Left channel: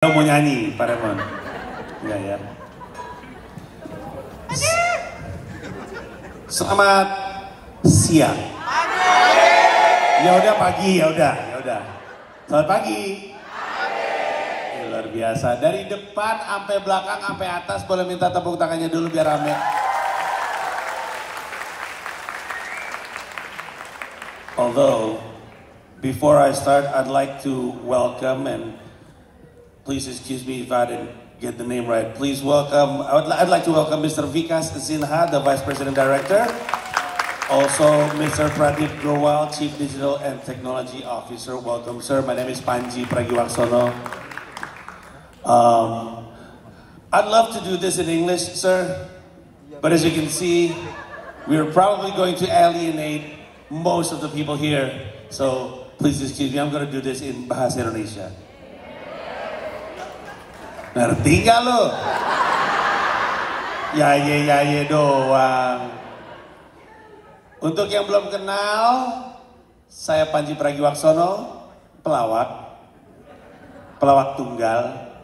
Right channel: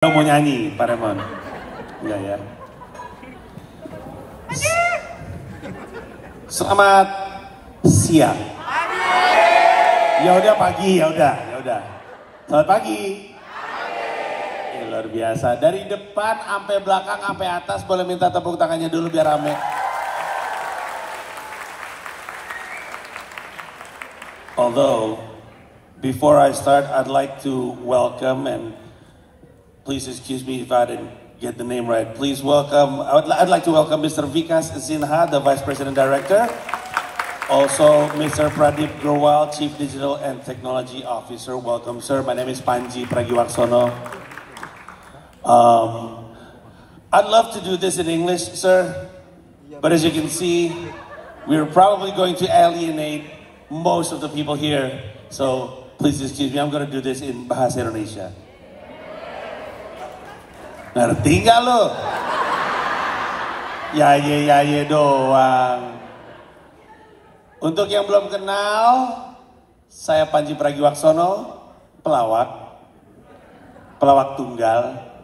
Mau nyanyi, Pak Remon? Enggak ya. Selamat siang. Ya udah pagi, ya udah. Selamat pagi. Ya, luar biasa. Dari depan sampai belakang sampai atas, boleh minta tepuk tangannya dulu biar rame. Although before I start, I'd like to welcome and please excuse me if I didn't get the name right. Please welcome, I'd like to welcome Mr. Vikas Sinha, the Vice President Director. Also, Mr. Pradeep Growal, Chief Digital and Technology Officer. Welcome, sir. My name is Panji Pragiwaksono. I'd love to do this in English, sir. But as you can see, we're probably going to alienate most of the people here. So, please excuse me, I'm going to do this in Bahasa Indonesia. Ngerti gak lo? Ya ye doang. Untuk yang belum kenal, saya Panji Pragiwaksono, pelawak tunggal.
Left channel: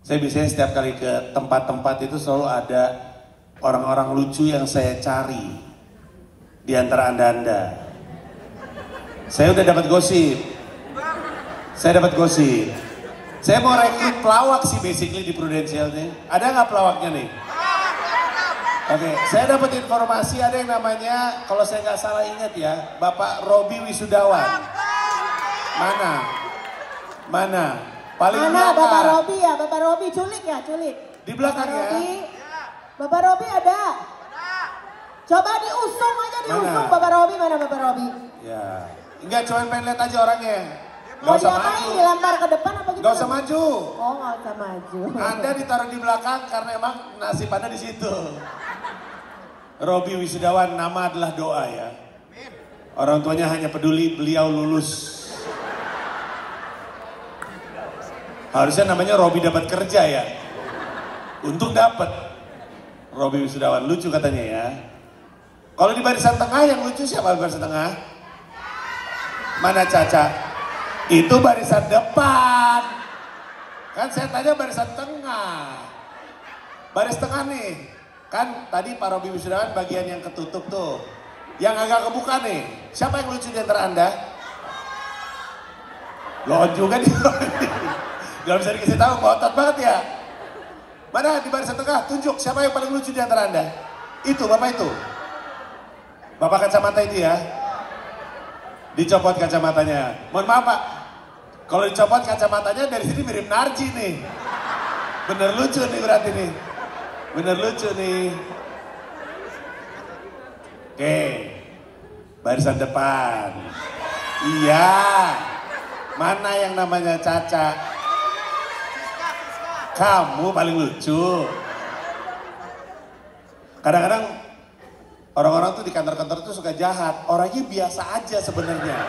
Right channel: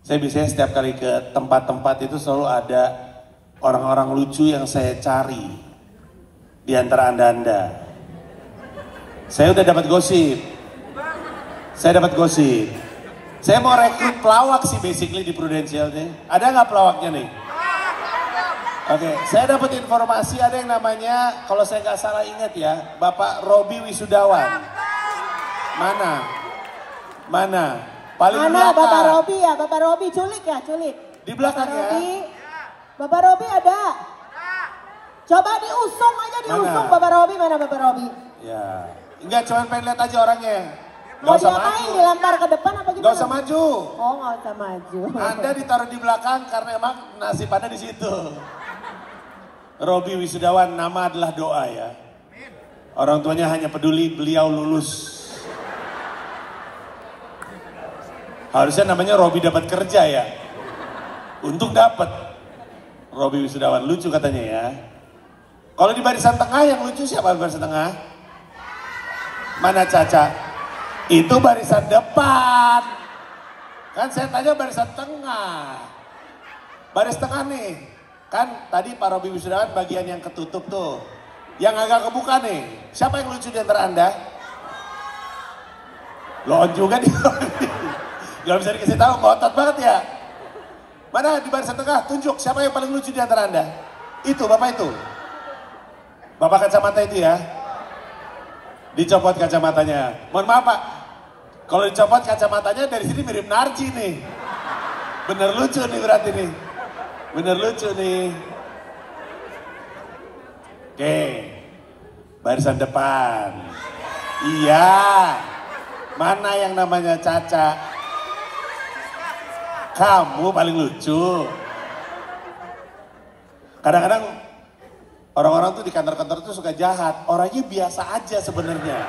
Saya biasanya setiap kali ke tempat-tempat itu selalu ada orang-orang lucu yang saya cari di antara anda-anda. Saya udah dapat gosip. Saya mau rekrut pelawak sih basically di Prudential nih. Ada nggak pelawaknya nih? Oke, saya dapat informasi ada yang namanya, kalau saya nggak salah ingat ya, Bapak Robi Wisudawan. Mana? Paling mana Bapak Robi ya? Bapak Robi culik. Di belakang ya? Bapak Robi ada. Coba diusung aja Bapak Robi, mana Bapak Robi? Ya, enggak, cuma pengen lihat aja orangnya. Mau diapain, dilempar ke depan apa gitu? Gak usah maju. Oh, gak usah maju. Anda ditaruh di belakang karena emang nasib Anda di situ. Robi Wisudawan, nama adalah doa ya. Orang tuanya hanya peduli beliau lulus. Harusnya namanya Robi dapat kerja ya. Untung dapat. Robi Wisudawan, lucu katanya ya. Kalau di barisan tengah yang lucu siapa di barisan tengah? Mana Caca? Itu barisan depan. Kan saya tanya barisan tengah. Baris tengah nih. Kan tadi Pak Robi Wisudawan bagian yang ketutup tuh. Yang agak kebuka nih. Siapa yang lucu di antara Anda? Lo juga nih. Gak bisa dikasih tahu, ngotot banget ya. Mana di barisan tengah? Tunjuk siapa yang paling lucu di antara Anda? Itu, Bapak itu. Bapak kacamata itu ya. Dicopot kacamatanya. Mohon maaf Pak. Kalau dicopot kacamatanya dari sini mirip Narji nih. Bener lucu nih berarti nih. Oke. Barisan depan. Iya. Mana yang namanya Caca? Kamu paling lucu. Kadang-kadang orang-orang tuh di kantor-kantor tuh suka jahat. Orangnya biasa aja sebenarnya.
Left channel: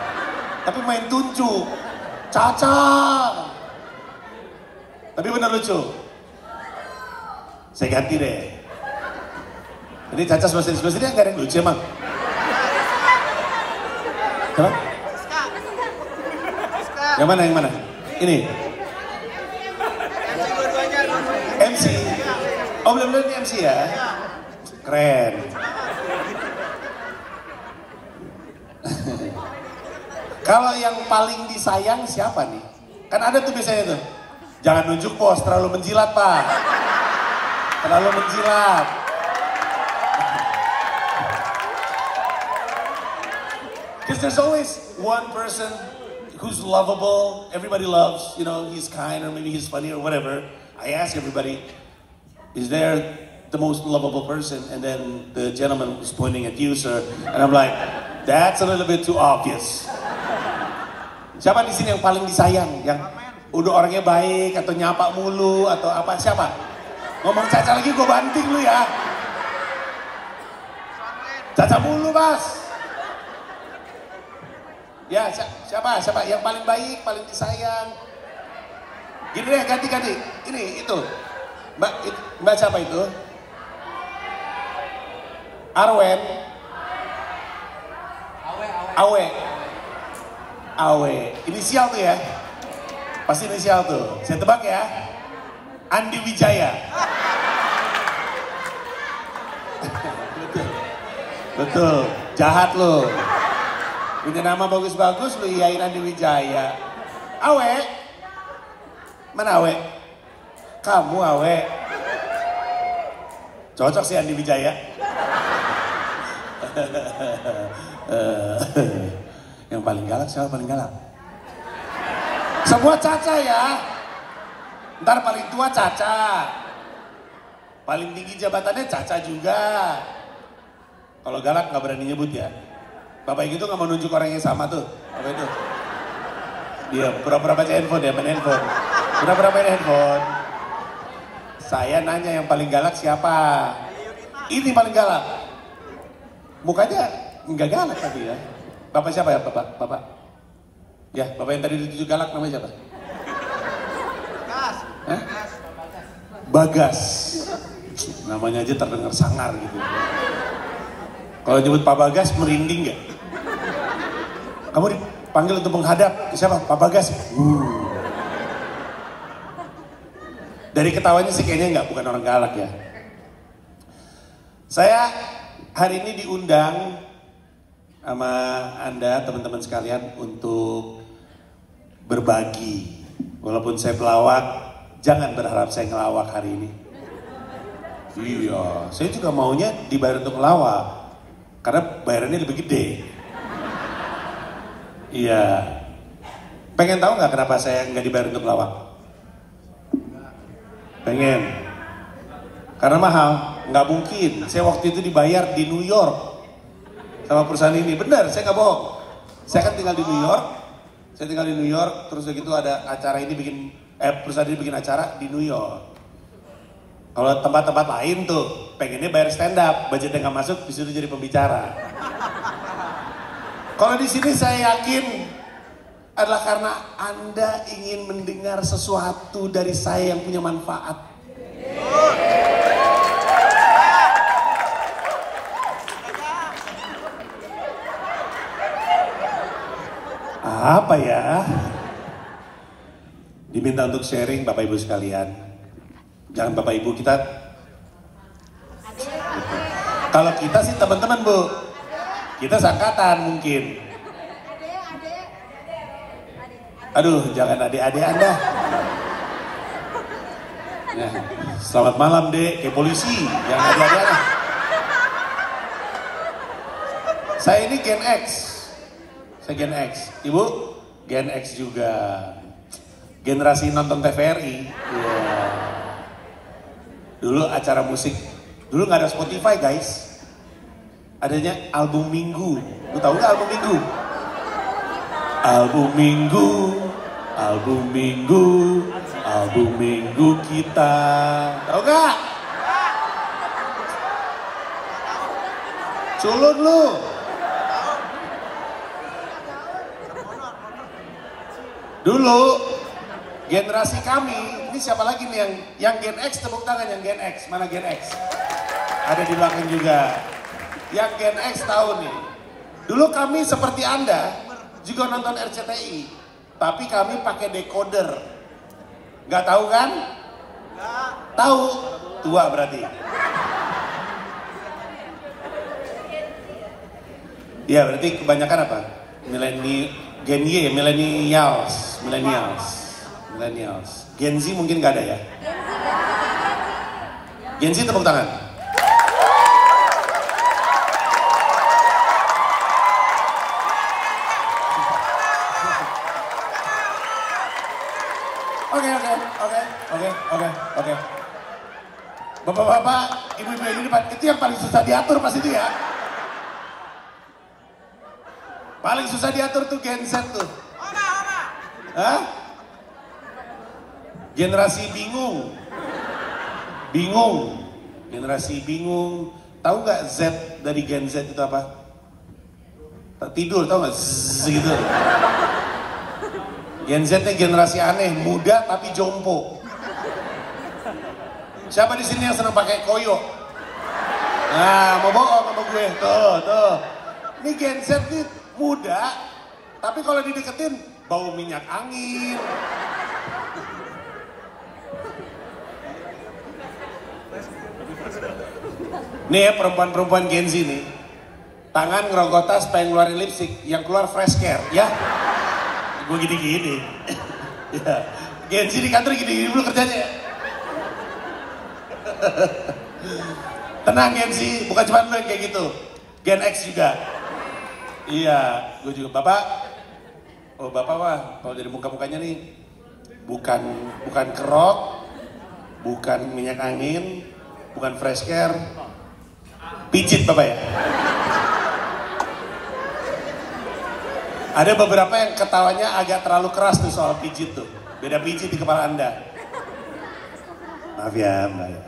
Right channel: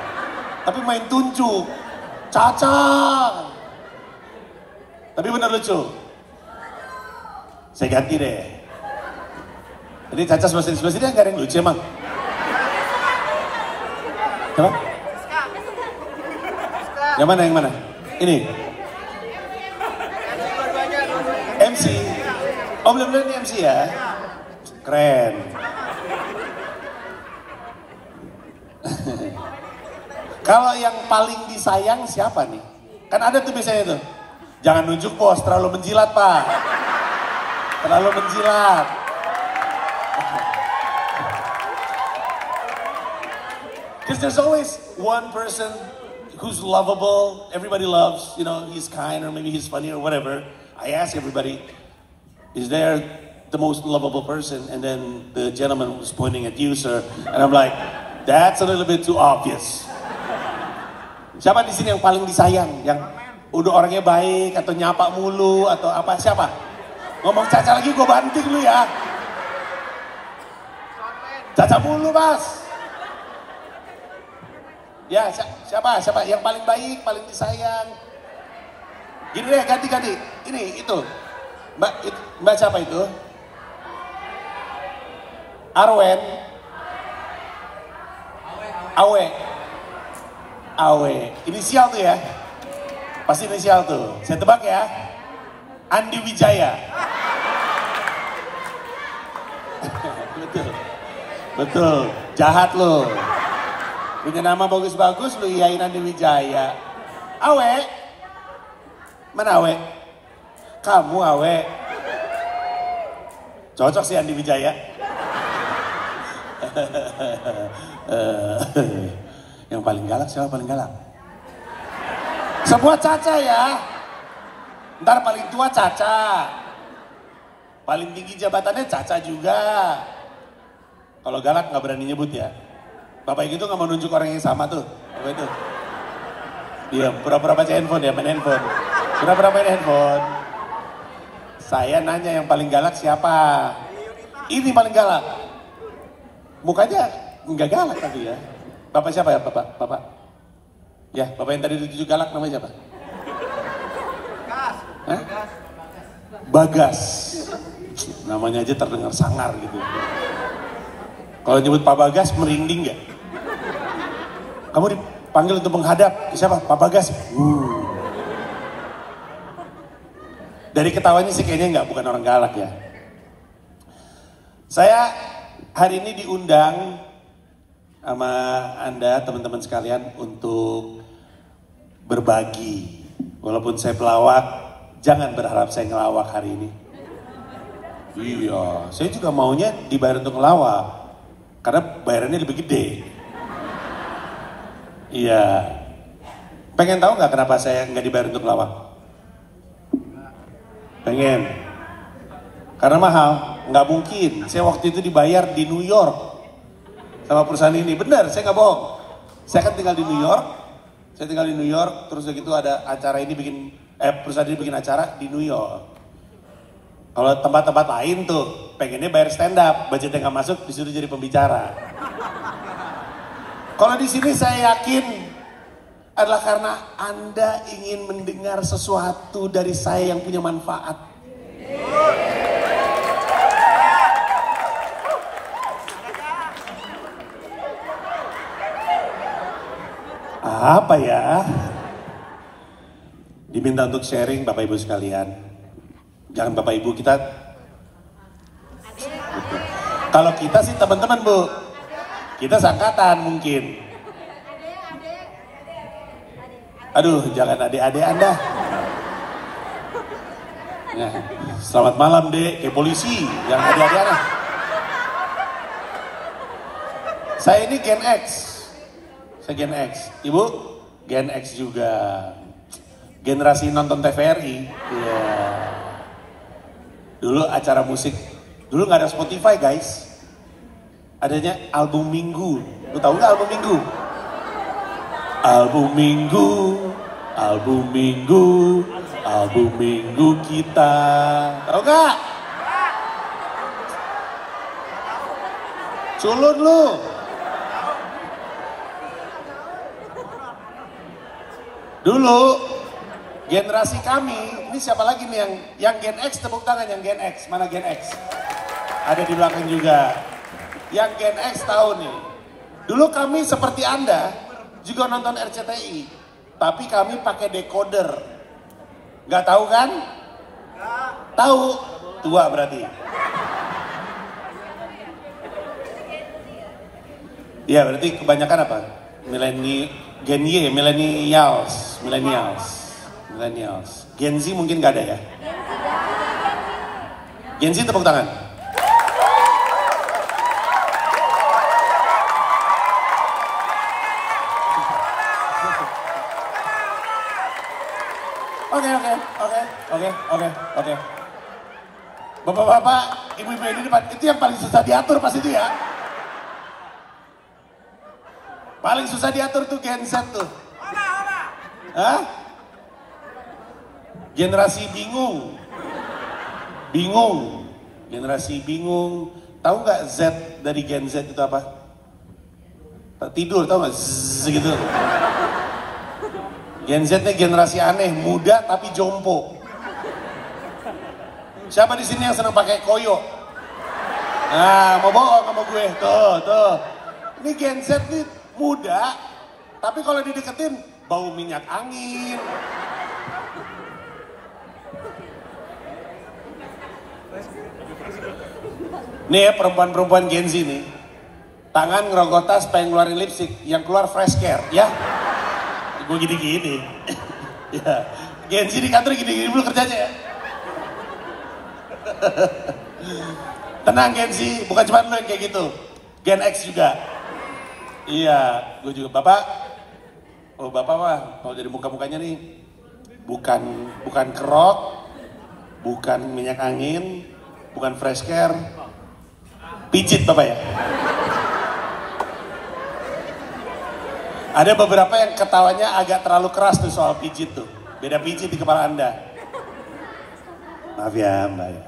Tapi main tunjuk. Caca. Tapi bener lucu. Saya ganti deh. Ini Caca spesialnya gak ada yang lucu emang. Kenapa? Yang mana? Ini? MC. Oh belum ini MC ya? Keren. Kalau yang paling disayang siapa nih? Kan ada tuh biasanya tuh. Jangan nunjuk bos, terlalu menjilat Pak. Terlalu menjilat. Because there's always one person who's lovable, everybody loves, you know, he's kind or maybe he's funny or whatever. I ask everybody, is there the most lovable person? And then the gentleman was pointing at you, sir. And I'm like, that's a little bit too obvious. Siapa di sini yang paling disayang? Yang udah orangnya baik atau nyapa mulu atau apa? Siapa? Ngomong Caca lagi gue banting lu ya. Caca mulu, Mas. Ya, siapa yang paling baik, paling disayang? Gini deh, ganti. Ini, itu. Mbak siapa itu? Arwen. Awe. Inisial tuh ya. Pasti inisial tuh. Saya tebak ya. Andi Wijaya. Betul. Betul. Jahat lo. Punya nama bagus-bagus lu iyain Andi Wijaya. Awe. Mana Awe? Kamu Awe. Cocok sih Andi Wijaya. Yang paling galak siapa paling galak? Semua Caca ya. Ntar paling tua Caca. Paling tinggi jabatannya Caca juga. Kalau galak nggak berani nyebut ya. Bapak itu nggak mau nunjuk orang yang sama tuh. Apa itu? Iya, pura-pura baca handphone ya, main handphone. Pura-pura main handphone. Saya nanya yang paling galak siapa? Ini paling galak. Mukanya nggak galak tapi ya. Bapak siapa ya, Bapak? Bapak? Ya, Bapak yang tadi dituju galak namanya siapa? Bagas. Bagas. Namanya aja terdengar sangar gitu. Kalau nyebut Pak Bagas merinding ya? Kamu dipanggil untuk menghadap ke siapa? Pak Bagas. Dari ketawanya sih kayaknya nggak, bukan orang galak ya. Saya hari ini diundang sama Anda teman-teman sekalian untuk berbagi. Walaupun saya pelawak, jangan berharap saya ngelawak hari ini. Iya, saya juga maunya dibayar untuk ngelawak. Karena bayarannya lebih gede. Iya. Pengen tahu nggak kenapa saya nggak dibayar untuk ngelawak? Pengen. Karena mahal. Nggak mungkin. Saya waktu itu dibayar di New York sama perusahaan ini. Benar, saya nggak bohong. Saya kan tinggal di New York. Saya tinggal di New York. Terus begitu ada acara ini perusahaan ini bikin acara di New York. Kalau tempat-tempat lain tuh pengennya bayar stand up, budgetnya nggak masuk, disuruh jadi pembicara. Kalau di sini saya yakin adalah karena Anda ingin mendengar sesuatu dari saya yang punya manfaat. Apa ya? Diminta untuk sharing Bapak Ibu sekalian. Jangan Bapak Ibu kita. Kalau kita sih teman-teman Bu. Kita sangkatan mungkin. Aduh, jangan adik-adik Anda. Ya, selamat malam Dek, ke polisi. Jangan adik-adik Anda. Saya ini Gen X. Saya Gen X. Ibu, Gen X juga. Generasi nonton TVRI. Iya. Dulu acara musik. Dulu nggak ada Spotify guys. Adanya album minggu. Lu tahu nggak album minggu? Album minggu, album minggu, album minggu kita. Tahu nggak? Culun lu. Dulu generasi kami, ini siapa lagi nih yang Gen X, tepuk tangan yang Gen X, mana Gen X? Ada di belakang juga. Yang Gen X tahu nih. Dulu kami seperti Anda juga nonton RCTI, tapi kami pakai decoder. Nggak tahu kan? Tahu, tua berarti. Iya berarti kebanyakan apa? Gen Y, millennials. Gen Z mungkin gak ada ya? Gen Z tepuk tangan. Oke. Bapak-bapak, ibu-ibu ini itu yang paling susah diatur pasti dia. Paling susah diatur tuh Gen Z tuh. Hah? Generasi bingung. Generasi bingung. Tahu nggak Z dari Gen Z itu apa? Tidur, tahu nggak? Gitu. Gen Z nya generasi aneh, muda tapi jompo. Siapa di sini yang senang pakai koyo? Nah, mau bohong sama gue. Tuh. Ini Gen Z nih muda, tapi kalau dideketin bau minyak angin, Nih ya perempuan-perempuan Gen Z nih. Tangan ngerokok tas pengen ngeluarin lipstick, yang keluar fresh care, ya. Gue gini-gini. Ya. Gen Z di kantor gini-gini dulu kerjanya ya. Tenang Gen Z, bukan cuma lo yang kayak gitu. Gen X juga. Iya, gue juga. Bapak, oh bapak mah, kalau dari muka-mukanya nih, bukan kerok, bukan minyak angin, bukan fresh care, pijit bapak ya. Ada beberapa yang ketawanya agak terlalu keras tuh soal pijit tuh. Beda pijit di kepala Anda. Maaf ya Mbak ya.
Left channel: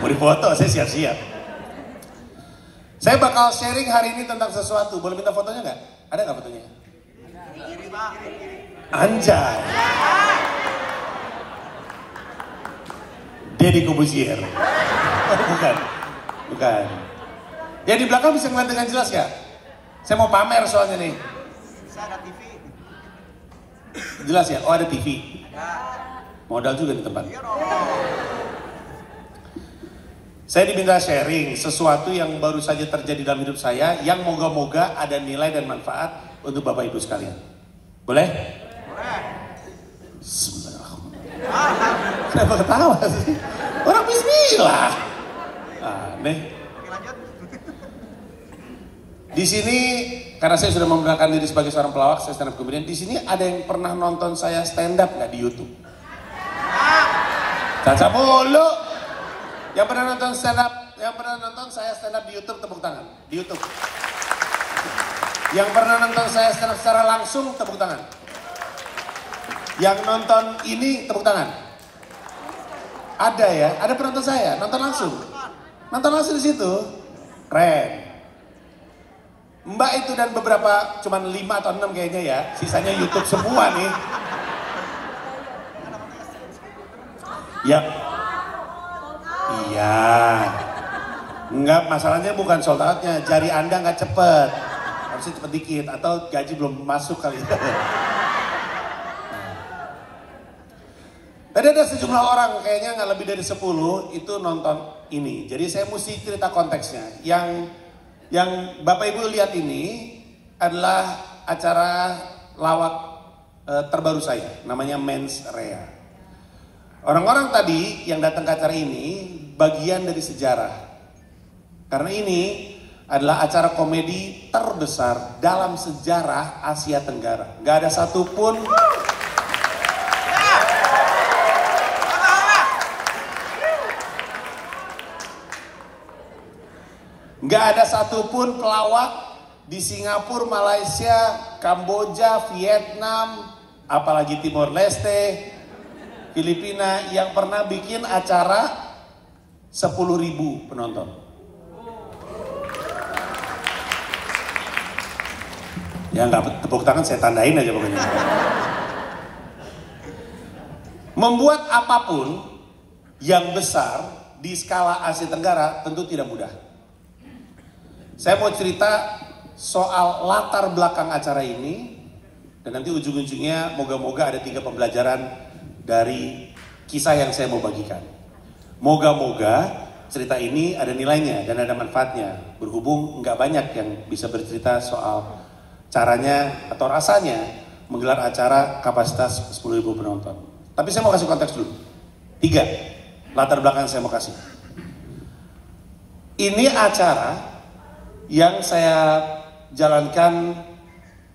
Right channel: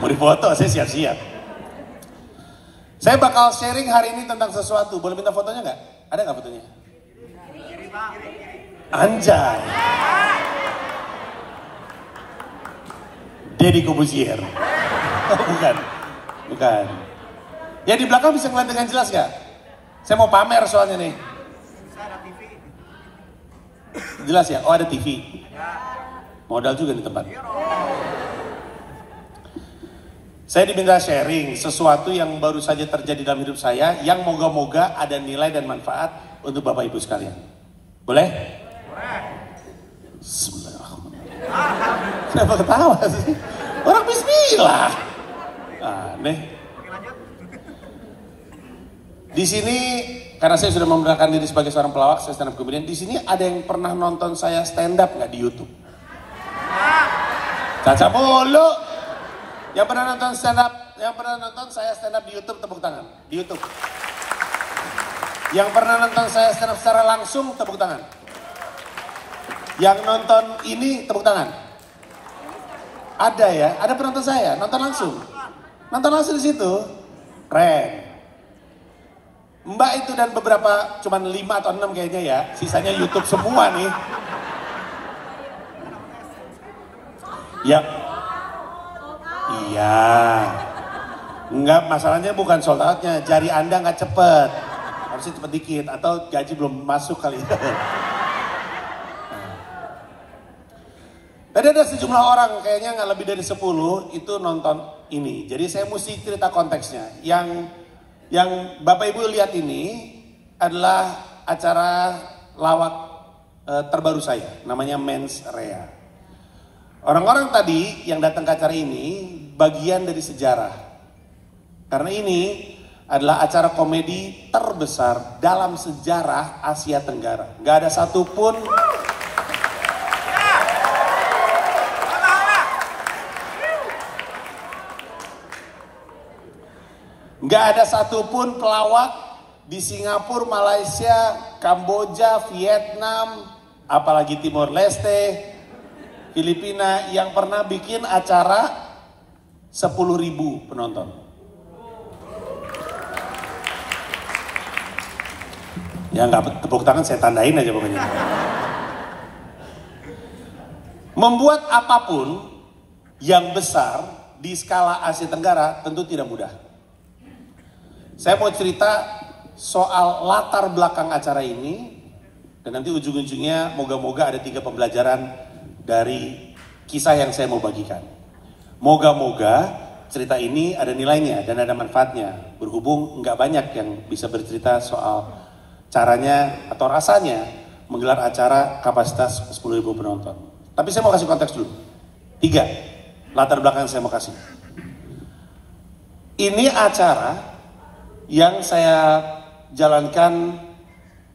Mau dipoto, saya siap-siap. Saya bakal sharing hari ini tentang sesuatu. Boleh minta fotonya nggak? Ada nggak fotonya? Anjay. Deddy Corbuzier. Oh, bukan. Ya di belakang bisa ngeliat dengan jelas nggak? Saya mau pamer soalnya nih. Ada TV. Jelas ya? Oh ada TV. Modal juga di tempat. Saya diminta sharing sesuatu yang baru saja terjadi dalam hidup saya yang moga-moga ada nilai dan manfaat untuk Bapak Ibu sekalian. Boleh? Boleh. Kenapa ketawa sih? Orang bismillah. Aneh. Oke lanjut. Di sini karena saya sudah memperkenalkan diri sebagai seorang pelawak, saya stand up comedian. Di sini ada yang pernah nonton saya stand up nggak di YouTube? Caca mulu. Yang pernah nonton saya stand up di YouTube tepuk tangan. Di YouTube. Yang pernah nonton saya stand up secara langsung tepuk tangan. Yang nonton ini tepuk tangan. Ada ya, ada penonton saya nonton langsung. Nonton langsung di situ. Keren. Mbak itu dan beberapa cuman 5 atau 6 kayaknya ya. Sisanya YouTube semua nih. Ya. Iya. Enggak, masalahnya bukan sold out-nya. Jari Anda nggak cepet. Harusnya cepet dikit. Atau gaji belum masuk kali. Tadi ada sejumlah orang, kayaknya nggak lebih dari 10 itu nonton ini. Jadi saya mesti cerita konteksnya. Yang Bapak Ibu lihat ini adalah acara lawak terbaru saya. Namanya Mens Rea. Orang-orang tadi yang datang ke acara ini bagian dari sejarah. Karena ini adalah acara komedi terbesar dalam sejarah Asia Tenggara. Gak ada satupun pelawak di Singapura, Malaysia, Kamboja, Vietnam, apalagi Timor Leste, Filipina yang pernah bikin acara 10.000 penonton. Ya nggak tepuk tangan saya tandain aja pokoknya. Membuat apapun yang besar di skala Asia Tenggara tentu tidak mudah. Saya mau cerita soal latar belakang acara ini dan nanti ujung-ujungnya moga-moga ada 3 pembelajaran dari kisah yang saya mau bagikan. Moga-moga cerita ini ada nilainya dan ada manfaatnya. Berhubung nggak banyak yang bisa bercerita soal caranya atau rasanya menggelar acara kapasitas 10.000 penonton. Tapi saya mau kasih konteks dulu. 3 latar belakang yang saya mau kasih. Ini acara yang saya jalankan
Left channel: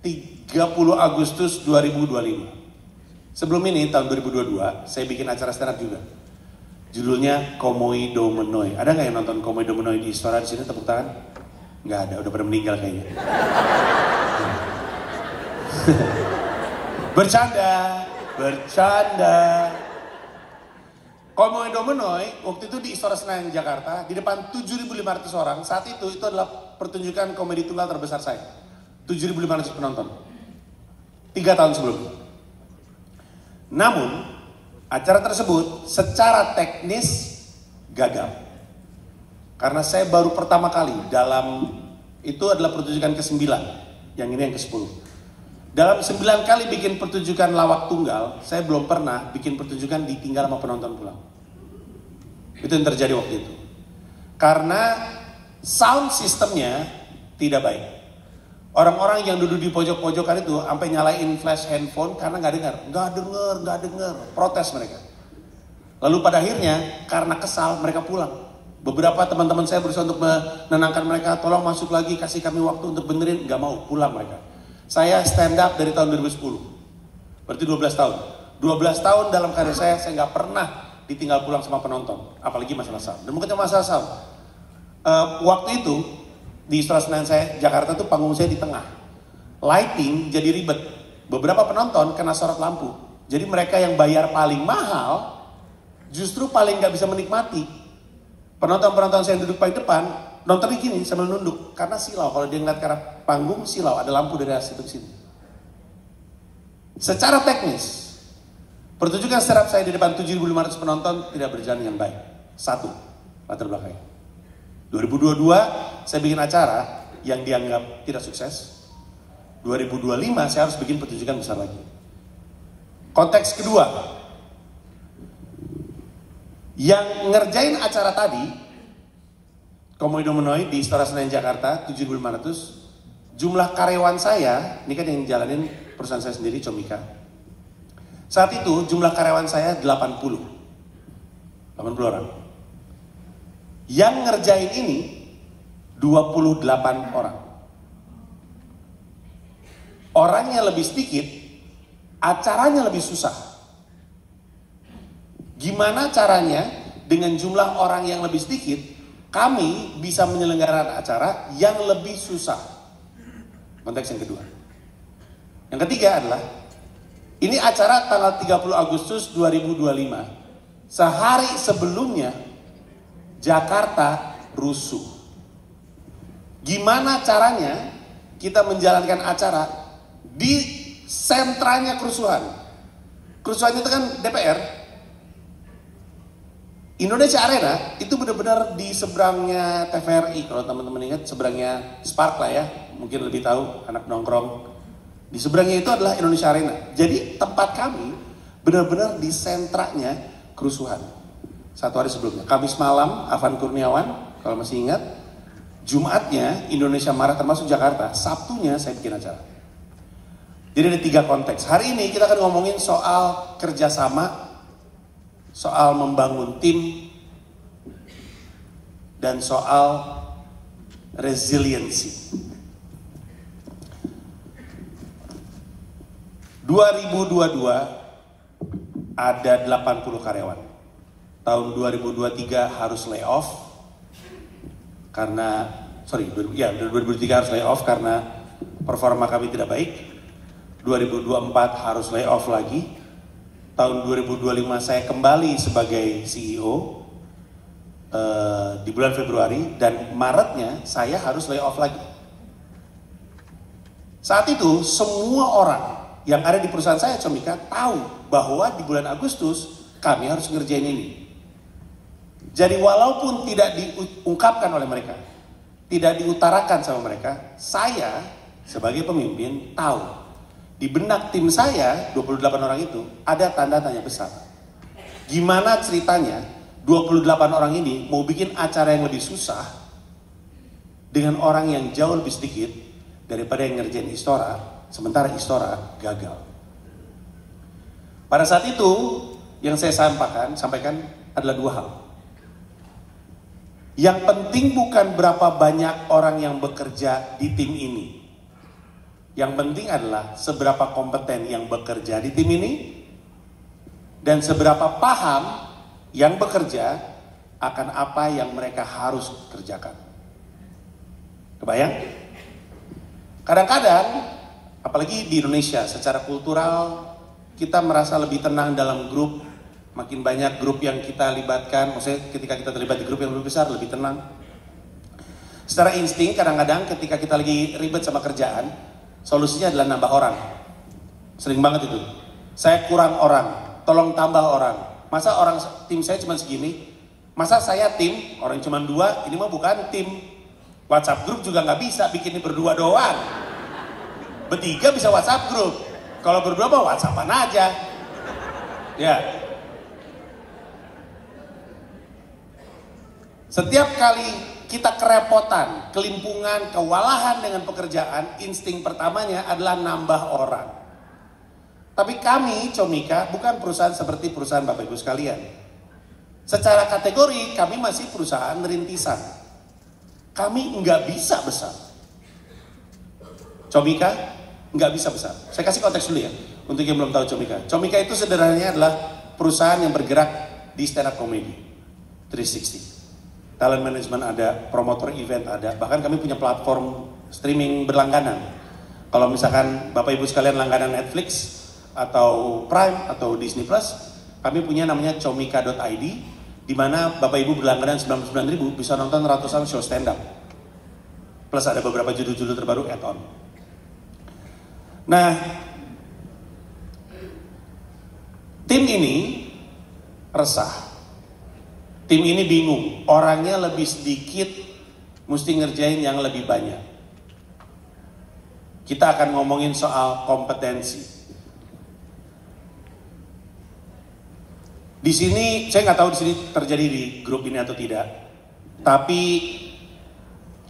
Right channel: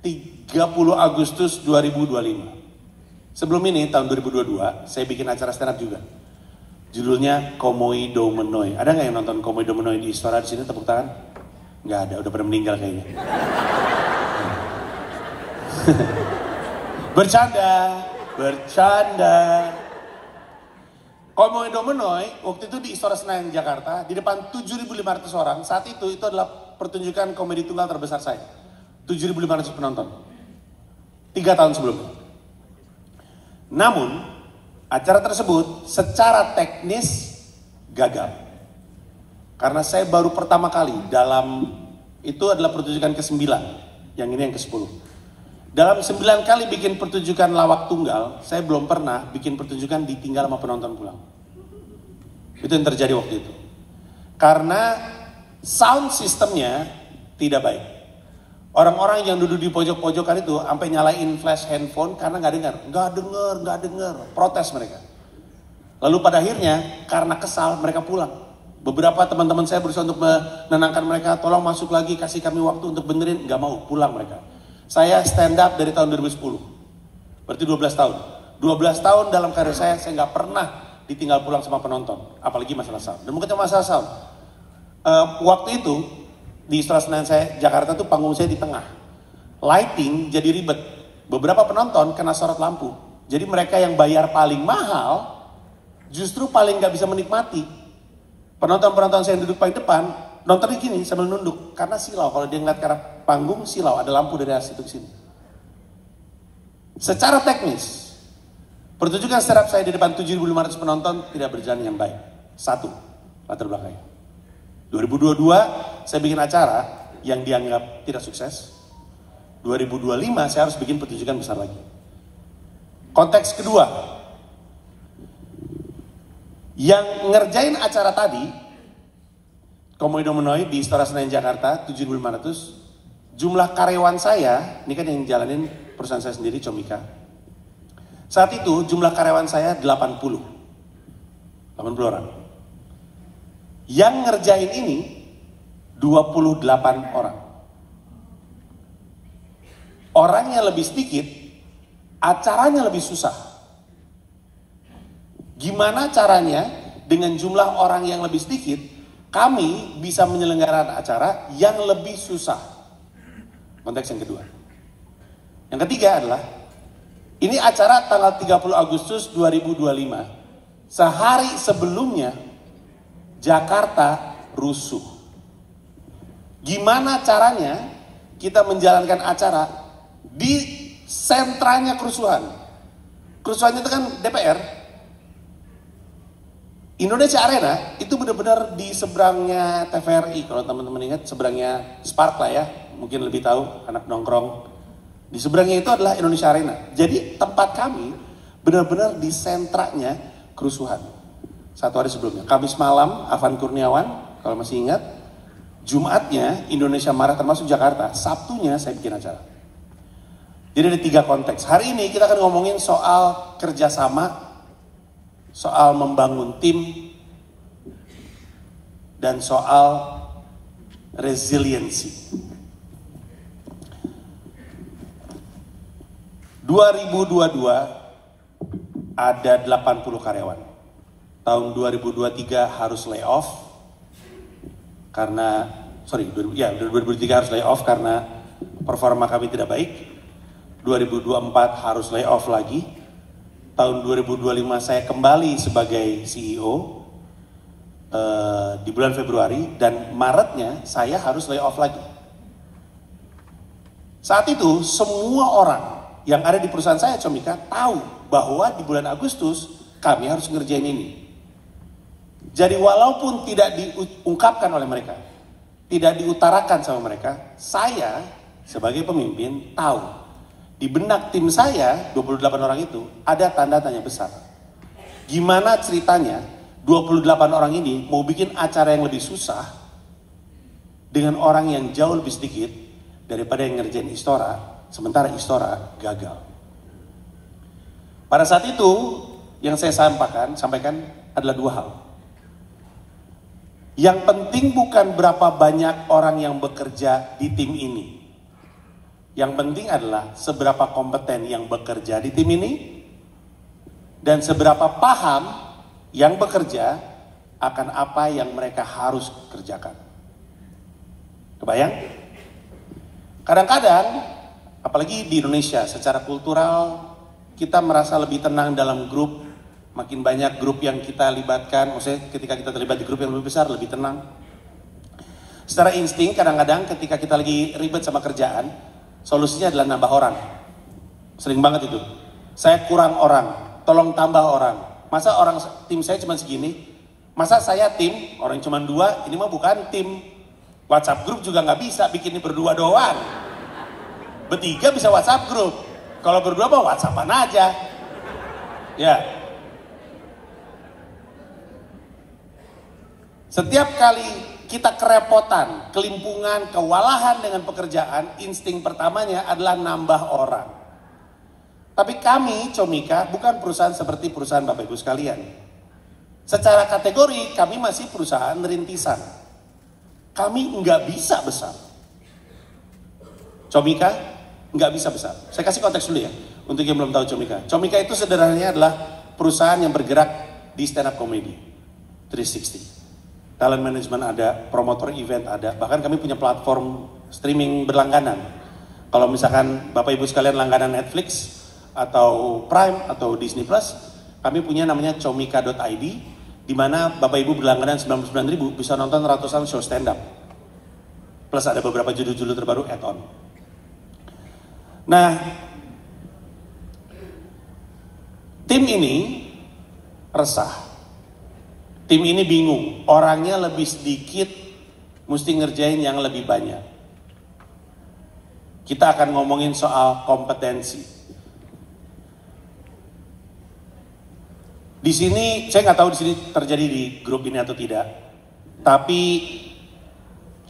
30 Agustus 2025. Sebelum ini tahun 2022 saya bikin acara stand up juga. Judulnya Komoi Do Menoi. Ada nggak yang nonton Komoi Do Menoi di Istora di sini? Tepuk tangan. Nggak ada, udah pada meninggal kayaknya. Bercanda. Komoi Do Menoi waktu itu di Istora Senayan Jakarta di depan 7.500 orang. Saat itu adalah pertunjukan komedi tunggal terbesar saya. 7.500 penonton. 3 tahun sebelumnya. Namun acara tersebut secara teknis gagal. Karena saya baru pertama kali dalam itu adalah pertunjukan ke-9, yang ini yang ke-10. Dalam 9 kali bikin pertunjukan lawak tunggal, saya belum pernah bikin pertunjukan ditinggal sama penonton pulang. Itu yang terjadi waktu itu. Karena sound sistemnya tidak baik. Orang-orang yang duduk di pojok-pojokan itu sampai nyalain flash handphone karena nggak dengar, protes mereka. Lalu pada akhirnya karena kesal mereka pulang. Beberapa teman-teman saya berusaha untuk menenangkan mereka, tolong masuk lagi, kasih kami waktu untuk benerin, nggak mau, pulang mereka. Saya stand up dari tahun 2010, berarti 12 tahun. 12 tahun dalam karir saya nggak pernah ditinggal pulang sama penonton, apalagi masalah sound. Dan bukan cuma masalah sound. Waktu itu di Istora Senayan saya, Jakarta tuh panggung saya di tengah. Lighting jadi ribet. Beberapa penonton kena sorot lampu. Jadi mereka yang bayar paling mahal justru paling nggak bisa menikmati. Penonton-penonton saya yang duduk paling depan nontonnya gini sambil nunduk karena silau. Kalau dia ngeliat ke arah panggung silau, ada lampu dari arah situ ke sini. Secara teknis, pertunjukan stand up saya di depan 7.500 penonton tidak berjalan dengan baik. Satu, latar belakangnya. 2022 saya bikin acara yang dianggap tidak sukses. 2025 saya harus bikin pertunjukan besar lagi. Konteks kedua, yang ngerjain acara tadi Komodo Menoi di Istora Senayan Jakarta 7.500, jumlah karyawan saya, ini kan yang jalanin perusahaan saya sendiri, Comika. Saat itu jumlah karyawan saya 80 orang. Yang ngerjain ini 28 orang. Orangnya lebih sedikit, acaranya lebih susah. Gimana caranya dengan jumlah orang yang lebih sedikit kami bisa menyelenggarakan acara yang lebih susah? Konteks yang kedua. Yang ketiga adalah, ini acara tanggal 30 Agustus 2025. Sehari sebelumnya, Jakarta rusuh. Gimana caranya kita menjalankan acara di sentranya kerusuhan? Kerusuhannya itu kan DPR. Indonesia Arena itu benar-benar di seberangnya TVRI, kalau teman-teman ingat, seberangnya Spark lah ya, mungkin lebih tahu anak nongkrong. Di seberangnya itu adalah Indonesia Arena. Jadi tempat kami benar-benar di sentranya kerusuhan. Satu hari sebelumnya, Kamis malam Afan Kurniawan, kalau masih ingat, Jumatnya Indonesia Marah termasuk Jakarta, Sabtunya saya bikin acara. Jadi ada 3 konteks. Hari ini kita akan ngomongin soal kerjasama, soal membangun tim, dan soal resiliensi. 2022 ada 80 karyawan. Tahun 2023 harus layoff karena 2023 harus layoff karena performa kami tidak baik. 2024 harus layoff lagi. Tahun 2025 saya kembali sebagai CEO di bulan Februari, dan Maretnya saya harus layoff lagi. Saat itu semua orang yang ada di perusahaan saya, Comika, tahu bahwa di bulan Agustus kami harus ngerjain ini. Jadi walaupun tidak diungkapkan oleh mereka, tidak diutarakan sama mereka, saya sebagai pemimpin tahu di benak tim saya 28 orang itu ada tanda tanya besar. Gimana ceritanya 28 orang ini mau bikin acara yang lebih susah dengan orang yang jauh lebih sedikit daripada yang ngerjain Istora, sementara Istora gagal. Pada saat itu yang saya sampaikan adalah 2 hal. Yang penting bukan berapa banyak orang yang bekerja di tim ini. Yang penting adalah seberapa kompeten yang bekerja di tim ini dan seberapa paham yang bekerja akan apa yang mereka harus kerjakan. Kebayang? Kadang-kadang, apalagi di Indonesia, secara kultural kita merasa lebih tenang dalam grup. Makin banyak grup yang kita libatkan, maksudnya ketika kita terlibat di grup yang lebih besar, lebih tenang. Secara insting kadang-kadang ketika kita lagi ribet sama kerjaan, solusinya adalah nambah orang. Sering banget itu. Saya kurang orang, tolong tambah orang. Masa orang tim saya cuma segini? Masa saya tim, orang cuma 2, ini mah bukan tim. WhatsApp grup juga nggak bisa bikin ini berdua doang. Bertiga bisa WhatsApp grup. Kalau berdua mau WhatsAppan aja. Ya. Setiap kali kita kerepotan, kelimpungan, kewalahan dengan pekerjaan, insting pertamanya adalah nambah orang. Tapi kami, Comika, bukan perusahaan seperti perusahaan Bapak Ibu sekalian. Secara kategori, kami masih perusahaan rintisan. Kami nggak bisa besar. Comika nggak bisa besar. Saya kasih konteks dulu ya, untuk yang belum tahu Comika. Comika itu sederhananya adalah perusahaan yang bergerak di stand up comedy 360. Talent management ada, promotor event ada, bahkan kami punya platform streaming berlangganan. Kalau misalkan Bapak Ibu sekalian langganan Netflix atau Prime atau Disney Plus, kami punya namanya comika.id, di mana Bapak Ibu berlangganan 99.000 bisa nonton ratusan show stand up. Plus ada beberapa judul-judul terbaru add-on. Nah, tim ini resah. Tim ini bingung, orangnya lebih sedikit, mesti ngerjain yang lebih banyak. Kita akan ngomongin soal kompetensi. Di sini, saya nggak tahu di sini terjadi di grup ini atau tidak, tapi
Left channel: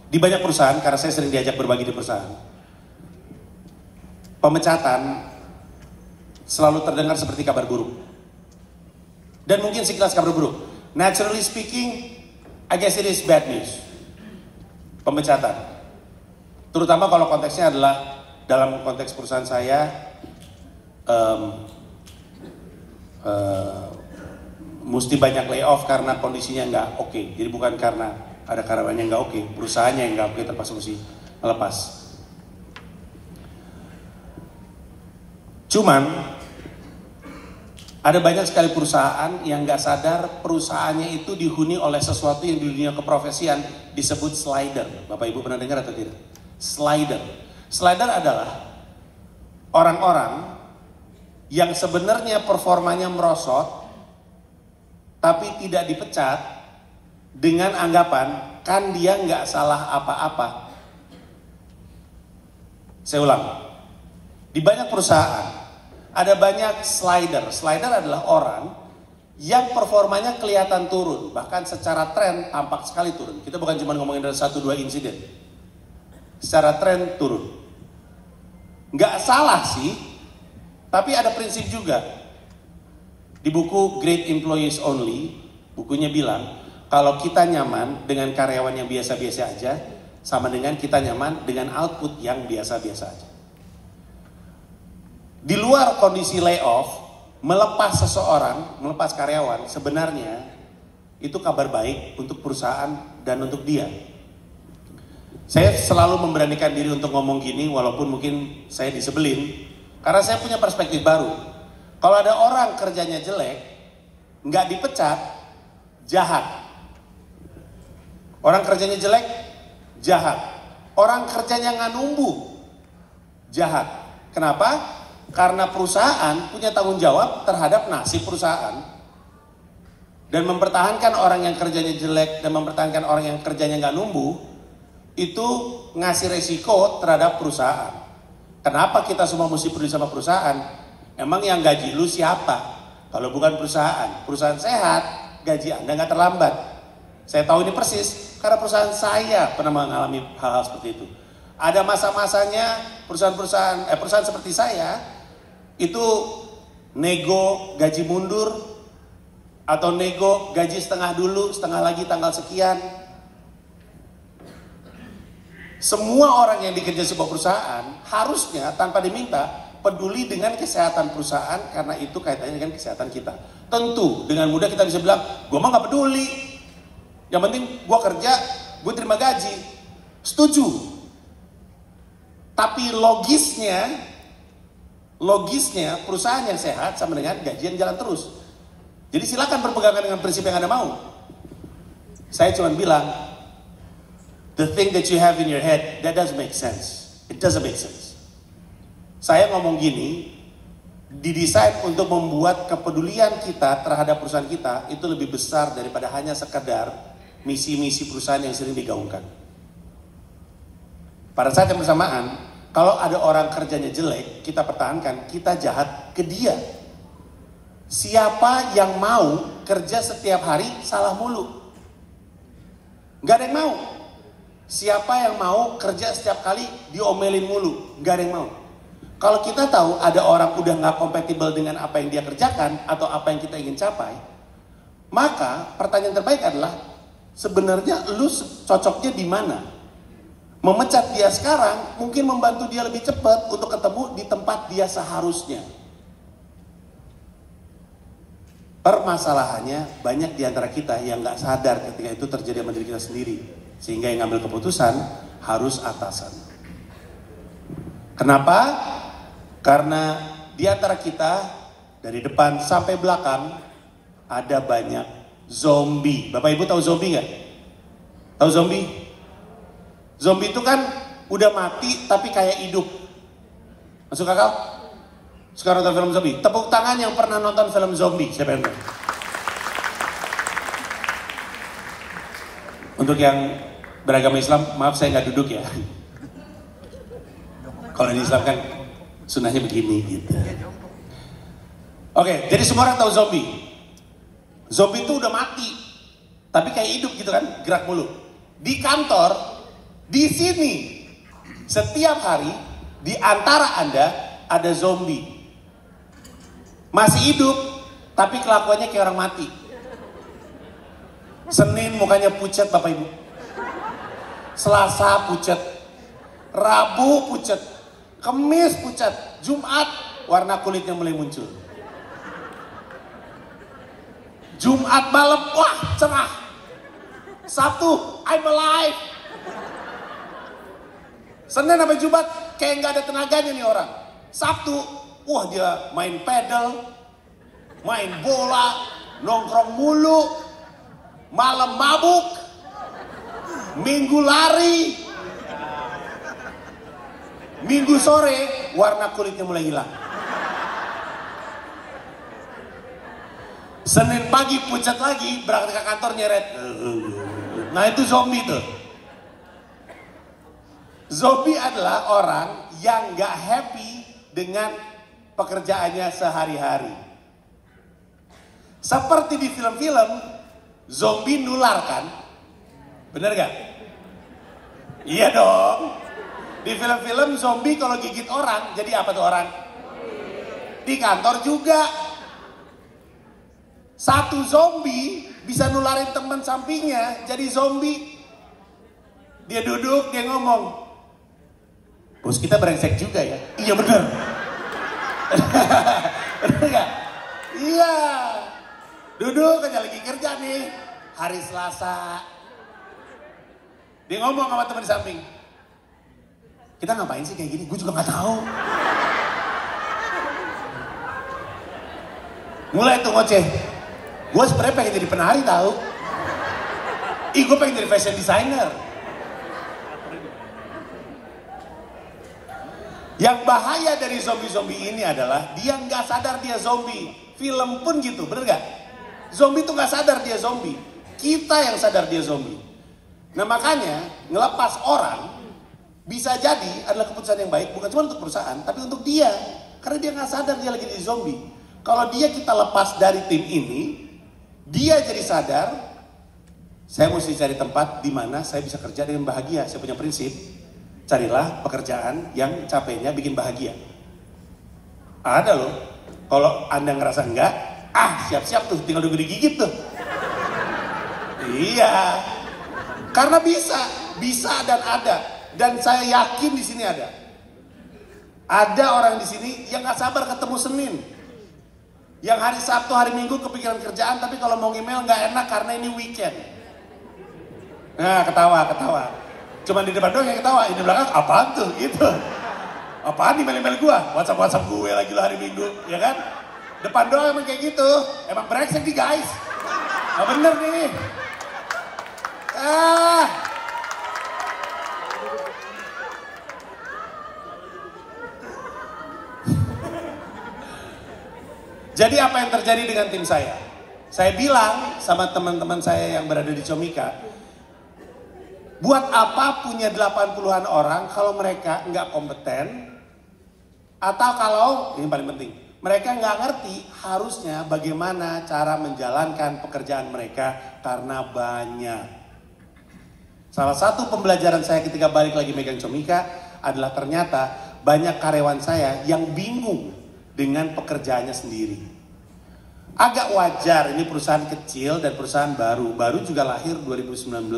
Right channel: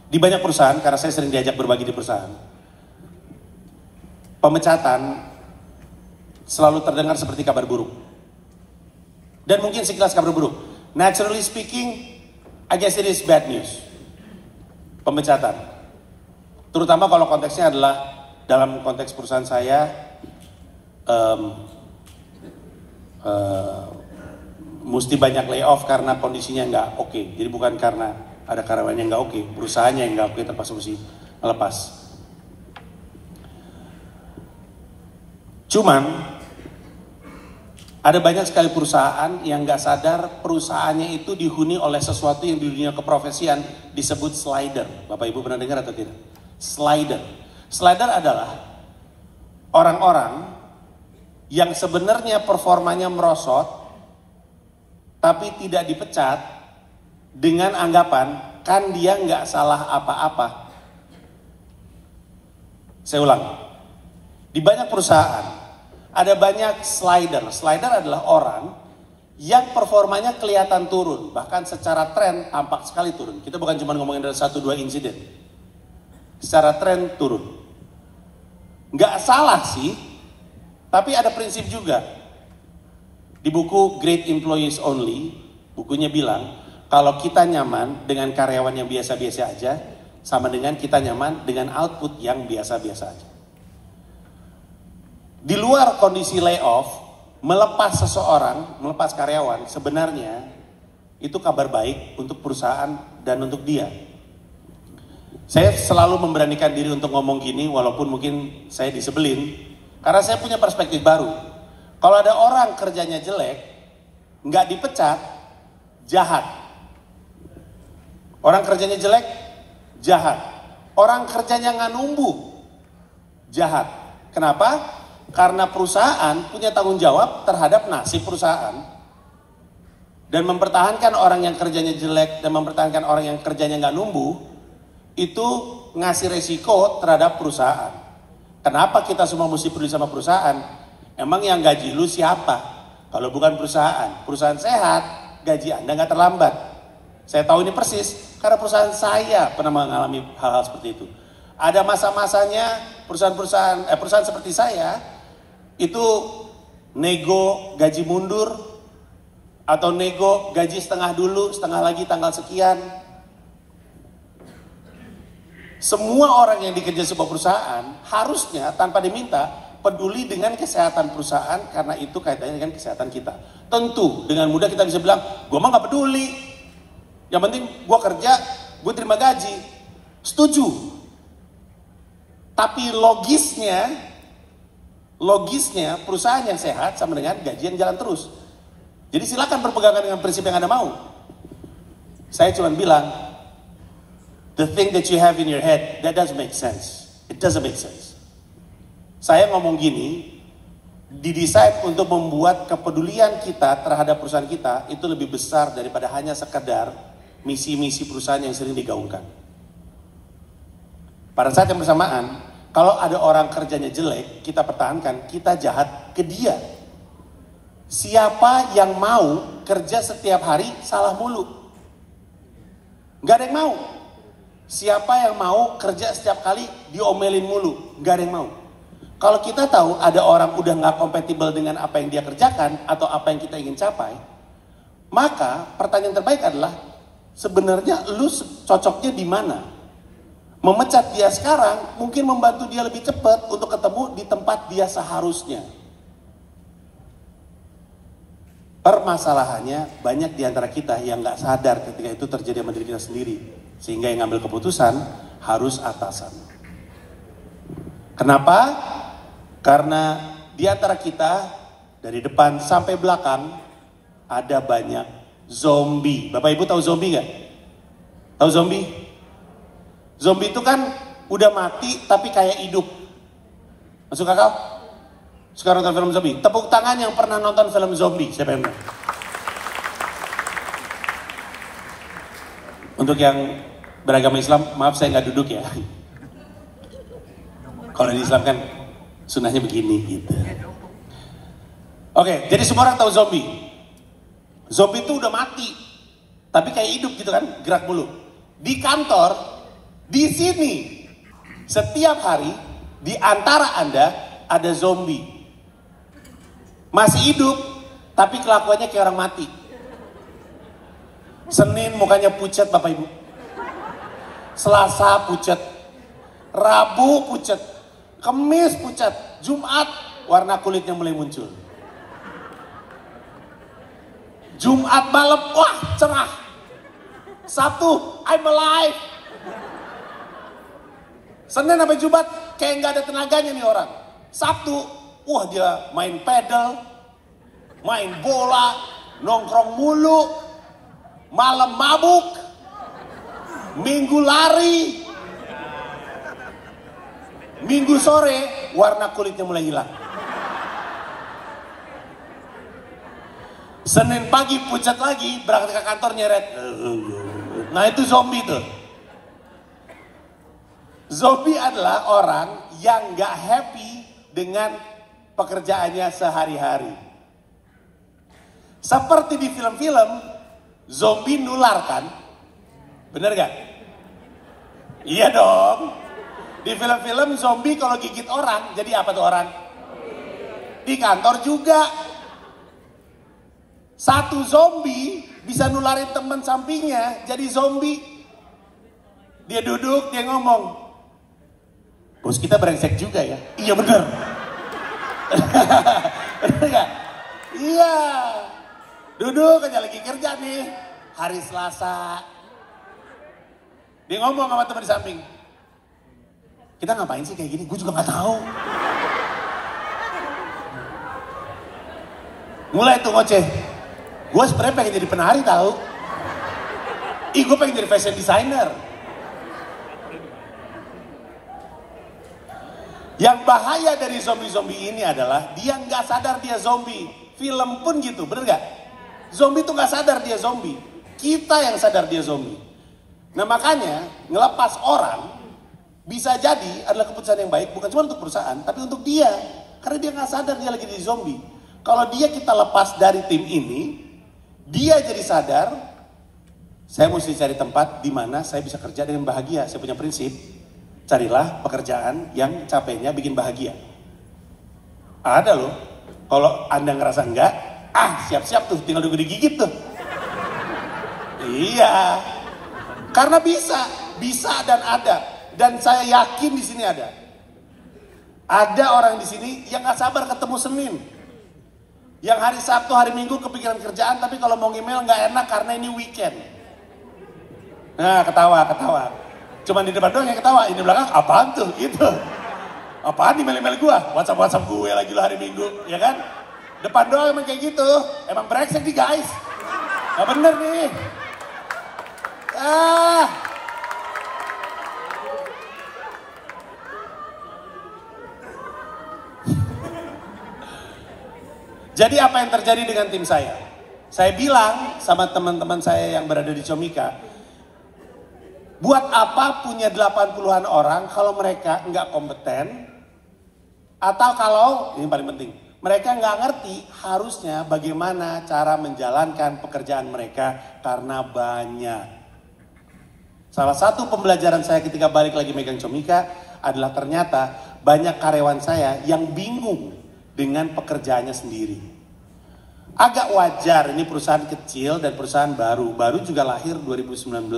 di banyak perusahaan, karena saya sering diajak berbagi di perusahaan, pemecatan selalu terdengar seperti kabar buruk. Dan mungkin sekilas kabar buruk. Naturally speaking, I guess it is bad news. Pemecatan. Terutama kalau konteksnya adalah dalam konteks perusahaan saya, mesti banyak layoff karena kondisinya nggak oke. Jadi bukan karena ada karyawannya nggak oke, perusahaannya yang nggak oke terpaksa mesti melepas. Cuman ada banyak sekali perusahaan yang nggak sadar perusahaannya itu dihuni oleh sesuatu yang di dunia keprofesian disebut slider. Bapak Ibu pernah dengar atau tidak? Slider. Slider adalah orang-orang yang sebenarnya performanya merosot, tapi tidak dipecat dengan anggapan kan dia nggak salah apa-apa. Saya ulang, di banyak perusahaan ada banyak slider. Slider adalah orang yang performanya kelihatan turun. Bahkan secara tren tampak sekali turun. Kita bukan cuma ngomongin dari 1-2 insiden. Secara tren turun. Nggak salah sih, tapi ada prinsip juga. Di buku Great Employees Only, bukunya bilang, kalau kita nyaman dengan karyawan yang biasa-biasa aja, sama dengan kita nyaman dengan output yang biasa-biasa aja. Di luar kondisi layoff, melepas seseorang, melepas karyawan, sebenarnya itu kabar baik untuk perusahaan dan untuk dia. Saya selalu memberanikan diri untuk ngomong gini, walaupun mungkin saya disebelin, karena saya punya perspektif baru. Kalau ada orang kerjanya jelek, nggak dipecat, jahat. Orang kerjanya jelek, jahat. Orang kerjanya nggak numbuh, jahat. Kenapa? Karena perusahaan punya tanggung jawab terhadap nasib perusahaan. Dan mempertahankan orang yang kerjanya jelek dan mempertahankan orang yang kerjanya nggak numbuh, itu ngasih resiko terhadap perusahaan. Kenapa kita semua mesti peduli sama perusahaan? Emang yang gaji lu siapa? Kalau bukan perusahaan. Perusahaan sehat, gaji Anda nggak terlambat. Saya tahu ini persis, karena perusahaan saya pernah mengalami hal-hal seperti itu. Ada masa-masanya perusahaan seperti saya, itu nego gaji mundur atau nego gaji setengah dulu, setengah lagi tanggal sekian. Semua orang yang dikerja sebuah perusahaan harusnya tanpa diminta peduli dengan kesehatan perusahaan, karena itu kaitannya dengan kesehatan kita. Tentu dengan mudah kita bisa bilang, gue mah gak peduli, yang penting gue kerja, gue terima gaji. Setuju. Tapi logisnya perusahaan yang sehat sama dengan gaji yang jalan terus. Jadi silakan berpegangan dengan prinsip yang Anda mau. Saya cuma bilang, the thing that you have in your head, that doesn't make sense. It doesn't make sense. Saya ngomong gini, didesain untuk membuat kepedulian kita terhadap perusahaan kita itu lebih besar daripada hanya sekedar misi-misi perusahaan yang sering digaungkan. Pada saat yang bersamaan, Kalau ada orang kerjanya jelek, kita pertahankan, kita jahat ke dia. Siapa yang mau kerja setiap hari salah mulu? Gak ada yang mau. Siapa yang mau kerja setiap kali diomelin mulu? Gak ada yang mau. Kalau kita tahu ada orang udah gak kompatibel dengan apa yang dia kerjakan atau apa yang kita ingin capai, maka pertanyaan terbaik adalah sebenarnya lu cocoknya di mana? Memecat dia sekarang mungkin membantu dia lebih cepat untuk ketemu di tempat dia seharusnya. Permasalahannya banyak di antara kita yang gak sadar ketika itu terjadi sama diri kita sendiri. Sehingga yang ngambil keputusan harus atasan. Kenapa? Karena di antara kita dari depan sampai belakang ada banyak zombie. Bapak Ibu tahu zombie gak? Tahu zombie? Zombie itu kan udah mati tapi kayak hidup. Masuk akal? Suka nonton film zombie? Tepuk tangan yang pernah nonton film zombie. Siapa yang? Untuk yang beragama Islam, maaf saya nggak duduk ya. Kalau di Islam kan sunnahnya begini gitu. Oke, jadi semua orang tahu zombie. Zombie itu udah mati, tapi kayak hidup gitu kan, gerak mulu. Di kantor, di sini, setiap hari di antara Anda ada zombie. Masih hidup, tapi kelakuannya kayak orang mati. Senin mukanya pucat Bapak Ibu. Selasa pucat. Rabu pucat. Kamis pucat. Jumat warna kulitnya mulai muncul. Jumat malam, wah cerah. Sabtu, I'm alive. Senin sampai Jumat kayak nggak ada tenaganya nih orang. Sabtu, wah dia main pedal, main bola, nongkrong mulu, malam mabuk, minggu lari, minggu sore warna kulitnya mulai hilang. Senin pagi pucat lagi, berangkat ke kantor nyeret. Nah itu zombie tuh. Zombie adalah orang yang gak happy dengan pekerjaannya sehari-hari. Seperti di film-film, zombie nular kan? Bener gak? Iya dong. Di film-film zombie kalau gigit orang, jadi apa tuh orang? Di kantor juga. Satu zombie bisa nularin teman sampingnya jadi zombie. Dia duduk, dia ngomong, bos kita brengsek juga ya. Iya bener. Bener gak? Iya. Duduk aja lagi kerja nih. Hari Selasa. Dia ngomong sama teman di samping. Kita ngapain sih kayak gini? Gue juga gak tahu. Mulai tuh ngoceh. Gue sebenarnya pengen jadi penari tahu. Gue pengen jadi fashion designer. Yang bahaya dari zombie-zombie ini adalah dia nggak sadar dia zombie. Film pun gitu, bener nggak? Zombie tuh nggak sadar dia zombie. Kita yang sadar dia zombie. Nah makanya ngelepas orang bisa jadi adalah keputusan yang baik bukan cuma untuk perusahaan, tapi untuk dia. Karena dia nggak sadar dia lagi jadi zombie. Kalau dia kita lepas dari tim ini, dia jadi sadar. Saya mesti cari tempat di mana saya bisa kerja dengan bahagia. Saya punya prinsip. Carilah pekerjaan yang capeknya bikin bahagia. Ada loh. Kalau Anda ngerasa enggak, siap-siap tuh, tinggal nunggu digigit tuh. Iya. Karena bisa dan ada. Dan saya yakin di sini ada. Ada orang di sini yang nggak sabar ketemu Senin. Yang hari Sabtu, hari Minggu kepikiran kerjaan, tapi kalau mau email nggak enak karena ini weekend. Nah, ketawa. Cuman di depan doang yang ketawa, ini belakang apaan tuh? Gitu. Apaan email-email gua? WhatsApp gue lagi lah hari Minggu, ya kan? Depan doang emang kayak gitu. Emang brengsek nih guys. Nah bener nih. Jadi apa yang terjadi dengan tim saya? Saya bilang sama teman-teman saya yang berada di Comika, Buat apa punya 80-an orang kalau mereka nggak kompeten, atau kalau, ini paling penting, mereka nggak ngerti harusnya bagaimana cara menjalankan pekerjaan mereka karena banyak. Salah satu pembelajaran saya ketika balik lagi megang Comika adalah ternyata banyak karyawan saya yang bingung dengan pekerjaannya sendiri. Agak wajar, ini perusahaan kecil dan perusahaan baru juga lahir 2019,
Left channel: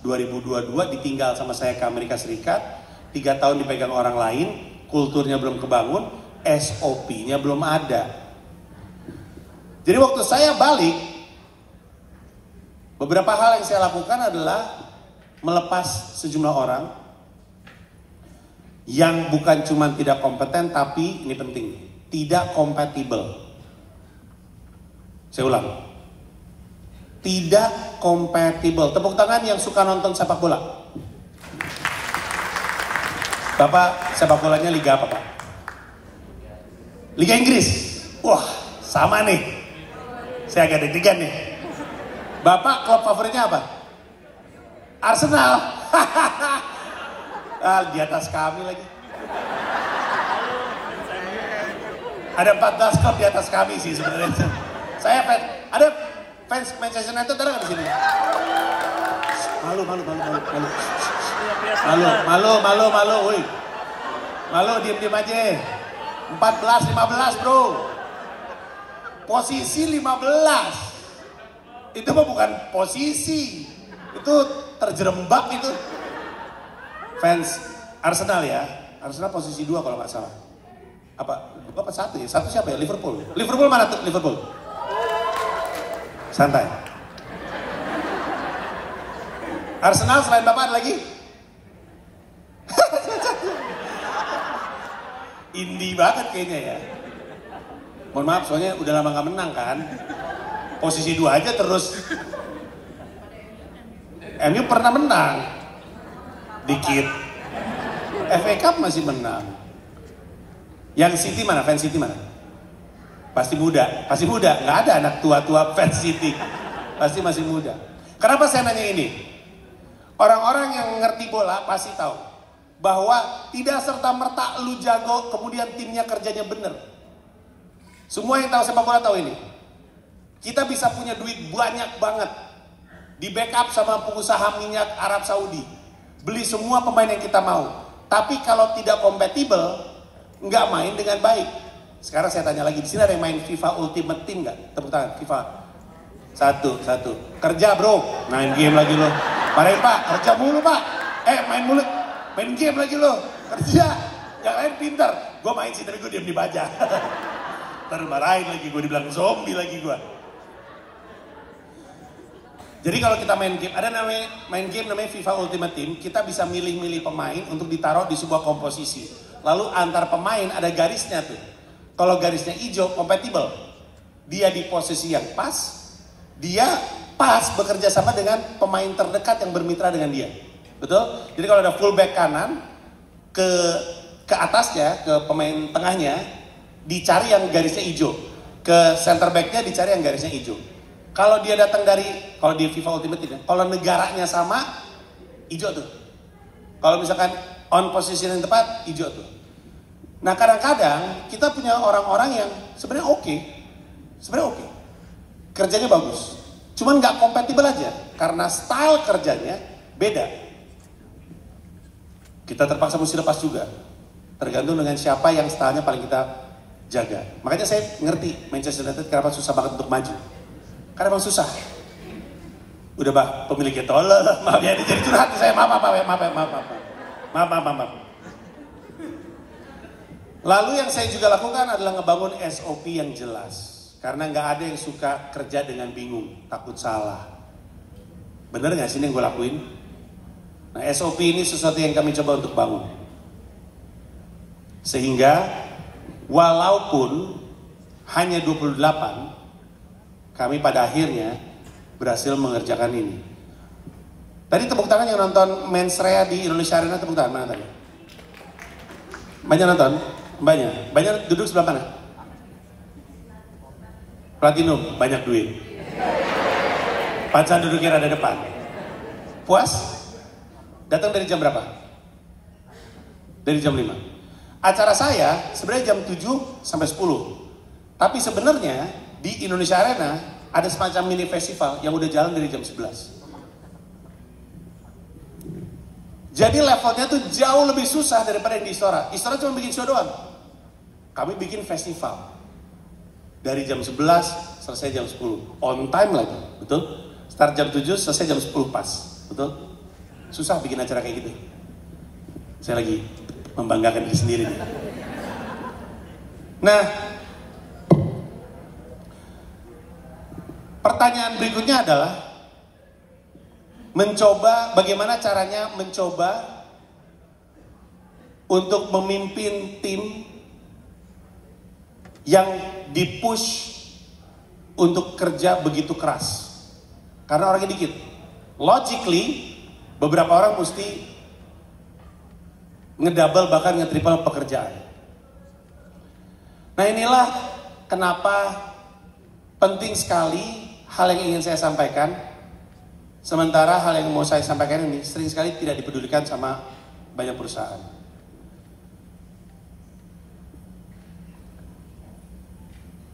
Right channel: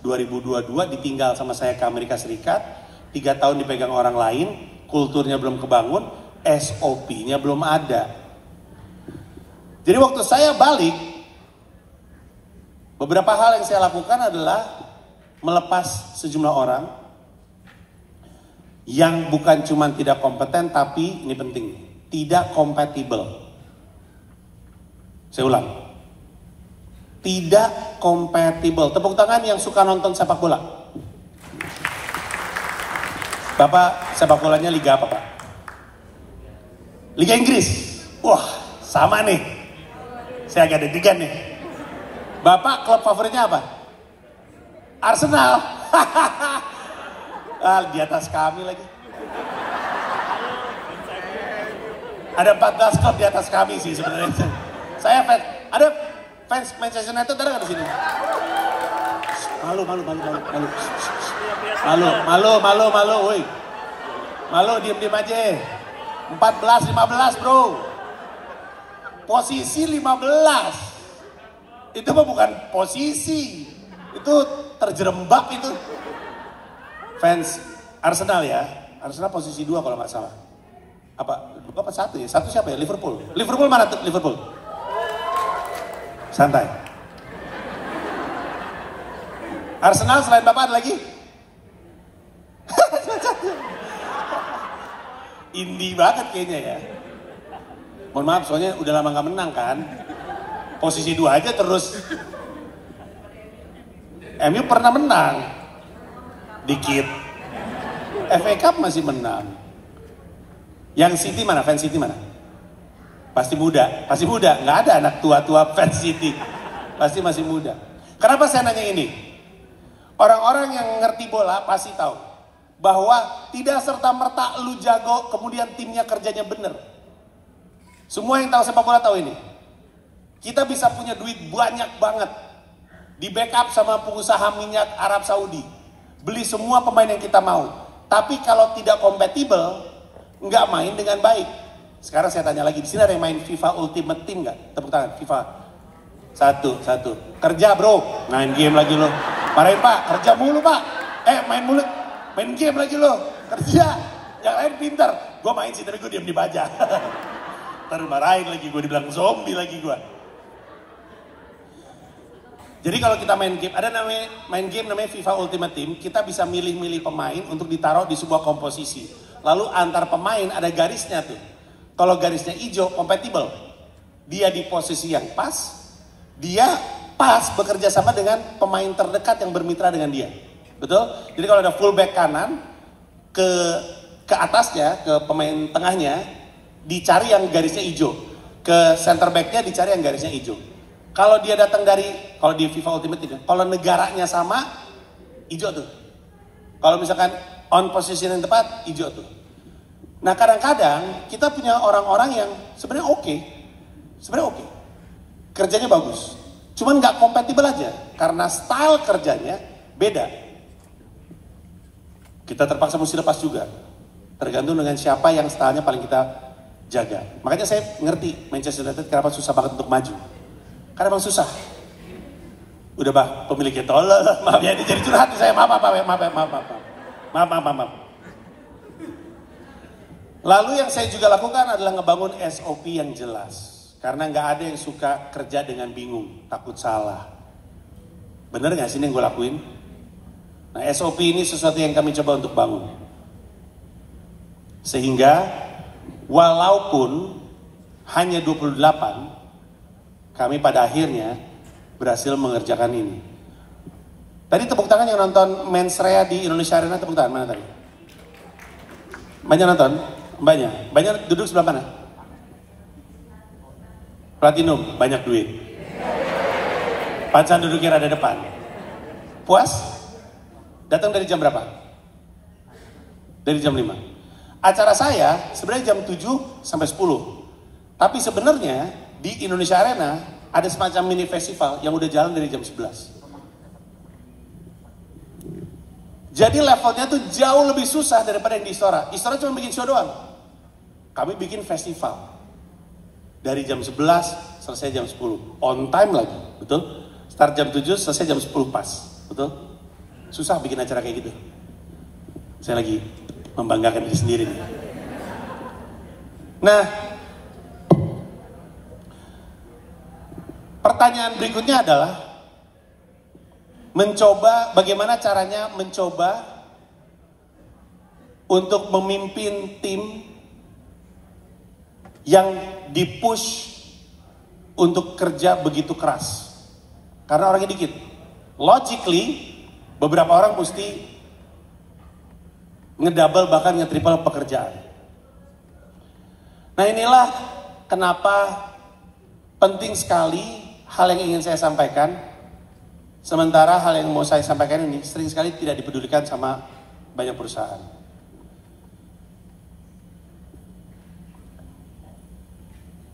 2022 ditinggal sama saya ke Amerika Serikat, 3 tahun dipegang orang lain, kulturnya belum kebangun, SOP-nya belum ada. Jadi waktu saya balik, beberapa hal yang saya lakukan adalah melepas sejumlah orang yang bukan cuma tidak kompeten, tapi ini penting, tidak kompatibel. Saya ulang, tidak kompatibel. Tepuk tangan yang suka nonton sepak bola. Bapak sepak bolanya liga apa Pak? Liga Inggris. Wah sama nih, saya agak deg-degan nih. Bapak klub favoritnya apa? Arsenal. Di atas kami lagi. Ada 14 klub di atas kami sih sebenarnya. Saya fans, ada fans Manchester United ada nggak di sini? Malu, woi. Malu, diem aja. 14-15 bro. Posisi 15. Itu mah bukan posisi. Itu terjerembab itu. Fans Arsenal ya. Arsenal posisi 2 kalau nggak salah. Apa 1 ya? 1 siapa ya? Liverpool. Liverpool mana tuh? Liverpool. Santai. Arsenal selain Bapak ada lagi? Indie banget kayaknya ya. Mohon maaf soalnya udah lama gak menang kan. Posisi 2 aja terus. MU pernah menang. Dikit. FA Cup masih menang. Yang City mana? Fans City mana? Pasti muda. Nggak ada anak tua-tua fans City. Pasti masih muda. Kenapa saya nanya ini? Orang-orang yang ngerti bola pasti tahu bahwa tidak serta-merta lu jago kemudian timnya kerjanya bener. Semua yang tahu sepak bola tahu ini. Kita bisa punya duit banyak banget, di backup sama pengusaha minyak Arab Saudi, beli semua pemain yang kita mau. Tapi kalau tidak kompatibel, nggak main dengan baik. Sekarang saya tanya lagi, di sini ada yang main FIFA Ultimate Team nggak? Tepuk tangan, FIFA. Satu. Kerja bro, main game lagi lo. Marahin Pak, kerja mulu Pak. Main game lagi lo. Kerja, yang lain pintar. Gue main sih, tapi gue diam di baja. Ntar marahin lagi, gue dibilang zombie lagi gue. Jadi kalau kita main game, ada main game namanya FIFA Ultimate Team, kita bisa milih-milih pemain untuk ditaruh di sebuah komposisi. Lalu antar pemain ada garisnya tuh. Kalau garisnya hijau, kompatibel. Dia di posisi yang pas, dia pas bekerja sama dengan pemain terdekat yang bermitra dengan dia. Betul? Jadi kalau ada fullback kanan, ke atasnya, ke pemain tengahnya, dicari yang garisnya hijau. Ke center backnya dicari yang garisnya hijau. Kalau dia datang kalau di FIFA Ultimate Team, kalau negaranya sama, hijau tuh. Kalau misalkan on position yang tepat, hijau tuh. Nah kadang-kadang kita punya orang-orang yang sebenarnya oke. Kerjanya bagus. Cuman nggak kompatibel aja, karena style kerjanya beda. Kita terpaksa mesti lepas juga. Tergantung dengan siapa yang stylenya paling kita jaga. Makanya saya ngerti Manchester United kenapa susah banget untuk maju. Karena emang susah. Udah bah, pemiliknya tolol. Maaf ya, ini jadi curhat saya. Maaf. Lalu yang saya juga lakukan adalah ngebangun SOP yang jelas. Karena nggak ada yang suka kerja dengan bingung, takut salah. Bener nggak sih ini yang gue lakuin? Nah SOP ini sesuatu yang kami coba untuk bangun. Sehingga walaupun hanya 28, kami pada akhirnya berhasil mengerjakan ini. Tadi tepuk tangan yang nonton Mensrea di Indonesia Arena, tepuk tangan, mana tadi? Banyak nonton? Banyak duduk sebelah mana? Platinum, banyak duit. Pacan duduknya ada depan. Puas? Datang dari jam berapa? Dari jam 5. Acara saya sebenarnya jam 7 sampai 10. Tapi sebenarnya di Indonesia Arena ada semacam mini festival yang udah jalan dari jam 11. Jadi levelnya tuh jauh lebih susah daripada yang di Istora. Istora cuma bikin show doang. Kami bikin festival. Dari jam 11 selesai jam 10. On time lagi, betul? Start jam 7 selesai jam 10 pas, betul? Susah bikin acara kayak gitu. Saya lagi membanggakan diri sendiri nih. Nah, pertanyaan berikutnya adalah bagaimana caranya mencoba untuk memimpin tim yang dipush untuk kerja begitu keras. Karena orangnya dikit. Logically, beberapa orang mesti ngedouble bahkan ngetriple pekerjaan. Nah, inilah kenapa penting sekali hal yang ingin saya sampaikan. Sementara hal yang mau saya sampaikan ini sering sekali tidak dipedulikan sama banyak perusahaan.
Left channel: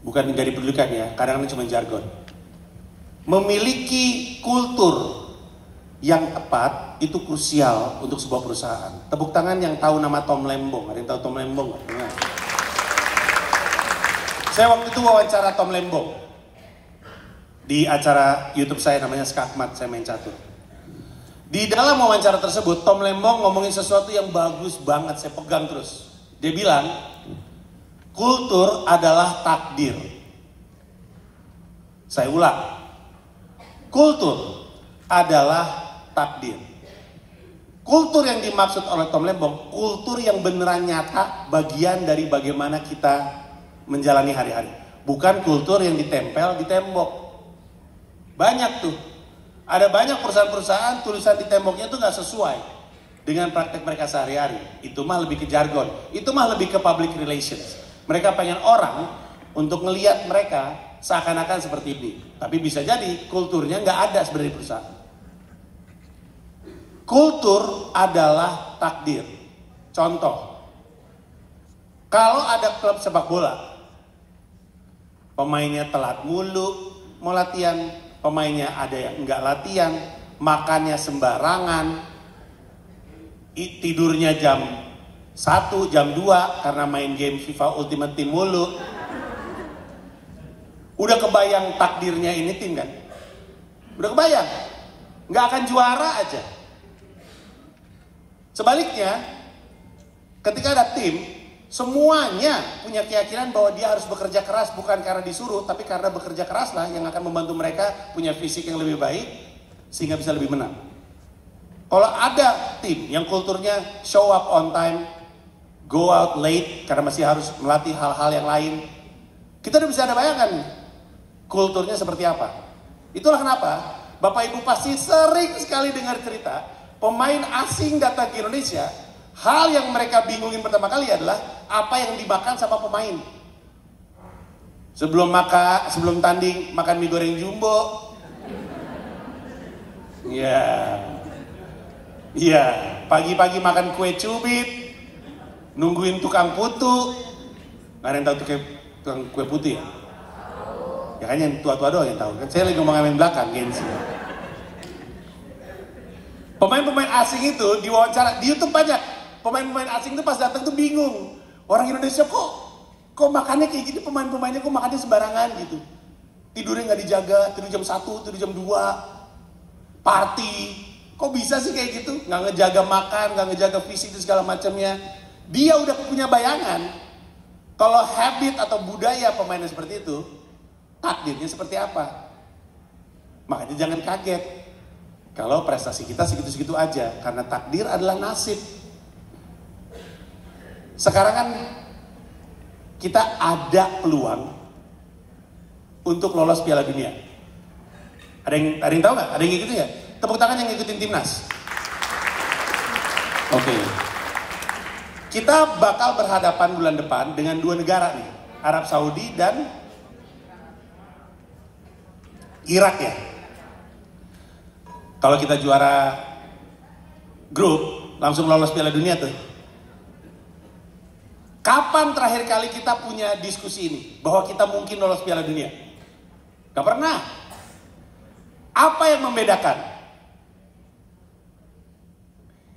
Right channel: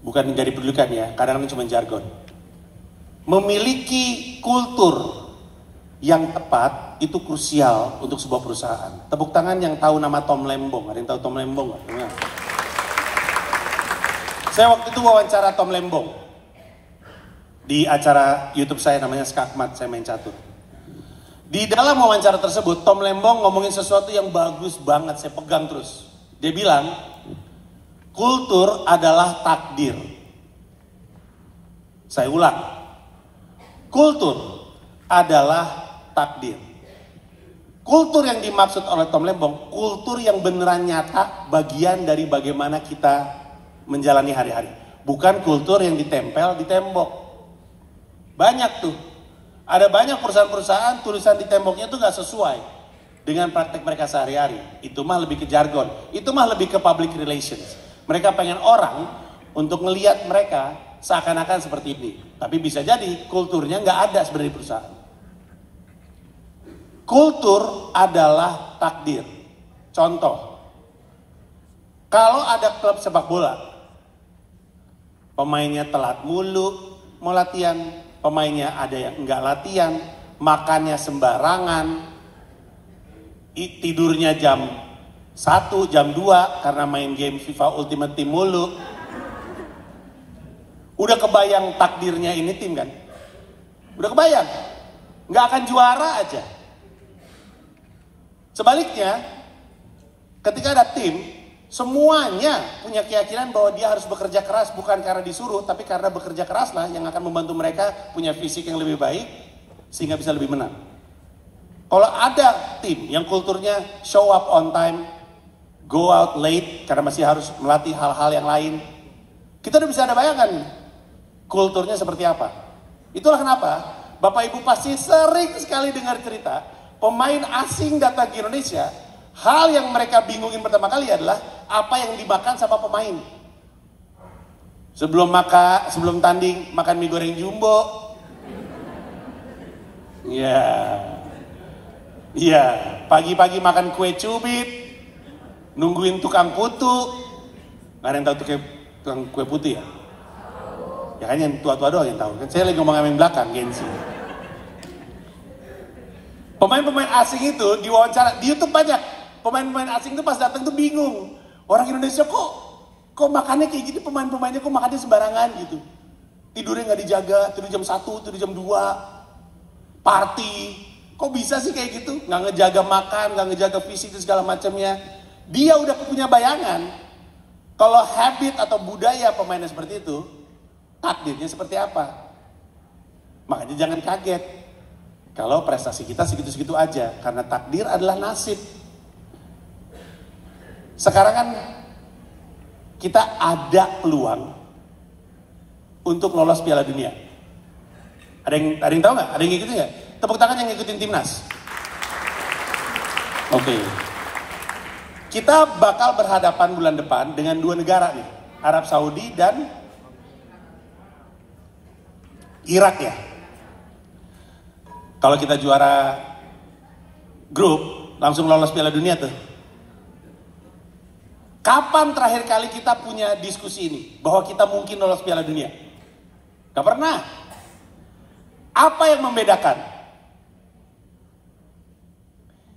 Bukan nggak dipedulikan ya, kadang-kadang cuma jargon. Memiliki kultur yang tepat itu krusial untuk sebuah perusahaan. Tepuk tangan yang tahu nama Tom Lembong. Ada yang tahu Tom Lembong nggak? Saya waktu itu wawancara Tom Lembong di acara YouTube saya namanya Skakmat, saya main catur. Di dalam wawancara tersebut Tom Lembong ngomongin sesuatu yang bagus banget, saya pegang terus. Dia bilang, kultur adalah takdir. Saya ulang, kultur adalah takdir. Kultur yang dimaksud oleh Tom Lembong, kultur yang beneran nyata, bagian dari bagaimana kita menjalani hari-hari. Bukan kultur yang ditempel di tembok. Banyak tuh, ada banyak perusahaan-perusahaan tulisan di temboknya tuh gak sesuai dengan praktek mereka sehari-hari. Itu mah lebih ke jargon, itu mah lebih ke public relations. Mereka pengen orang untuk ngelihat mereka seakan-akan seperti ini. Tapi bisa jadi kulturnya gak ada sebenarnya di perusahaan. Kultur adalah takdir. Contoh, kalau ada klub sepak bola, pemainnya telat mulu mau latihan, pemainnya ada yang enggak latihan, makannya sembarangan, tidurnya jam 1, jam 2 karena main game FIFA Ultimate Team mulu. Udah kebayang takdirnya ini tim kan? Udah kebayang? Nggak akan juara aja. Sebaliknya, ketika ada tim, semuanya punya keyakinan bahwa dia harus bekerja keras bukan karena disuruh, tapi karena bekerja keraslah yang akan membantu mereka punya fisik yang lebih baik sehingga bisa lebih menang. Kalau ada tim yang kulturnya show up on time, go out late karena masih harus melatih hal-hal yang lain, kita udah bisa ada bayangan kulturnya seperti apa. Itulah kenapa Bapak Ibu pasti sering sekali dengar cerita pemain asing datang ke Indonesia. Hal yang mereka bingungin pertama kali adalah apa yang dimakan sama pemain. Sebelum tanding makan mie goreng jumbo. Iya, pagi-pagi makan kue cubit, nungguin tukang putu. Nggak ada yang tahu tukang kue putu ya? Ya kan yang tua-tua doang yang tahu. Kan saya lagi ngomong yang belakang, gengsi. Pemain-pemain asing itu diwawancara di YouTube banyak. Pemain-pemain asing itu pas datang tuh bingung. Orang Indonesia kok makannya kayak gini, pemain-pemainnya kok makannya sembarangan gitu. Tidurnya nggak dijaga, tidur jam 1, tidur jam 2. Party. Kok bisa sih kayak gitu? Nggak ngejaga makan, nggak ngejaga fisik dan segala macamnya. Dia udah punya bayangan. Kalau habit atau budaya pemainnya seperti itu, takdirnya seperti apa? Makanya jangan kaget kalau prestasi kita segitu-segitu aja. Karena takdir adalah nasib. Sekarang kan kita ada peluang untuk lolos Piala Dunia. Ada yang tahu nggak? Ada yang ngikutin ya? Tepuk tangan yang ngikutin timnas. Oke. Kita bakal berhadapan bulan depan dengan 2 negara nih, Arab Saudi dan Irak ya. Kalau kita juara grup langsung lolos Piala Dunia tuh. Kapan terakhir kali kita punya diskusi ini bahwa kita mungkin lolos Piala Dunia? Gak pernah. Apa yang membedakan?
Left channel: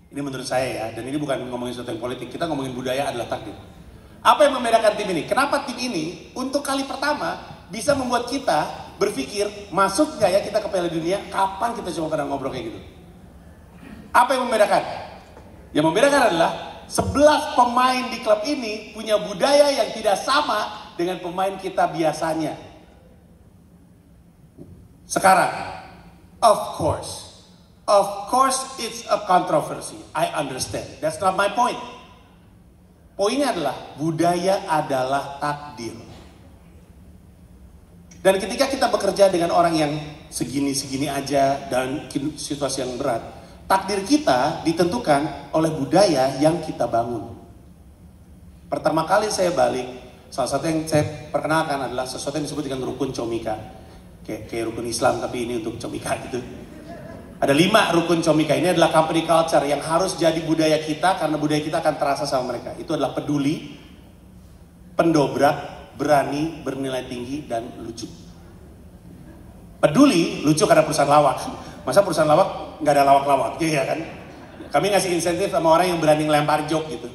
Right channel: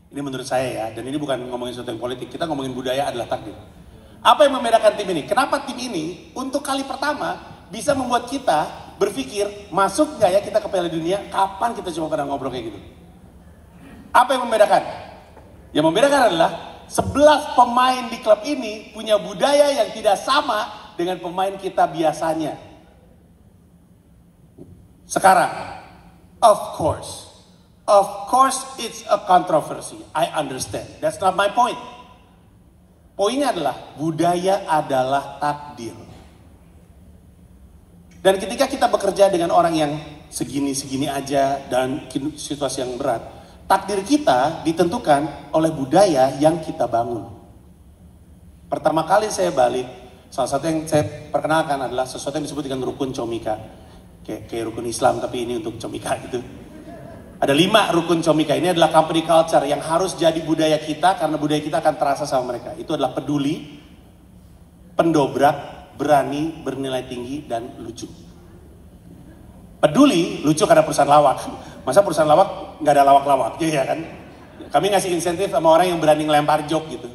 Ini menurut saya ya, dan ini bukan ngomongin sesuatu yang politik, kita ngomongin budaya adalah takdir. Apa yang membedakan tim ini? Kenapa tim ini untuk kali pertama bisa membuat kita berpikir, masuk gak ya kita ke Piala Dunia? Kapan kita cuma pernah ngobrol kayak gitu? Apa yang membedakan? Yang membedakan adalah 11 pemain di klub ini punya budaya yang tidak sama dengan pemain kita biasanya. Sekarang, of course it's a controversy. I understand. That's not my point. Poinnya adalah budaya adalah takdir. Dan ketika kita bekerja dengan orang yang segini-segini aja dan situasi yang berat, takdir kita ditentukan oleh budaya yang kita bangun. Pertama kali saya balik, salah satu yang saya perkenalkan adalah sesuatu yang disebut dengan rukun Comika. Kayak rukun Islam, tapi ini untuk Comika gitu. Ada 5 rukun Comika. Ini adalah company culture yang harus jadi budaya kita, karena budaya kita akan terasa sama mereka. Itu adalah peduli, pendobrak, berani, bernilai tinggi, dan lucu. Peduli, lucu karena perusahaan lawak. Masa perusahaan lawak nggak ada lawak-lawak, ya kan? Kami ngasih insentif sama orang yang berani ngelempar joke gitu.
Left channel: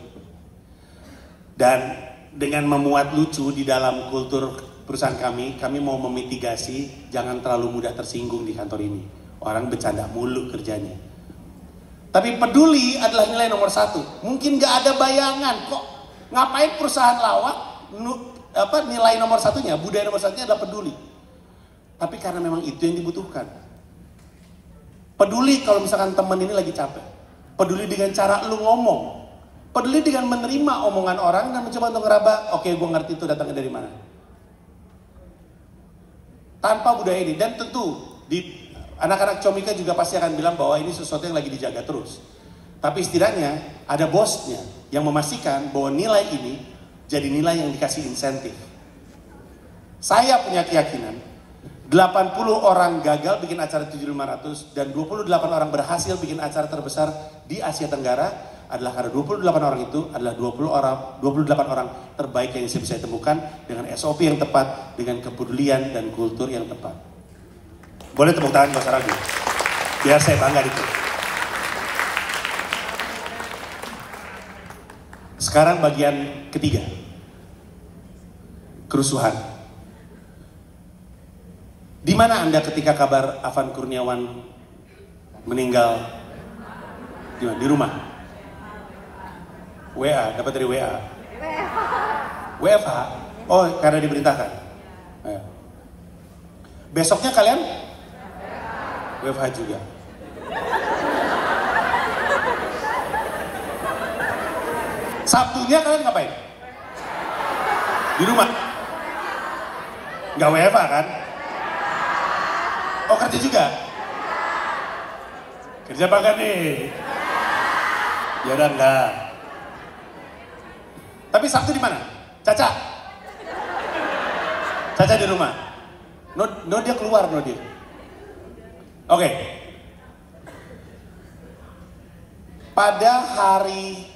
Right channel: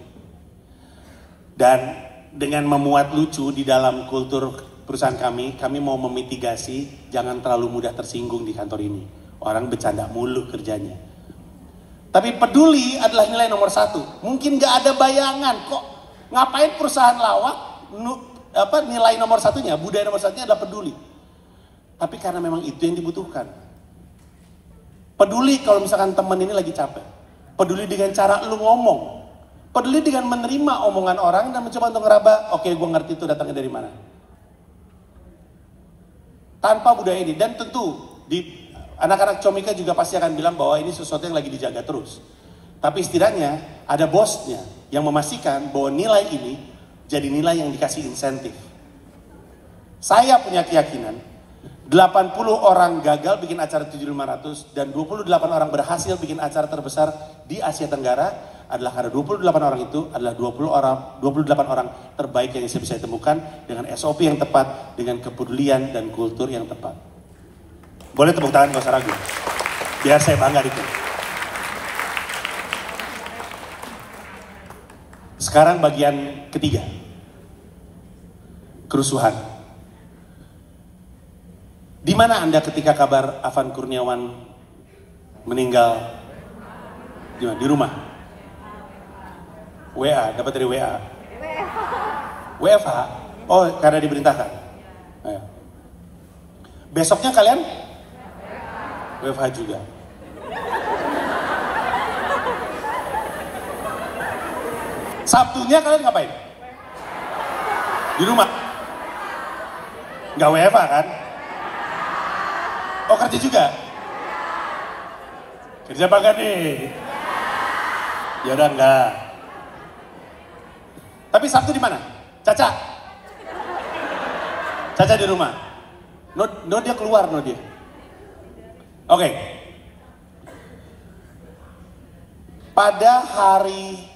Dan dengan memuat lucu di dalam kultur perusahaan kami mau memitigasi jangan terlalu mudah tersinggung di kantor ini. Orang bercanda mulu kerjanya. Tapi peduli adalah nilai nomor 1. Mungkin nggak ada bayangan kok ngapain perusahaan lawak nilai nomor 1-nya, budaya nomor 1-nya adalah peduli. Tapi karena memang itu yang dibutuhkan. Peduli kalau misalkan teman ini lagi capek. Peduli dengan cara lu ngomong. Peduli dengan menerima omongan orang dan mencoba untuk ngeraba, oke, gue ngerti itu datangnya dari mana. Tanpa budaya ini, dan tentu di anak-anak Comika juga pasti akan bilang bahwa ini sesuatu yang lagi dijaga terus. Tapi setidaknya ada bosnya yang memastikan bahwa nilai ini jadi nilai yang dikasih insentif. Saya punya keyakinan 80 orang gagal bikin acara 7.500 dan 28 orang berhasil bikin acara terbesar di Asia Tenggara adalah karena 28 orang itu adalah 28 orang terbaik yang saya bisa temukan dengan SOP yang tepat, dengan kepedulian dan kultur yang tepat. Boleh tepuk tangan gak usah ragu. Biar saya bangga itu. Sekarang bagian ketiga. Kerusuhan. Di mana Anda ketika kabar Afan Kurniawan meninggal? Di rumah. WA, dapat dari WA. WFH? Oh, karena diberitakan. Besoknya kalian? WFH juga. Sabtunya kalian ngapain? Di rumah. Nggak WFH kan? Oh, kerja juga? Kerja apa enggak nih? Ya udah enggak. Tapi Sabtu di mana? Caca? Caca di rumah? No dia keluar, no dia. Oke. Pada hari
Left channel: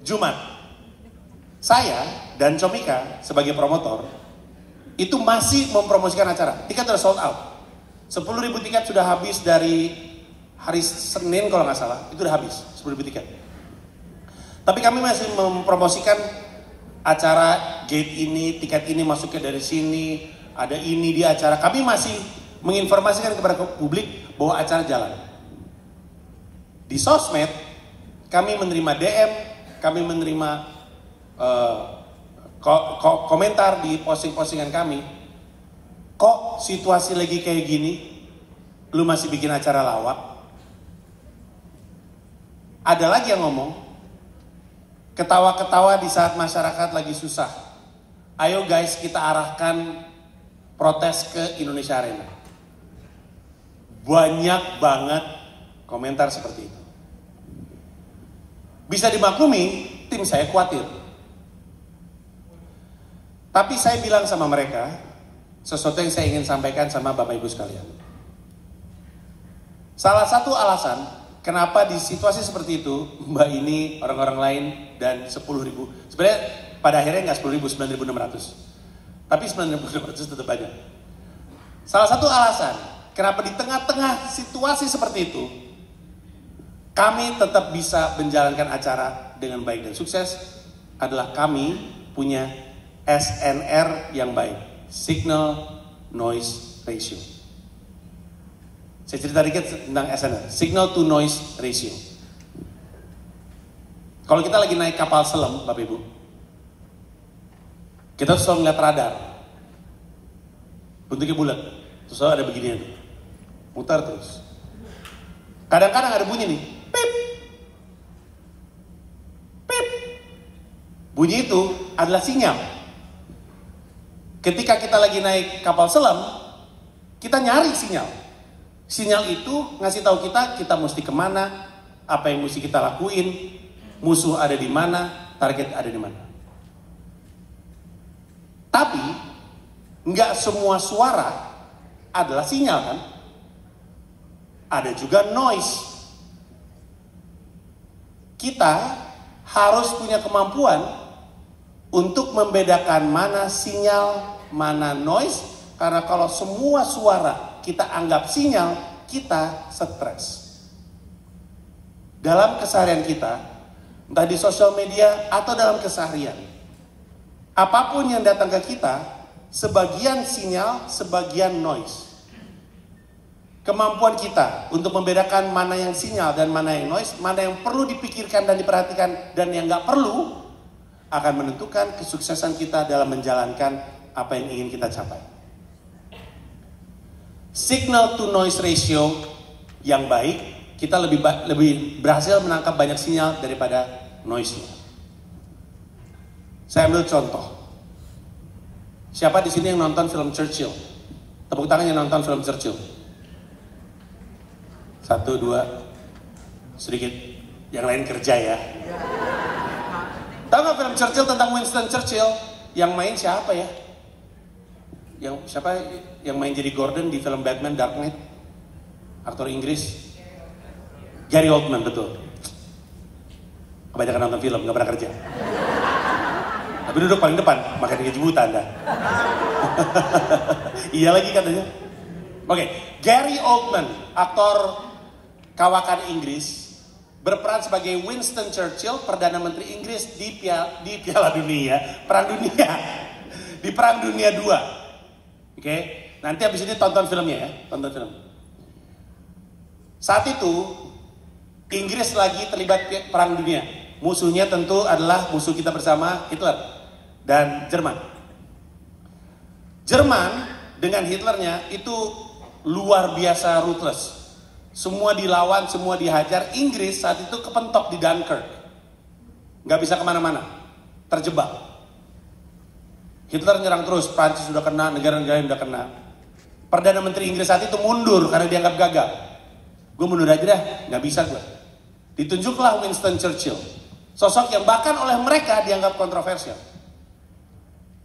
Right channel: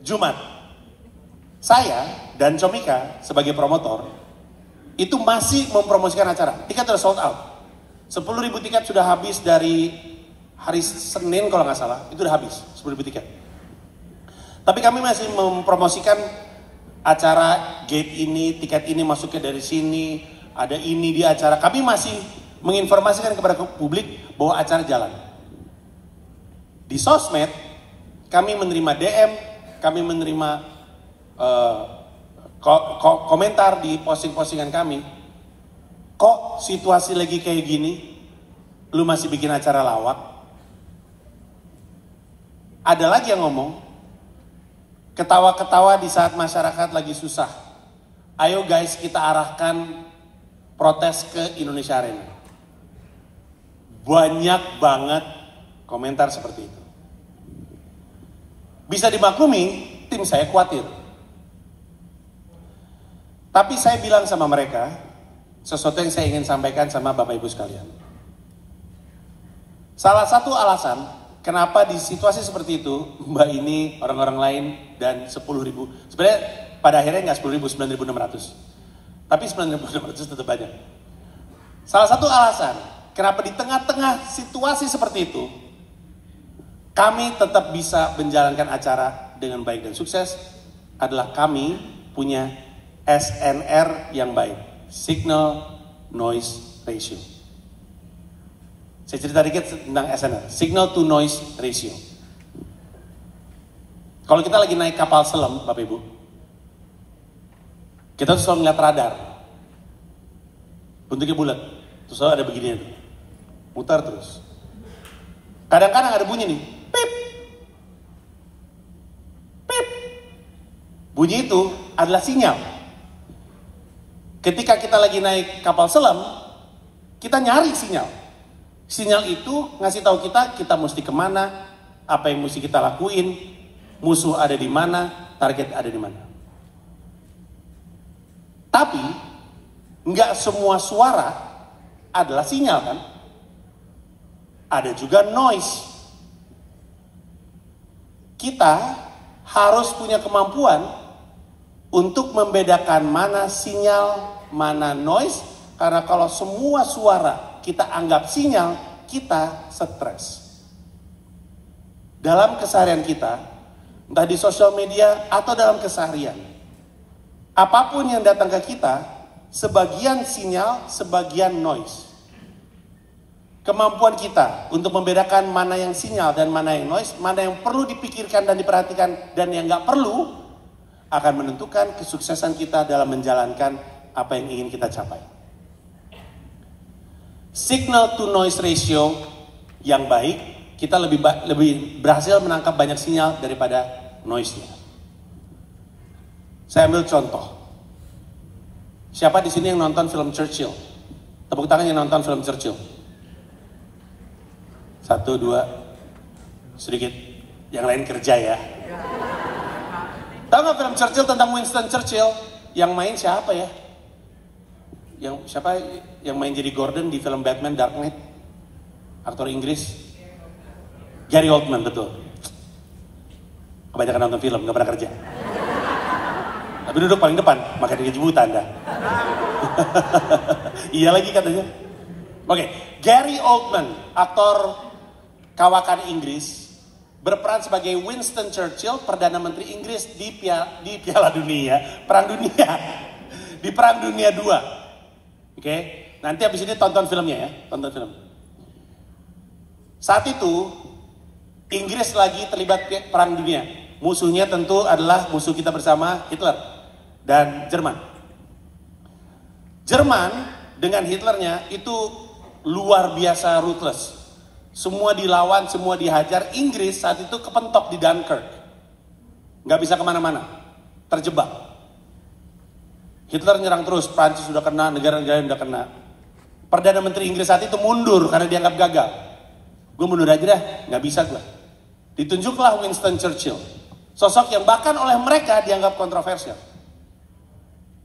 Jumat, saya dan Comika sebagai promotor itu masih mempromosikan acara. Tiket sudah sold out. 10.000 tiket sudah habis dari hari Senin kalau nggak salah. Itu udah habis 10.000 tiket. Tapi kami masih mempromosikan acara gate ini, tiket ini masuknya dari sini, ada ini di acara. Kami masih menginformasikan kepada publik bahwa acara jalan. Di sosmed, kami menerima DM, kami menerima komentar di posting-postingan kami. Kok situasi lagi kayak gini, lu masih bikin acara lawak? Ada lagi yang ngomong, ketawa-ketawa di saat masyarakat lagi susah. Ayo guys, kita arahkan protes ke Indonesia Arena. Banyak banget komentar seperti itu. Bisa dimaklumi, tim saya khawatir. Tapi saya bilang sama mereka, sesuatu yang saya ingin sampaikan sama Bapak Ibu sekalian. Salah satu alasan kenapa di situasi seperti itu, Mbak ini, orang-orang lain, dan 10.000. Sebenarnya pada akhirnya nggak 10.000, 9.600. Tapi 9.600 tetap banyak. Salah satu alasan, kenapa di tengah-tengah situasi seperti itu, kami tetap bisa menjalankan acara dengan baik dan sukses, adalah kami punya SNR yang baik. Signal Noise Ratio. Saya cerita dikit tentang SNR, Signal to Noise Ratio. Kalau kita lagi naik kapal selam, Bapak Ibu, kita tuh selalu ngeliat radar. Bentuknya bulat, terus selalu ada beginian. Mutar terus. Kadang-kadang ada bunyi nih, pip. Pip. Bunyi itu adalah sinyal. Ketika kita lagi naik kapal selam, kita nyari sinyal. Sinyal itu ngasih tahu kita mesti kemana, apa yang mesti kita lakuin, musuh ada di mana, target ada di mana. Tapi nggak semua suara adalah sinyal kan? Ada juga noise. Kita harus punya kemampuan untuk membedakan mana sinyal, mana noise, karena kalau semua suara kita anggap sinyal, kita stres. Dalam keseharian kita, entah di sosial media atau dalam keseharian, apapun yang datang ke kita, sebagian sinyal, sebagian noise. Kemampuan kita untuk membedakan mana yang sinyal dan mana yang noise, mana yang perlu dipikirkan dan diperhatikan dan yang nggak perlu, akan menentukan kesuksesan kita dalam menjalankan apa yang ingin kita capai. Signal to noise ratio yang baik, kita lebih berhasil menangkap banyak sinyal daripada noise-nya. Saya ambil contoh. Siapa di sini yang nonton film Churchill? Tepuk tangan yang nonton film Churchill. 1, 2, sedikit. Yang lain kerja ya. Tahu nggak film Churchill tentang Winston Churchill? Yang main siapa ya? Siapa yang main jadi Gordon di film Batman Dark Knight? Aktor Inggris. Gary Oldman, betul. Kebanyakan nonton film, nggak pernah kerja. Tapi duduk paling depan, makan gaji buta Anda. Iya lagi katanya. Oke, Gary Oldman, aktor kawakan Inggris, berperan sebagai Winston Churchill, Perdana Menteri Inggris di Piala Dunia, Perang Dunia, di Perang Dunia II. Oke, nanti habis ini tonton filmnya ya, tonton film. Saat itu Inggris lagi terlibat perang dunia. Musuhnya tentu adalah musuh kita bersama, Hitler dan Jerman. Jerman dengan Hitlernya itu luar biasa ruthless. Semua dilawan, semua dihajar. Inggris saat itu kepentok di Dunkirk, nggak bisa kemana-mana, terjebak. Hitler nyerang terus, Prancis sudah kena, negara-negara yang udah kena. Perdana Menteri Inggris saat itu mundur karena dianggap gagal. Gue mundur aja dah, nggak bisa gue. Ditunjuklah Winston Churchill, sosok yang bahkan oleh mereka dianggap kontroversial.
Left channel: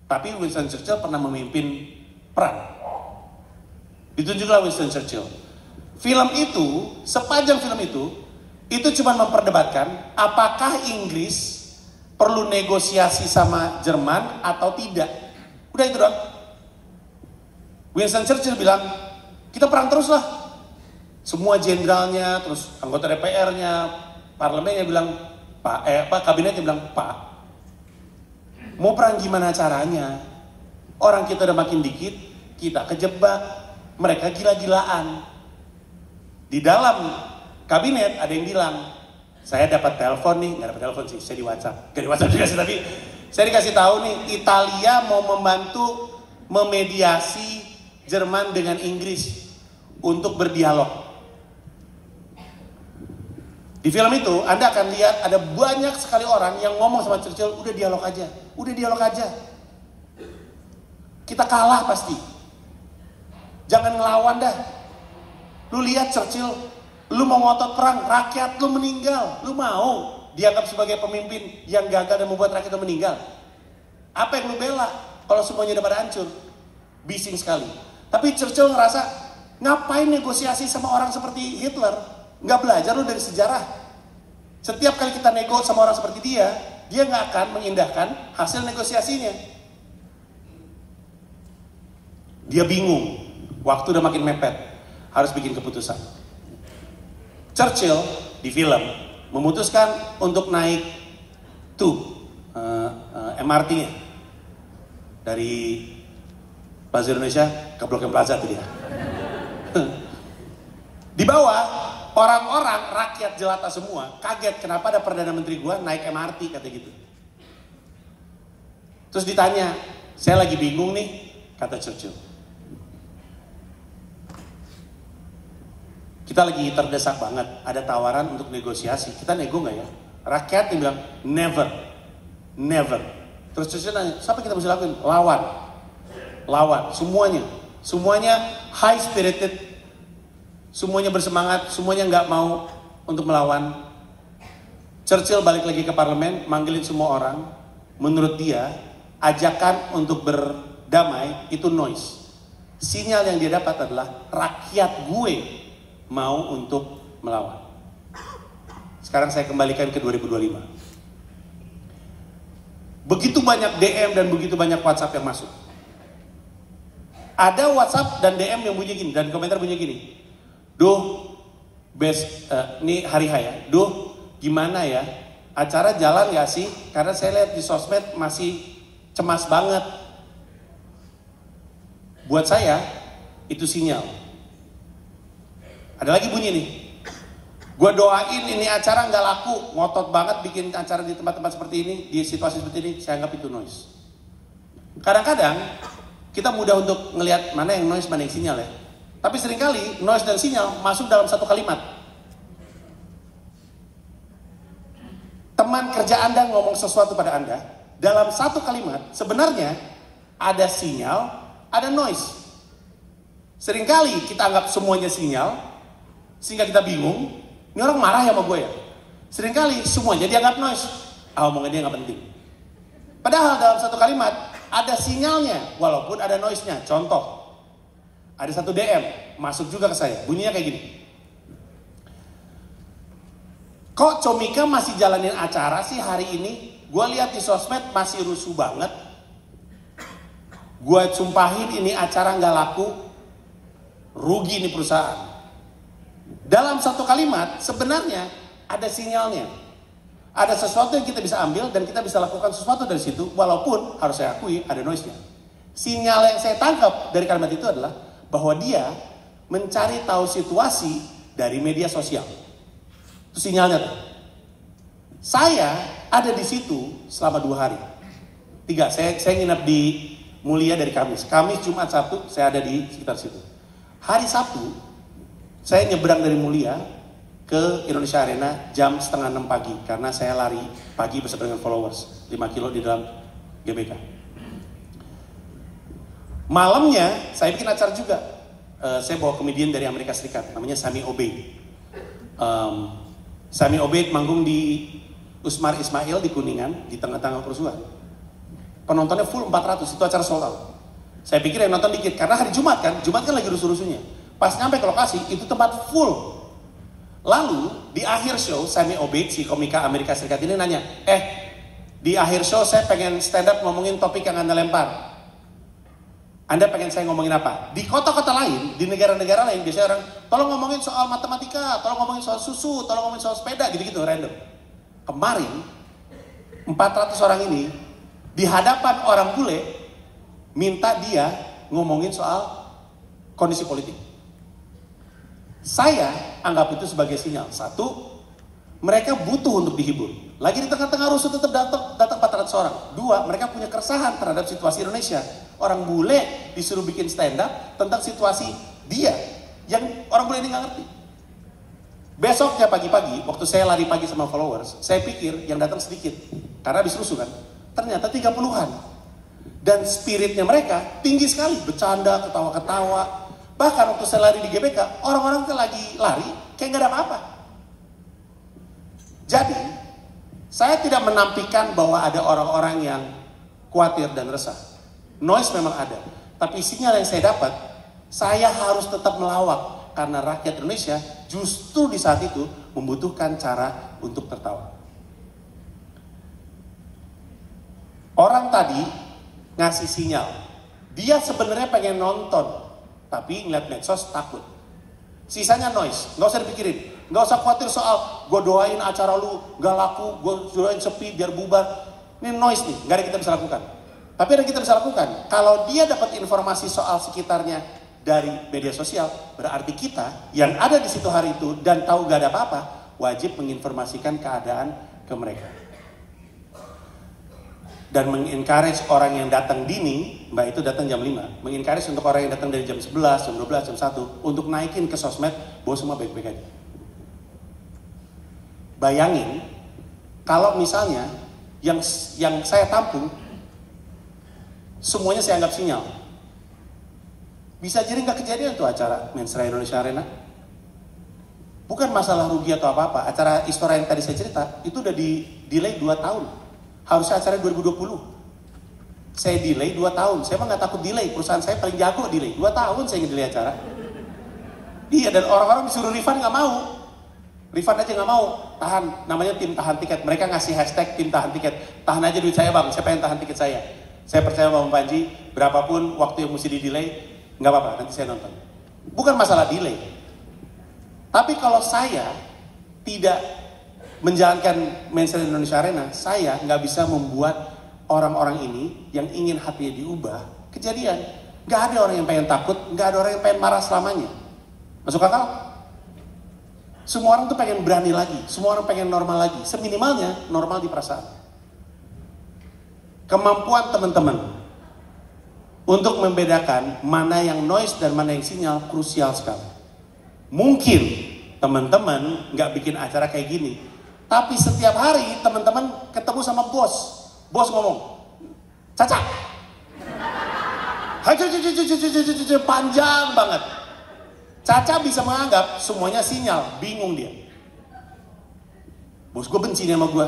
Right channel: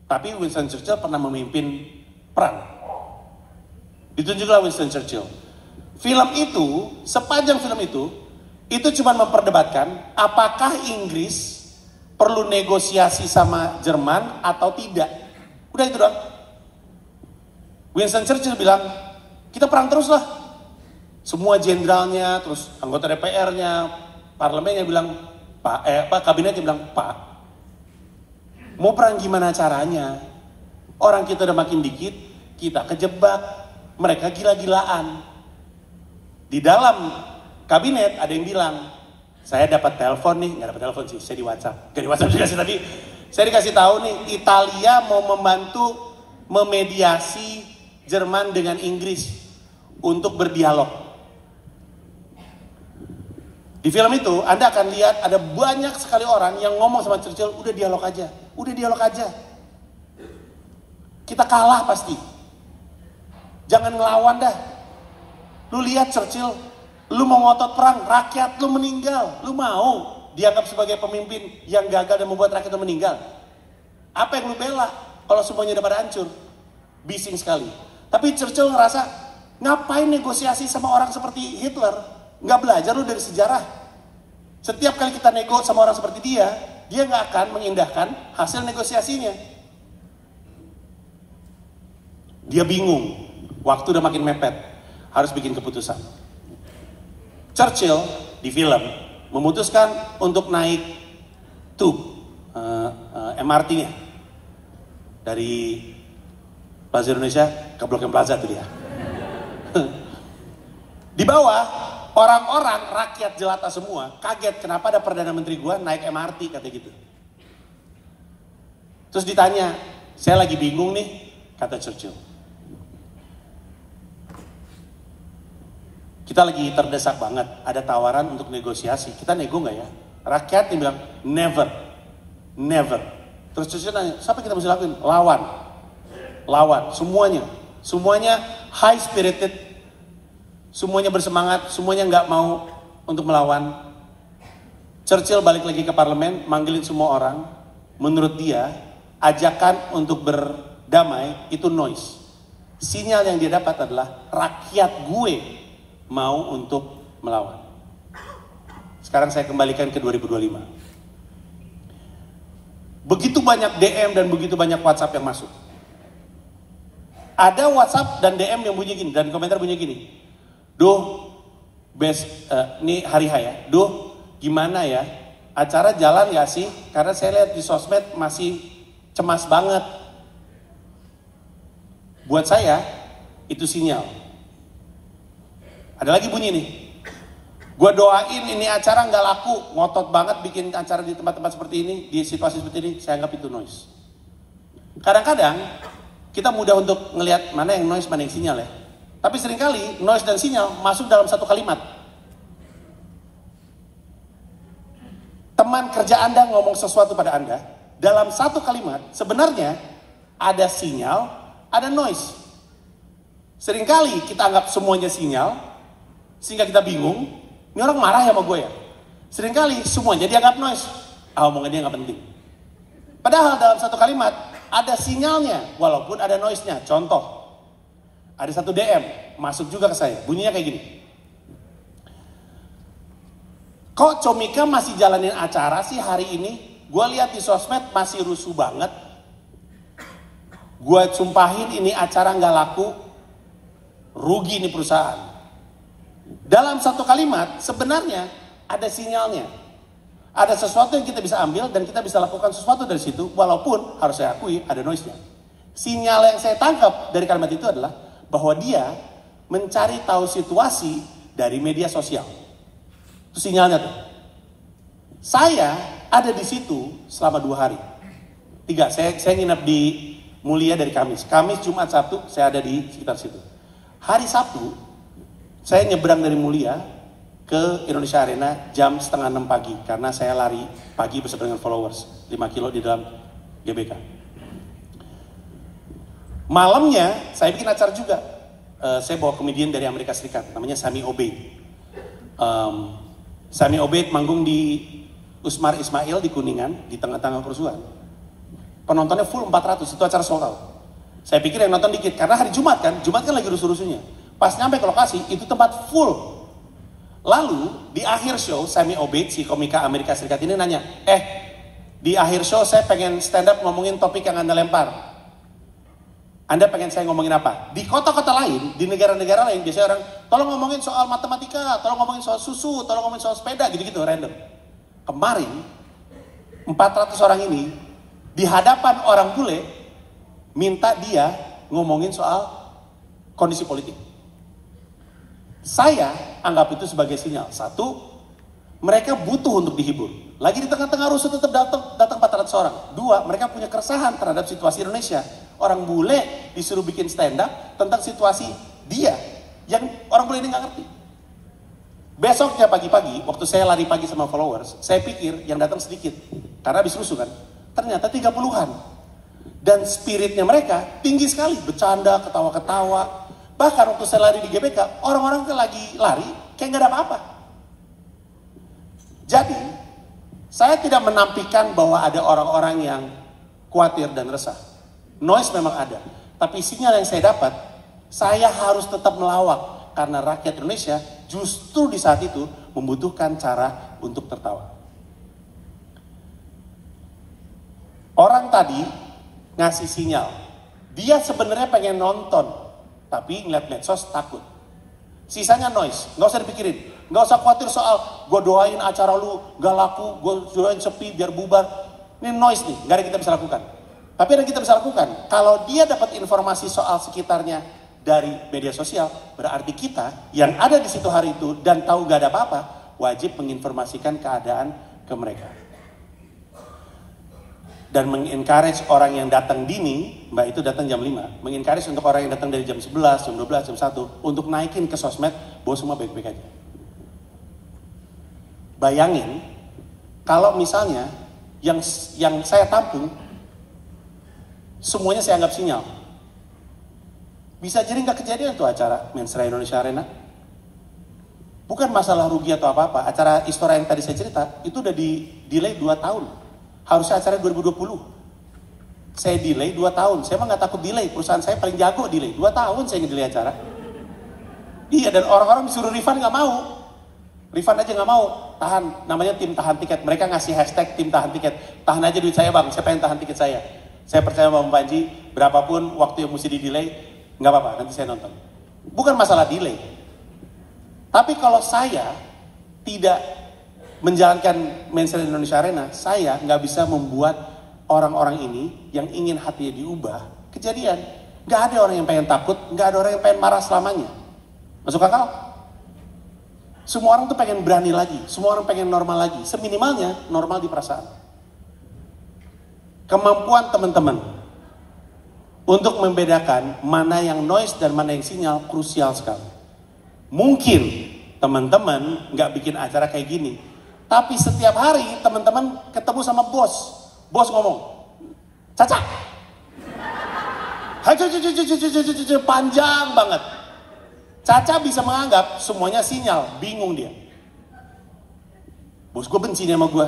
Tapi Winston Churchill pernah memimpin perang. Ditunjuklah Winston Churchill. Film itu, sepanjang film itu cuma memperdebatkan apakah Inggris perlu negosiasi sama Jerman atau tidak. Udah itu doang. Winston Churchill bilang, kita perang terus lah. Semua jenderalnya, terus anggota DPR-nya, parlemennya bilang, kabinetnya bilang, Pak, mau perang gimana caranya? Orang kita udah makin dikit, kita kejebak, mereka gila-gilaan. Di dalam kabinet ada yang bilang, saya dapat telepon nih, nggak dapat telepon sih, saya di WhatsApp. Gak di WhatsApp juga sih tadi. Saya dikasih tahu nih, Italia mau membantu memediasi Jerman dengan Inggris untuk berdialog. Di film itu Anda akan lihat ada banyak sekali orang yang ngomong sama Churchill, udah dialog aja, udah dialog aja. Kita kalah pasti. Jangan ngelawan dah. Lu lihat Churchill, lu mau ngotot perang, rakyat lu meninggal. Lu mau dianggap sebagai pemimpin yang gagal dan membuat rakyat lu meninggal? Apa yang lu bela kalau semuanya udah pada hancur? Bising sekali. Tapi Churchill ngerasa, ngapain negosiasi sama orang seperti Hitler? Nggak belajar lu dari sejarah. Setiap kali kita nego sama orang seperti dia nggak akan mengindahkan hasil negosiasinya. Dia bingung, waktu udah makin mepet, harus bikin keputusan. Churchill di film memutuskan untuk naik MRT-nya dari Plaza Indonesia ke Blok M Plaza itu dia. Di bawah, orang-orang rakyat jelata semua kaget kenapa ada Perdana Menteri gua naik MRT, kata gitu. Terus ditanya, saya lagi bingung nih, kata Churchill. Kita lagi terdesak banget, ada tawaran untuk negosiasi. Kita nego nggak ya? Rakyat yang bilang, never. Never. Terus Churchill nanya, siapa kita mesti lakuin? Lawan, semuanya high spirited, semuanya bersemangat, semuanya nggak mau untuk melawan. Churchill balik lagi ke parlemen, manggilin semua orang. Menurut dia, ajakan untuk berdamai itu noise. Sinyal yang dia dapat adalah rakyat gue mau untuk melawan. Sekarang saya kembalikan ke 2025. Begitu banyak DM dan begitu banyak WhatsApp yang masuk. Ada WhatsApp dan DM yang bunyi gini, dan komentar bunyi gini. Duh, ini hari H ya. Duh, gimana ya? Acara jalan gak sih? Karena saya lihat di sosmed masih cemas banget. Buat saya, itu sinyal. Ada lagi bunyi nih. Gue doain ini acara gak laku. Ngotot banget bikin acara di tempat-tempat seperti ini, di situasi seperti ini, saya anggap itu noise. Kadang-kadang, kita mudah untuk ngelihat mana yang noise, mana yang sinyal ya. Tapi seringkali noise dan sinyal masuk dalam satu kalimat. Teman kerja Anda ngomong sesuatu pada Anda, dalam satu kalimat sebenarnya ada sinyal, ada noise. Seringkali kita anggap semuanya sinyal, sehingga kita bingung, ini orang marah ya sama gue ya. Seringkali semuanya dianggap noise, omongannya nggak penting. Padahal dalam satu kalimat ada sinyalnya, walaupun ada noise-nya. Contoh, ada satu DM, masuk juga ke saya, bunyinya kayak gini. Kok Comika masih jalanin acara sih hari ini? Gue lihat di sosmed masih rusuh banget. Gue sumpahin ini acara nggak laku, rugi nih perusahaan. Dalam satu kalimat sebenarnya ada sinyalnya. Ada sesuatu yang kita bisa ambil dan kita bisa lakukan sesuatu dari situ, walaupun harus saya akui ada noise-nya. Sinyal yang saya tangkap dari kalimat itu adalah bahwa dia mencari tahu situasi dari media sosial. Itu sinyalnya tuh. Saya ada di situ selama 2 hari. 3, saya nginep di Mulia dari Kamis, Jumat, Sabtu, saya ada di sekitar situ. Hari Sabtu, saya nyebrang dari Mulia ke Indonesia Arena jam 5:30 pagi karena saya lari pagi bersama dengan followers 5 kilo di dalam GBK. Malamnya saya bikin acara juga. Saya bawa komedian dari Amerika Serikat, namanya Sami Obeid. Sami Obeid manggung di Usmar Ismail di Kuningan di tengah-tengah kerusuhan. Penontonnya full 400, itu acara sold out. Saya pikir yang nonton dikit karena hari Jumat kan lagi rusuh-rusuhnya. Pas nyampe ke lokasi itu tempat full. Lalu di akhir show Sami Obeid, si komika Amerika Serikat ini nanya, di akhir show saya pengen stand up ngomongin topik yang Anda lempar. Anda pengen saya ngomongin apa? Di kota-kota lain, di negara-negara lain biasanya orang tolong ngomongin soal matematika, tolong ngomongin soal susu, tolong ngomongin soal sepeda, gitu-gitu random. Kemarin 400 orang ini di hadapan orang bule minta dia ngomongin soal kondisi politik. Saya anggap itu sebagai sinyal. 1, mereka butuh untuk dihibur. Lagi di tengah-tengah rusuh tetap datang 400 orang. 2, mereka punya keresahan terhadap situasi Indonesia. Orang bule disuruh bikin stand up tentang situasi dia yang orang bule ini nggak ngerti. Besoknya pagi-pagi, waktu saya lari pagi sama followers, saya pikir yang datang sedikit. Karena habis rusuh kan. Ternyata 30-an. Dan spiritnya mereka tinggi sekali. Bercanda, ketawa-ketawa. Bahkan waktu saya lari di GBK, orang-orang tuh lagi lari, kayak nggak ada apa-apa. Jadi, saya tidak menampilkan bahwa ada orang-orang yang khawatir dan resah. Noise memang ada. Tapi sinyal yang saya dapat, saya harus tetap melawak. karena rakyat Indonesia justru di saat itu membutuhkan cara untuk tertawa. Orang tadi ngasih sinyal, dia sebenarnya pengen nonton, tapi ngeliat medsos takut. Sisanya noise, nggak usah dipikirin, nggak usah khawatir soal gue doain acara lu gak laku, gue doain sepi biar bubar. Ini noise nih, nggak ada yang kita bisa lakukan. Tapi ada yang kita bisa lakukan, kalau dia dapat informasi soal sekitarnya dari media sosial, berarti kita yang ada di situ hari itu dan tahu gak ada apa-apa, wajib menginformasikan keadaan ke mereka. Dan mengencourage orang yang datang dini, mbak itu datang jam 5, mengencourage untuk orang yang datang dari jam 11, jam 12, jam 1, untuk naikin ke sosmed, bahwa semua baik-baik aja. Bayangin, kalau misalnya yang saya tampung, semuanya saya anggap sinyal. Bisa jadi nggak kejadian tuh acara Mensra Indonesia Arena. Bukan masalah rugi atau apa-apa. Acara Istora yang tadi saya cerita, itu udah di-delay 2 tahun. Harusnya acara 2020. Saya delay 2 tahun. Saya mah nggak takut delay. Perusahaan saya paling jago delay. 2 tahun saya nge-delay acara. Iya, dan orang-orang disuruh refund nggak mau. Refund aja nggak mau. Tahan, namanya tim tahan tiket. Mereka ngasih hashtag tim tahan tiket. Tahan aja duit saya bang, saya pengen tahan tiket saya. Saya percaya Bang Panji, berapapun waktu yang mesti di-delay, nggak apa-apa, nanti saya nonton. Bukan masalah delay. Tapi kalau saya tidak menjalankan Mensra Indonesia Arena, saya nggak bisa membuat orang-orang ini yang ingin hatinya diubah kejadian. Nggak ada orang yang pengen takut, nggak ada orang yang pengen marah selamanya. Masuk akal? Semua orang tuh pengen berani lagi, semua orang pengen normal lagi. Seminimalnya normal di perasaan. Kemampuan teman-teman untuk membedakan mana yang noise dan mana yang sinyal krusial sekali. Mungkin teman-teman nggak bikin acara kayak gini, tapi setiap hari teman-teman ketemu sama bos ngomong, Caca, panjang banget. Caca bisa menganggap semuanya sinyal, bingung dia. Bos gue benci nih sama gue.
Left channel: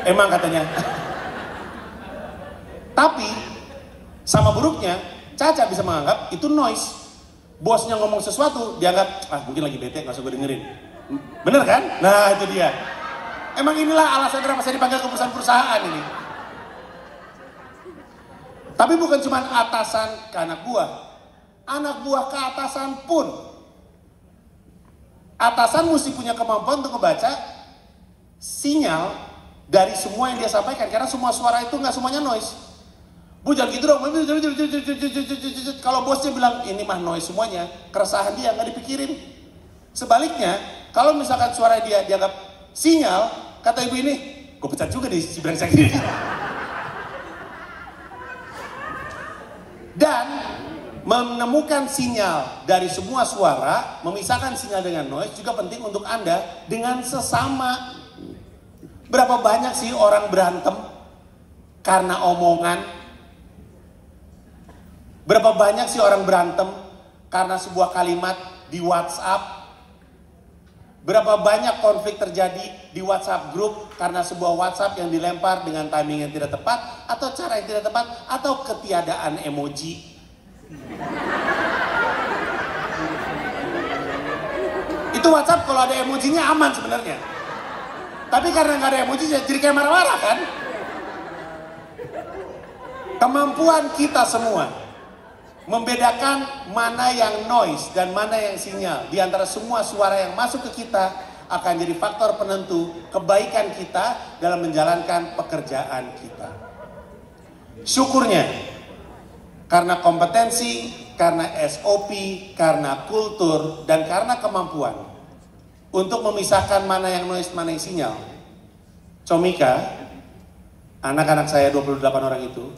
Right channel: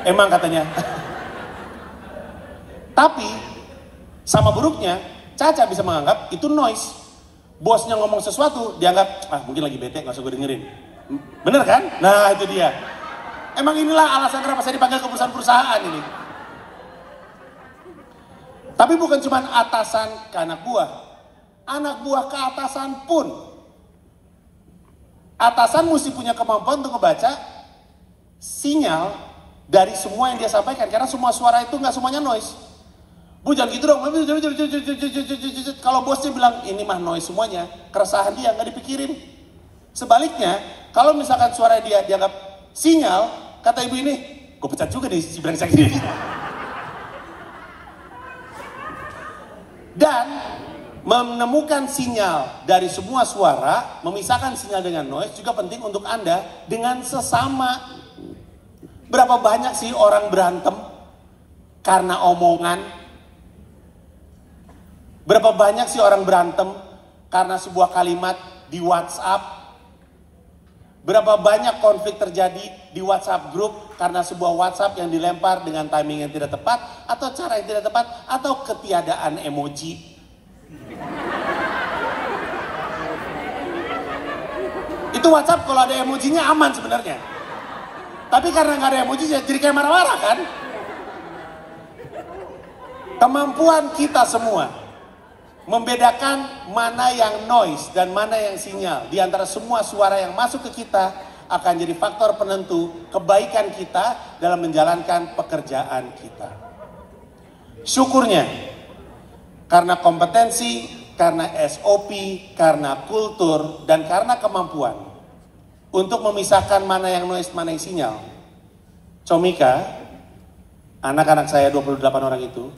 Emang katanya. Tapi sama buruknya, Caca bisa menganggap itu noise. Bosnya ngomong sesuatu, dianggap mungkin lagi bete, gak usah gue dengerin. Bener kan? Nah itu dia. Emang inilah alasan kenapa saya dipanggil ke perusahaan-perusahaan ini. Tapi bukan cuma atasan ke anak buah ke atasan pun. Atasan mesti punya kemampuan untuk membaca sinyal dari semua yang dia sampaikan, karena semua suara itu nggak semuanya noise. Bu jangan gitu dong. Kalau bosnya bilang ini mah noise semuanya, keresahan dia nggak dipikirin. Sebaliknya, kalau misalkan suara dia dianggap sinyal, kata ibu ini, gue pecat juga nih si brengsek ini. Dan menemukan sinyal dari semua suara, memisahkan sinyal dengan noise juga penting untuk Anda dengan sesama. Berapa banyak sih orang berantem karena omongan? Berapa banyak sih orang berantem karena sebuah kalimat di WhatsApp? Berapa banyak konflik terjadi di WhatsApp grup karena sebuah WhatsApp yang dilempar dengan timing yang tidak tepat, atau cara yang tidak tepat, atau ketiadaan emoji? Itu WhatsApp kalau ada emojinya aman sebenarnya. Tapi karena nggak ada emoji, jadi kayak marah-marah kan? Kemampuan kita semua membedakan mana yang noise dan mana yang sinyal di antara semua suara yang masuk ke kita akan jadi faktor penentu kebaikan kita dalam menjalankan pekerjaan kita. Syukurnya, karena kompetensi, karena SOP, karena kultur, dan karena kemampuan untuk memisahkan mana yang noise, mana yang sinyal. Comika, anak-anak saya 28 orang itu,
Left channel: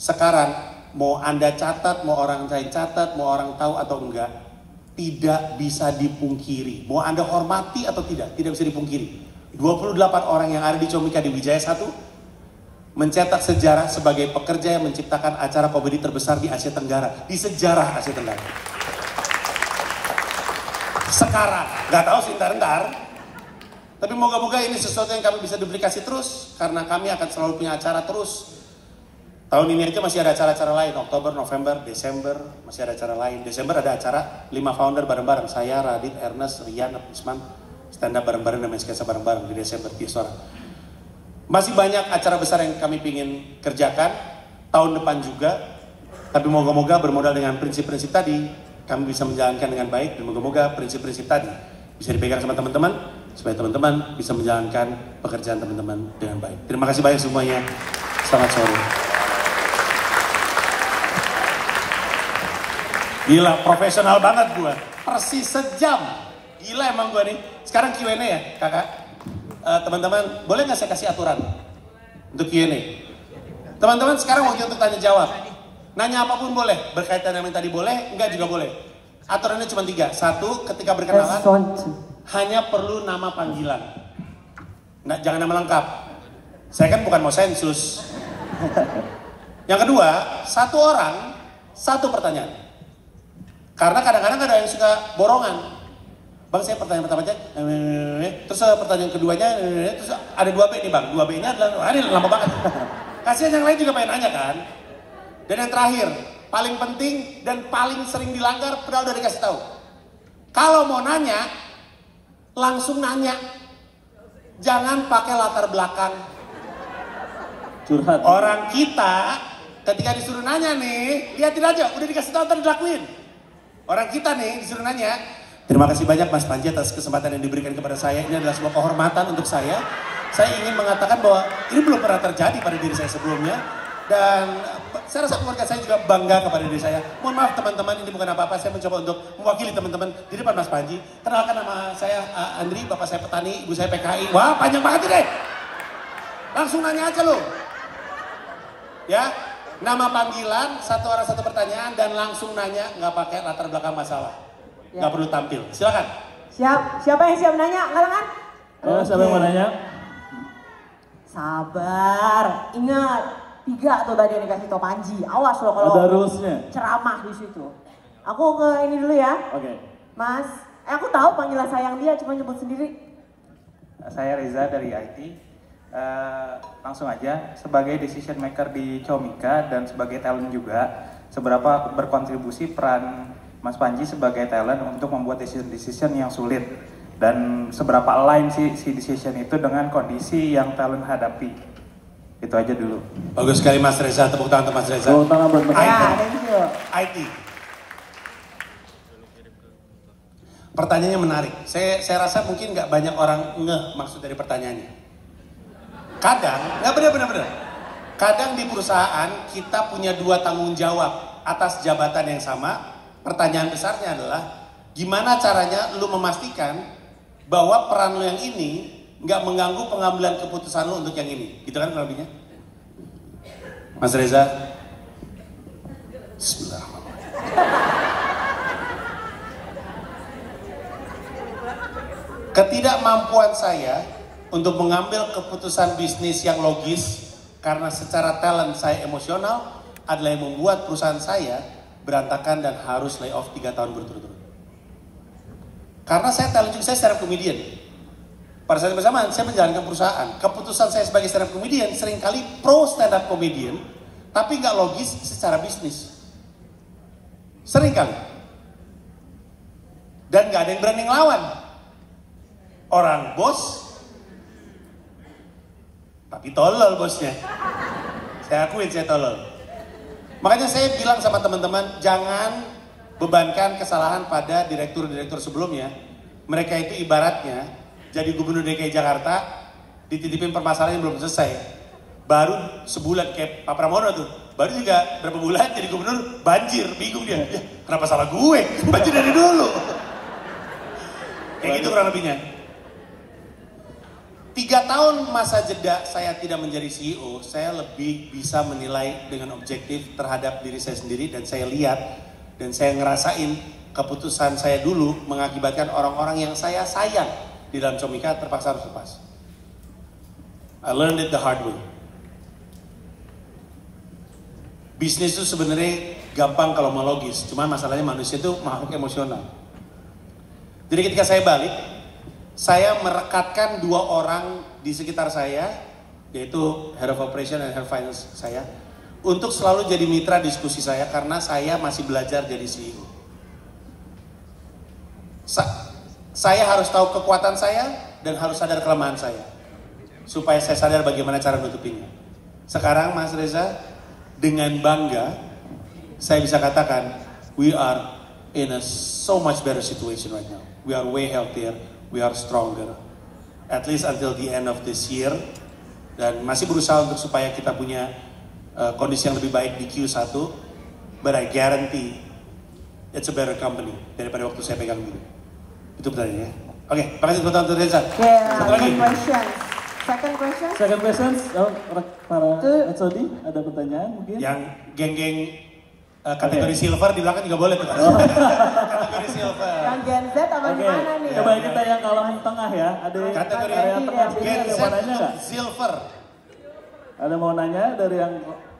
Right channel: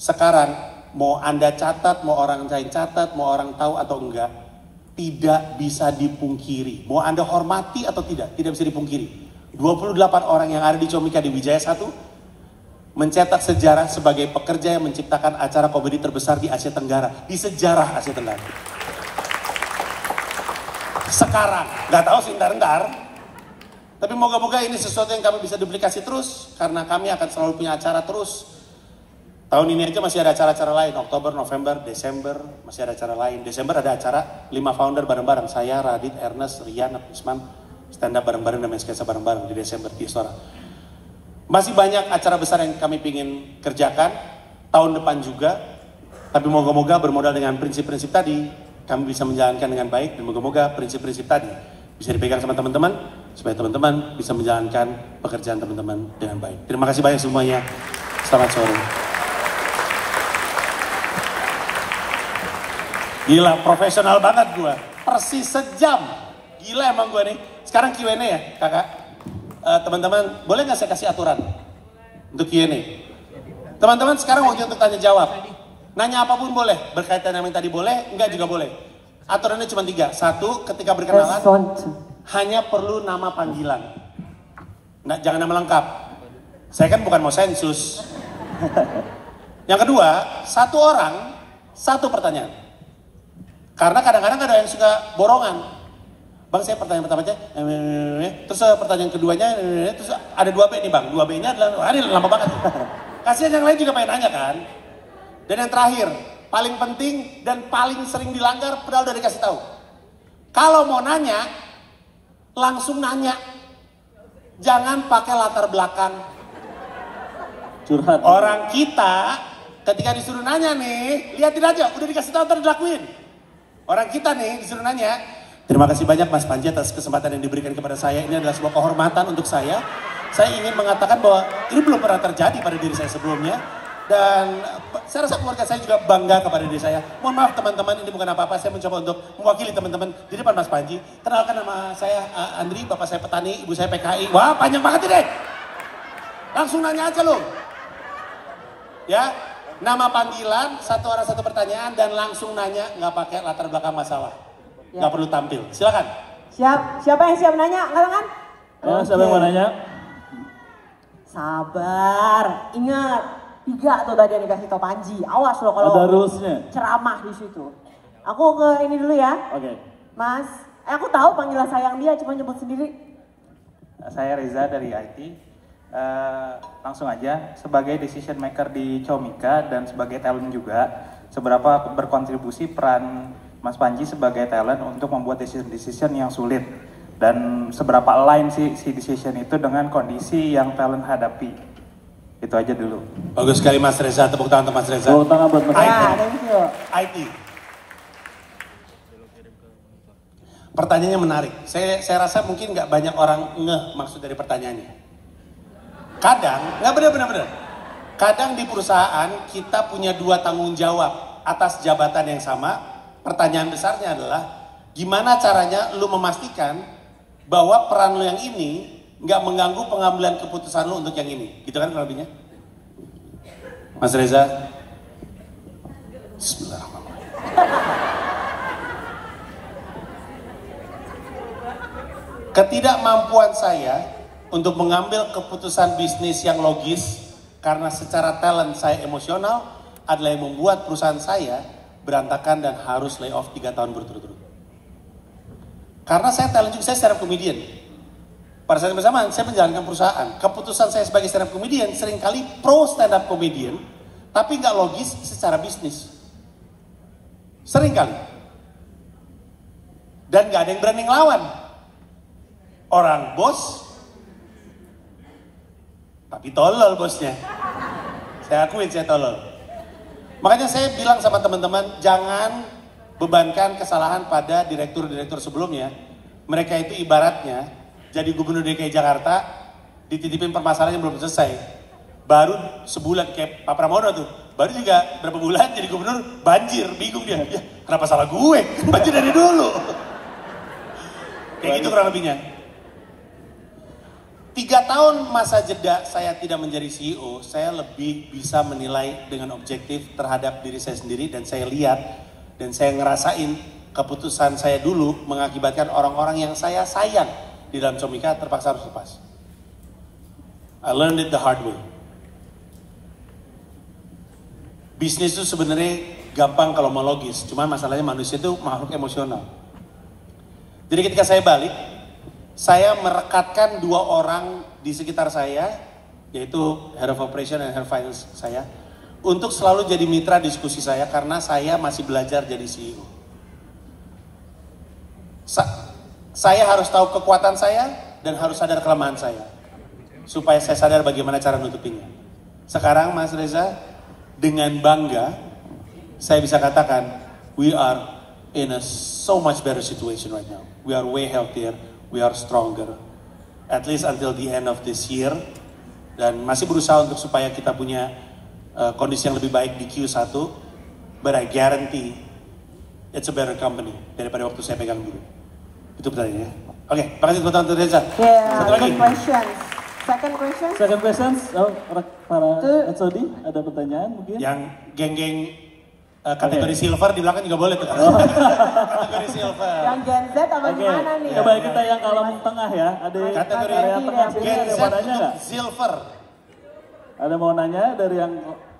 sekarang mau Anda catat, mau orang lain catat, mau orang tahu atau enggak, tidak bisa dipungkiri. Mau Anda hormati atau tidak bisa dipungkiri. 28 orang yang ada di Comika di Wijaya 1 mencetak sejarah sebagai pekerja yang menciptakan acara komedi terbesar di Asia Tenggara, di sejarah Asia Tenggara. Sekarang, nggak tahu sih ntar, tapi moga-moga ini sesuatu yang kami bisa duplikasi terus, karena kami akan selalu punya acara terus Tahun ini aja masih ada acara-acara lain, Oktober, November, Desember, masih ada acara lain. Desember ada acara 5 founder bareng-bareng, saya, Radit, Ernest, Rian, Usman, stand up bareng-bareng dan main sketsa bareng-bareng di Desember di Istora. Masih banyak acara besar yang kami ingin kerjakan, tahun depan juga. Tapi moga-moga bermodal dengan prinsip-prinsip tadi, kami bisa menjalankan dengan baik, dan moga-moga prinsip-prinsip tadi bisa dipegang sama teman-teman, supaya teman-teman bisa menjalankan pekerjaan teman-teman dengan baik. Terima kasih banyak semuanya, selamat sore. Gila, profesional banget gua. Persis sejam. Gila emang gua nih. Sekarang Q&A ya, kakak. Teman-teman, boleh nggak saya kasih aturan untuk Q&A? Teman-teman sekarang waktu untuk tanya jawab. Nanya apapun boleh. Berkaitan dengan yang tadi boleh, enggak juga boleh. Aturannya cuma 3. 1, ketika berkenalan, hanya perlu nama panggilan. Nggak, jangan nama lengkap. Saya kan bukan mau sensus. Yang kedua, 1 orang, 1 pertanyaan. Karena kadang-kadang ada yang suka borongan. Bang, saya pertanyaan pertamanya, terus pertanyaan keduanya, terus ada 2B nih bang. 2B-nya adalah, ini lama banget. Kasihan yang lain juga pengen nanya kan. Dan yang terakhir, paling penting dan paling sering dilanggar, padahal udah dikasih tahu. Kalau mau nanya, langsung nanya. Jangan pakai latar belakang. Curhat. Orang kita, ketika disuruh nanya nih, lihatin aja, udah dikasih tahu, ntar dilakuin. Orang kita nih disuruh nanya, terima kasih banyak Mas Panji atas kesempatan yang diberikan kepada saya. Ini adalah sebuah kehormatan untuk saya. Saya ingin mengatakan bahwa ini belum pernah terjadi pada diri saya sebelumnya. Dan saya rasa keluarga saya juga bangga kepada diri saya. Mohon maaf teman-teman, ini bukan apa-apa. Saya mencoba untuk mewakili teman-teman di depan Mas Panji. Kenalkan nama saya Andri, bapak saya petani, ibu saya PKI. Wah, panjang banget deh. Langsung nanya aja loh. Ya, nama panggilan, 1 orang 1 pertanyaan, dan langsung nanya, nggak pakai latar belakang masalah. Ya. Nggak perlu tampil. Silakan. Siap, siapa yang siap nanya? Angkat tangan. Siapa yang mau nanya? Sabar, ingat 3 tuh tadi yang dikasih tau Panji. Awas loh kalau Ada rulesnya. ceramah di situ. Aku ke ini dulu ya, Oke. Mas. Aku tahu panggilan sayang dia, cuma nyebut sendiri. Saya Reza dari IT. Langsung aja, sebagai decision maker di Comika dan sebagai talent juga, seberapa berkontribusi peran Mas Panji sebagai talent untuk membuat decision yang sulit, dan seberapa align si decision itu dengan kondisi yang talent hadapi. Itu aja dulu. Bagus sekali Mas Reza, tepuk tangan untuk Mas Reza. Tepuk tangan buat Mas Ya, Reza. thank you. IT. Pertanyaannya menarik. Saya rasa mungkin nggak banyak orang ngeh maksud dari pertanyaannya. Kadang, nggak benar. Kadang di perusahaan kita punya 2 tanggung jawab atas jabatan yang sama. Pertanyaan besarnya adalah gimana caranya lu memastikan bahwa peran lu yang ini nggak mengganggu pengambilan keputusan lu untuk yang ini, gitu kan kurang lebihnya? Mas Reza. Bismillahirrahmanirrahim. Ketidakmampuan saya untuk mengambil keputusan bisnis yang logis karena secara talent saya emosional adalah yang membuat perusahaan saya berantakan dan harus layoff 3 tahun berturut-turut. Karena saya talent juga, saya stand up comedian. Pada saat yang bersamaan saya menjalankan perusahaan. Keputusan saya sebagai stand up comedian seringkali pro stand up comedian, tapi nggak logis secara bisnis. Seringkali. Dan nggak ada yang berani ngelawan. Orang bos, tapi tolol bosnya. Saya akuin saya tolol. Makanya saya bilang sama teman-teman, jangan bebankan kesalahan pada direktur-direktur sebelumnya. Mereka itu ibaratnya jadi gubernur DKI Jakarta, dititipin permasalahan yang belum selesai. Baru sebulan kayak Pak Pramono tuh, baru juga berapa bulan jadi gubernur, banjir, bingung dia. Ya, kenapa salah gue? Banjir dari dulu. Kayak gitu kurang lebihnya. 3 tahun masa jeda saya tidak menjadi CEO, saya lebih bisa menilai dengan objektif terhadap diri saya sendiri, dan saya lihat dan saya ngerasain keputusan saya dulu mengakibatkan orang-orang yang saya sayang di dalam Comika terpaksa harus lepas. I learned it the hard way. Bisnis itu sebenarnya gampang kalau mau logis, cuma masalahnya manusia itu makhluk emosional. Jadi ketika saya balik, saya merekatkan 2 orang di sekitar saya, yaitu Head of Operation dan Head of Finance saya, untuk selalu jadi mitra diskusi saya karena saya masih belajar jadi CEO. Saya harus tahu kekuatan saya dan harus sadar kelemahan saya supaya saya sadar bagaimana cara menutupinya. Sekarang Mas Reza, dengan bangga saya bisa katakan we are in a so much better situation right now. We are way healthier, we are stronger. At least until the end of this year. Dan masih berusaha untuk supaya kita punya kondisi yang lebih baik di Q1. But I guarantee it's a better company daripada waktu saya pegang dulu. Itu pertanyaannya. Oke, makasih tepuk tangan untuk Reza. Satu lagi. Second question. Second question, para Etsodi, ada pertanyaan mungkin? Yang geng-geng kategori silver di belakang juga boleh tuh. Kategori silver. Yang Gen Z apa gimana nih? Coba kita yang kolom tengah ya. Ada Kategori yang tengah Gen Z mau nanya nggak? silver. Ada mau nanya dari yang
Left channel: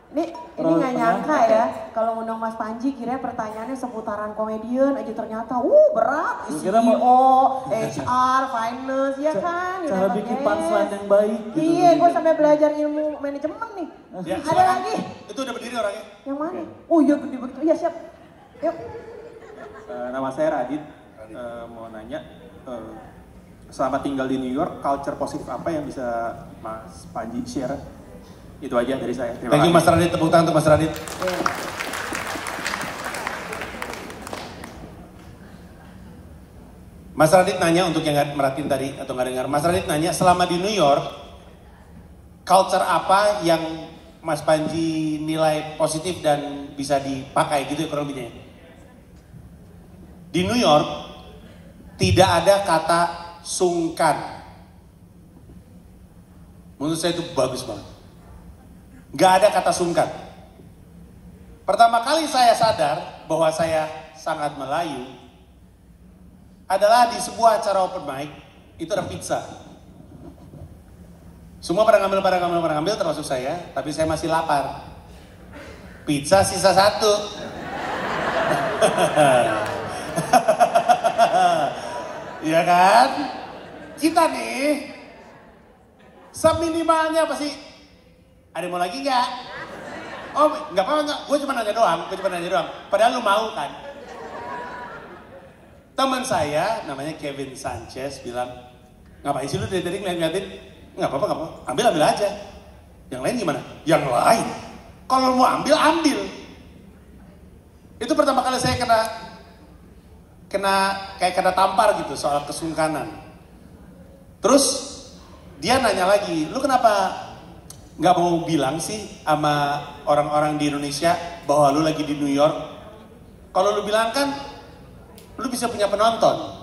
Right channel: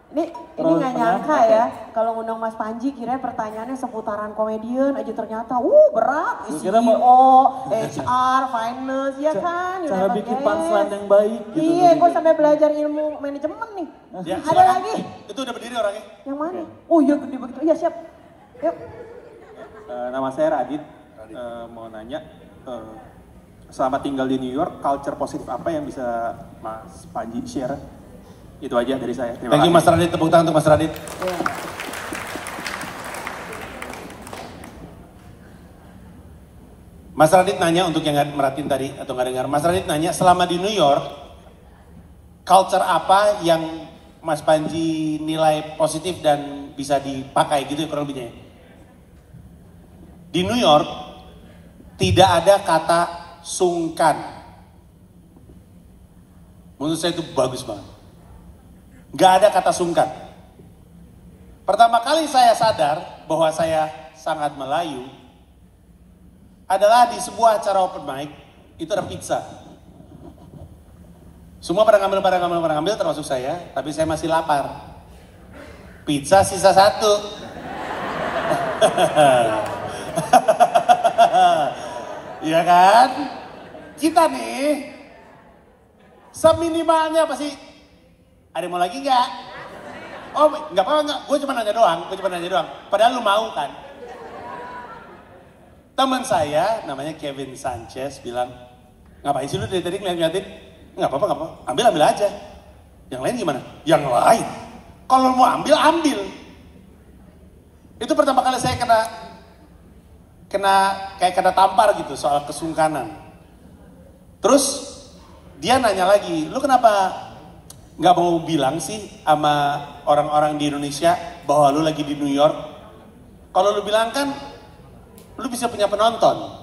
Ini nggak nyangka ya, kalau ngundang Mas Panji kira pertanyaannya seputaran komedian aja ternyata, berat, Kira CEO, HR, finance, ya kan? cara bikin punchline yang baik. Gitu, Iya, gue sampai belajar ilmu manajemen nih. Ya, Ada silakan. lagi? Itu udah berdiri orangnya. Yang mana? Oh iya gede begitu, iya siap. Yuk. Nama saya Radit, mau nanya, selama tinggal di New York, culture positif apa yang bisa Mas Panji share? Itu aja dari saya. Terima Thank you kasih. Mas Radit, tepuk tangan untuk Mas Radit. Iya. Mas Radit nanya untuk yang nggak merhatiin tadi atau nggak dengar. Mas Radit nanya selama di New York, culture apa yang Mas Panji nilai positif dan bisa dipakai gitu ya kurang lebihnya. Di New York tidak ada kata sungkan. Menurut saya itu bagus banget. Gak ada kata sungkan. Pertama kali saya sadar bahwa saya sangat Melayu adalah di sebuah acara open mic, itu ada pizza. Semua pada ngambil termasuk saya, tapi saya masih lapar. Pizza sisa 1. Iya kan? Kita nih seminimalnya pasti ada yang mau lagi nggak? Oh nggak apa-apa, nggak. Gue cuma nanya doang. Padahal lu mau kan? Teman saya namanya Kevin Sanchez bilang, ngapain sih lu dari tadi ngeliatin? Nggak apa-apa. Ambil aja. Yang lain gimana? Yang lain? Kalau mau ambil. Itu pertama kali saya kena tampar gitu soal kesungkanan. Terus dia nanya lagi, lu kenapa nggak mau bilang sih sama orang-orang di Indonesia bahwa lu lagi di New York? Kalau lu bilang kan, lu bisa punya penonton.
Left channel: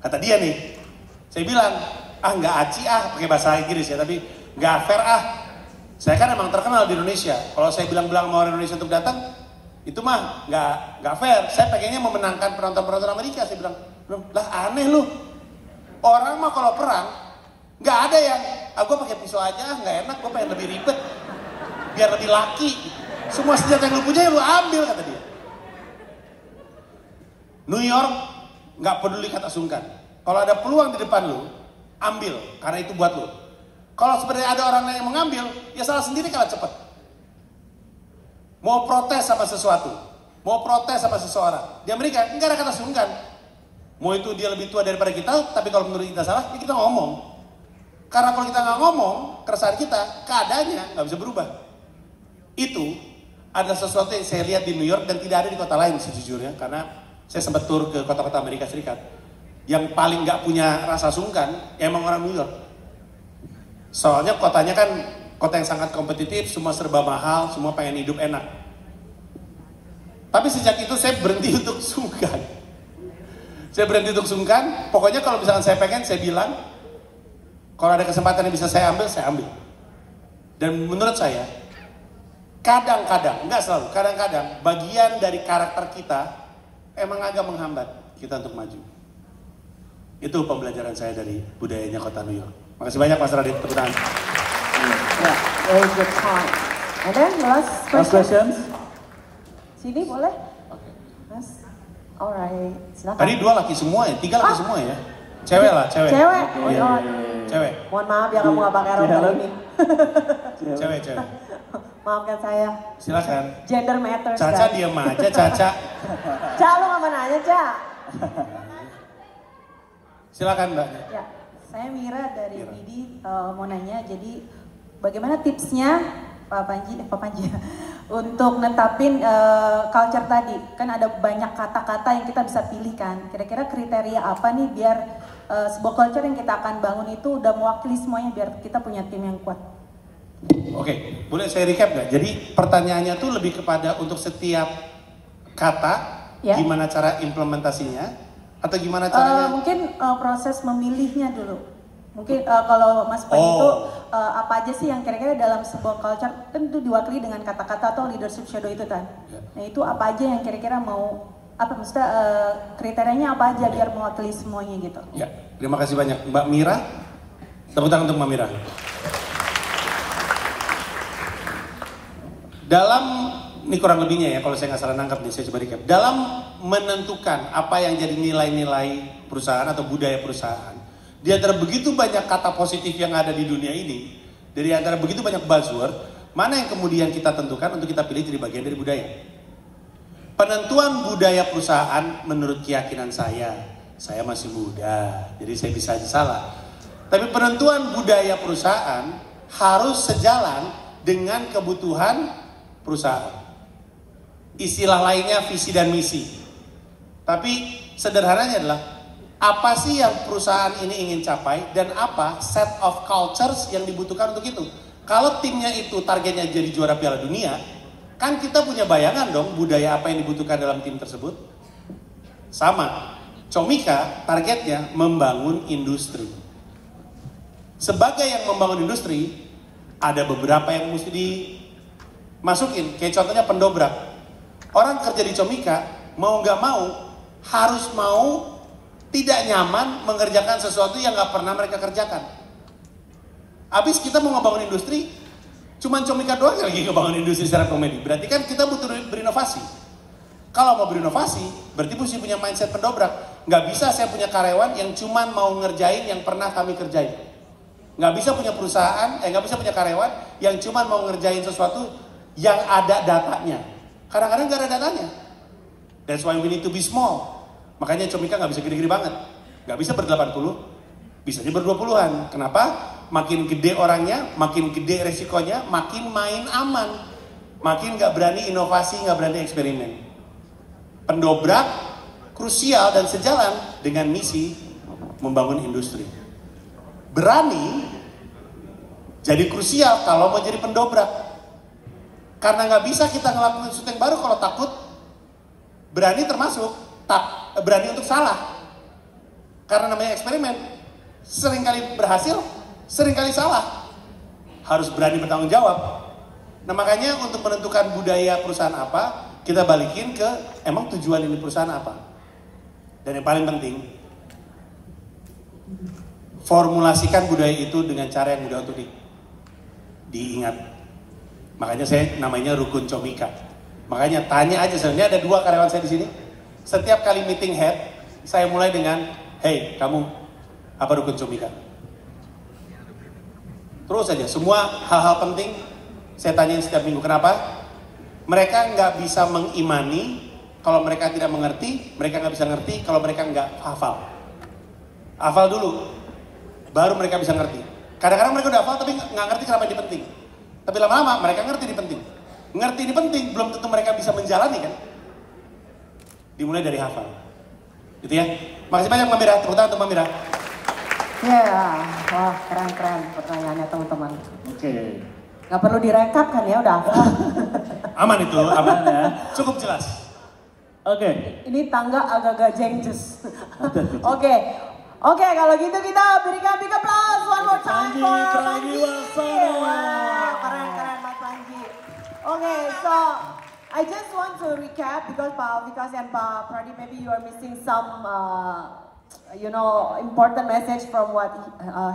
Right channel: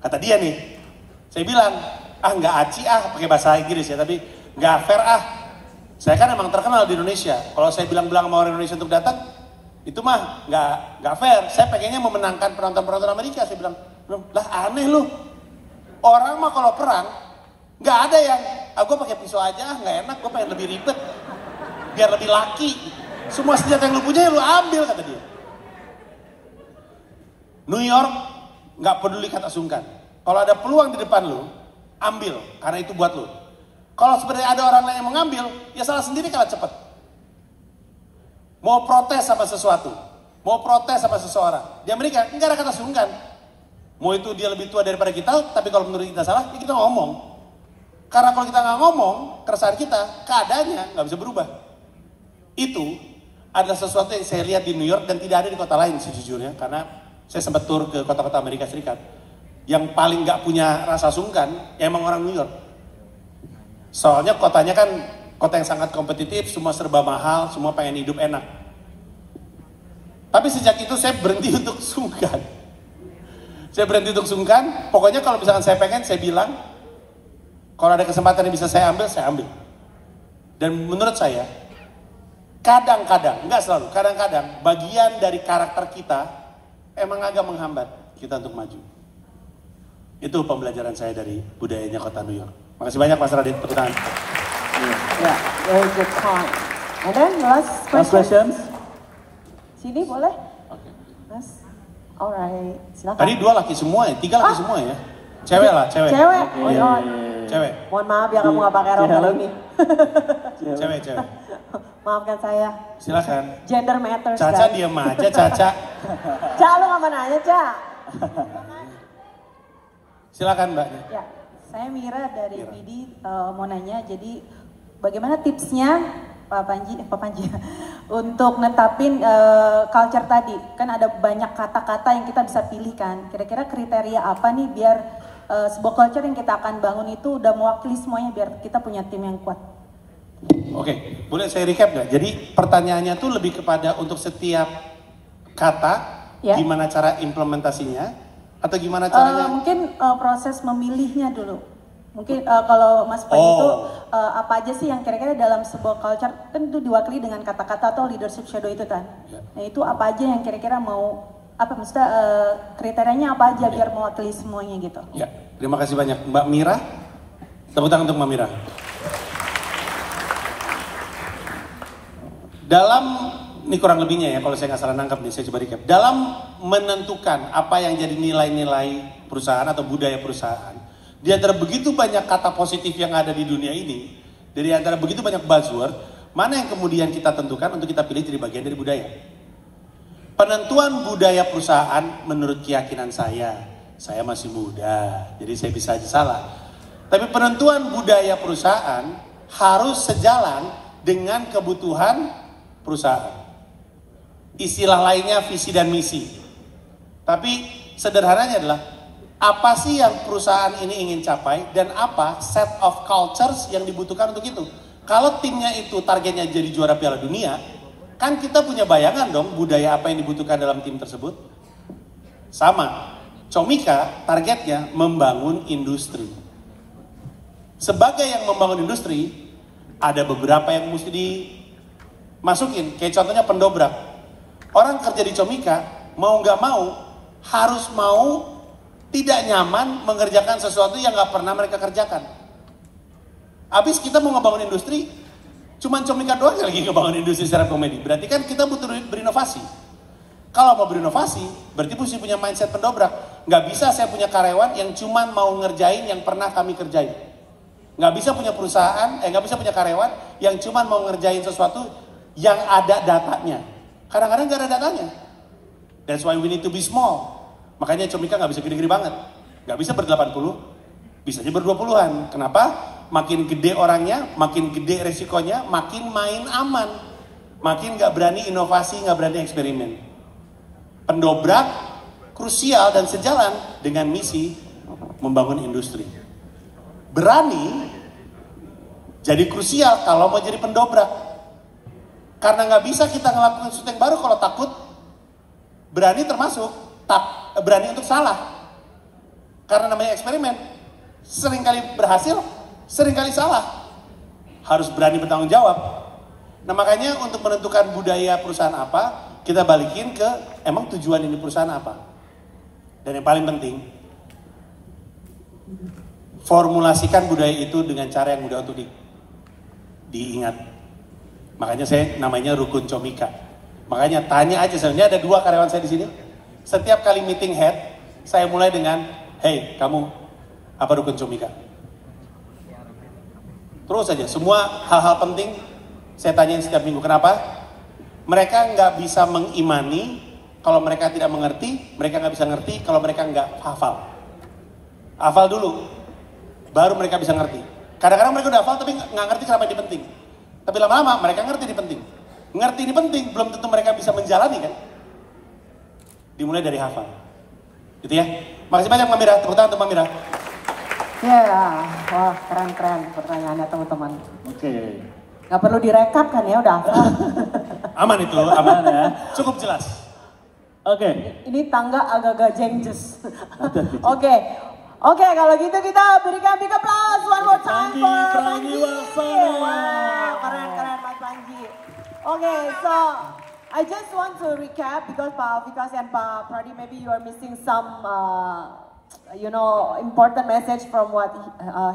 Kata dia nih, saya bilang, nggak aci pakai bahasa Inggris ya, tapi nggak fair Saya kan emang terkenal di Indonesia. Kalau saya bilang-bilang sama orang Indonesia untuk datang, itu mah nggak fair. Saya pengennya memenangkan penonton-penonton Amerika. Saya bilang, lah aneh lu. Orang mah kalau perang nggak ada yang, gue pakai pisau aja, nggak enak, gue pengen lebih ribet, biar lebih laki. Semua senjata yang lu punya lu ambil, kata dia. New York nggak peduli kata sungkan. Kalau ada peluang di depan lu, ambil, karena itu buat lu. Kalau sebenarnya ada orang lain yang mengambil, ya salah sendiri kalau cepet. Mau protes sama sesuatu, mau protes sama seseorang. Di Amerika nggak ada kata sungkan. Mau itu dia lebih tua daripada kita, tapi kalau menurut kita salah, ya kita ngomong. Karena kalau kita nggak ngomong, keresahan kita, keadaannya nggak bisa berubah. Itu adalah sesuatu yang saya lihat di New York dan tidak ada di kota lain sejujurnya. Karena saya sempat tur ke kota-kota Amerika Serikat. Yang paling nggak punya rasa sungkan, ya emang orang New York. Soalnya kotanya kan kota yang sangat kompetitif, semua serba mahal, semua pengen hidup enak. Tapi sejak itu saya berhenti untuk sungkan. Pokoknya kalau misalkan saya pengen, saya bilang, kalau ada kesempatan yang bisa saya ambil, saya ambil. Dan menurut saya, kadang-kadang, enggak selalu, kadang-kadang bagian dari karakter kita emang agak menghambat kita untuk maju. Itu pembelajaran saya dari budayanya kota New York. Makasih banyak Mas Radit, tepuk tangan. Yeah, very good point. And then last questions? Sini boleh? Mas, alright, silakan. Tadi 2 laki semua ya, 3 laki semua ya. Cewek lah, cewek. Cewek? Iya. Oh, Cewek. mohon maaf ya kamu gak pakai rok hari ini. Cewek. Maafkan saya. Silakan. Gender matters. Caca guys. diam aja, Caca. Ca, lu nggak mau nanya, Ca? Silakan Mbak. Ya, saya Mira dari BD mau nanya, jadi bagaimana tipsnya Pak Panji untuk netapin culture tadi? Kan ada banyak kata-kata yang kita bisa pilih kan. Kira-kira kriteria apa nih biar sebuah culture yang kita akan bangun itu udah mewakili semuanya biar kita punya tim yang kuat? Oke, boleh saya recap nggak? Jadi pertanyaannya tuh lebih kepada untuk setiap kata, Ya. gimana cara implementasinya, atau gimana caranya? Mungkin proses memilihnya dulu. Mungkin kalau Mas Panji itu apa aja sih yang kira-kira dalam sebuah culture kan itu diwakili dengan kata-kata atau leadership shadow itu kan. Ya. Nah itu apa aja yang kira-kira mau apa maksudnya kriterianya apa aja biar mewakili semuanya gitu. Ya, terima kasih banyak Mbak Mira. Tepuk tangan untuk Mbak Mira. Dalam, ini kurang lebihnya ya, kalau saya nggak salah nangkep nih, saya coba recap. Dalam menentukan apa yang jadi nilai-nilai perusahaan atau budaya perusahaan, di antara begitu banyak kata positif yang ada di dunia ini, dari antara begitu banyak buzzword, mana yang kemudian kita tentukan untuk kita pilih jadi bagian dari budaya? Penentuan budaya perusahaan menurut keyakinan saya masih muda, jadi saya bisa aja salah. Tapi penentuan budaya perusahaan harus sejalan dengan kebutuhan perusahaan. Istilah lainnya visi dan misi. Tapi sederhananya adalah apa sih yang perusahaan ini ingin capai dan apa set of cultures yang dibutuhkan untuk itu. Kalau timnya itu targetnya jadi juara Piala Dunia, kan kita punya bayangan dong budaya apa yang dibutuhkan dalam tim tersebut. Sama, Comika targetnya membangun industri. Sebagai yang membangun industri, ada beberapa yang mesti dimasukin, kayak contohnya pendobrak. Orang kerja di Comika, mau nggak mau, harus mau tidak nyaman mengerjakan sesuatu yang nggak pernah mereka kerjakan. Habis kita mau ngebangun industri, cuman Comika doang lagi ngebangun industri secara komedi. Berarti kan kita butuh berinovasi. Kalau mau berinovasi, berarti mesti punya mindset pendobrak. Nggak bisa saya punya karyawan yang cuman mau ngerjain yang pernah kami kerjain. Nggak bisa punya perusahaan, nggak bisa punya karyawan yang cuman mau ngerjain sesuatu yang ada datanya. Kadang-kadang nggak ada datanya. That's why we need to be small. Makanya Comika nggak bisa gede-gede banget. Nggak bisa ber-80, bisanya ber-20-an. Kenapa? Makin gede orangnya, makin gede resikonya, makin main aman. Makin nggak berani inovasi, nggak berani eksperimen. Pendobrak krusial dan sejalan dengan misi membangun industri. Berani jadi krusial kalau mau jadi pendobrak. Karena nggak bisa kita ngelakuin sesuatu yang baru kalau takut. Berani termasuk berani untuk salah. Karena namanya eksperimen. Seringkali berhasil, seringkali salah. Harus berani bertanggung jawab. Nah makanya untuk menentukan budaya perusahaan apa, kita balikin ke emang tujuan ini perusahaan apa. Dan yang paling penting, formulasikan budaya itu dengan cara yang mudah untuk diingat. Makanya saya namanya rukun Comika. Makanya tanya aja, sebenarnya ada 2 karyawan saya di sini. Setiap kali meeting head, saya mulai dengan, hey kamu, apa rukun Comika? Terus aja, semua hal-hal penting saya tanyain setiap minggu. Kenapa? Mereka nggak bisa mengimani kalau mereka tidak mengerti, mereka nggak bisa ngerti kalau mereka nggak hafal. Hafal dulu, baru mereka bisa ngerti. Kadang-kadang mereka udah hafal tapi nggak ngerti kenapa ini penting. Tapi lama-lama mereka ngerti ini penting. Ngerti ini penting, belum tentu mereka bisa menjalani kan. Dimulai dari hafal. Gitu ya. Makasih banyak Mbak Mira, tepuk tangan untuk Mbak Mira. Wah keren-keren pertanyaannya teman-teman. Oke. Nggak perlu direkap kan ya, udah hafal. Aman itu, aman ya. Cukup jelas. Oke. Ini tangga agak-agak jengjes. Oke, kalau gitu kita berikan big applause one more time for Panji. Wow, keren Mas Panji. Okay, so I just want to recap because Pak Vikas and Pak Pradi, maybe you are missing some, important message from what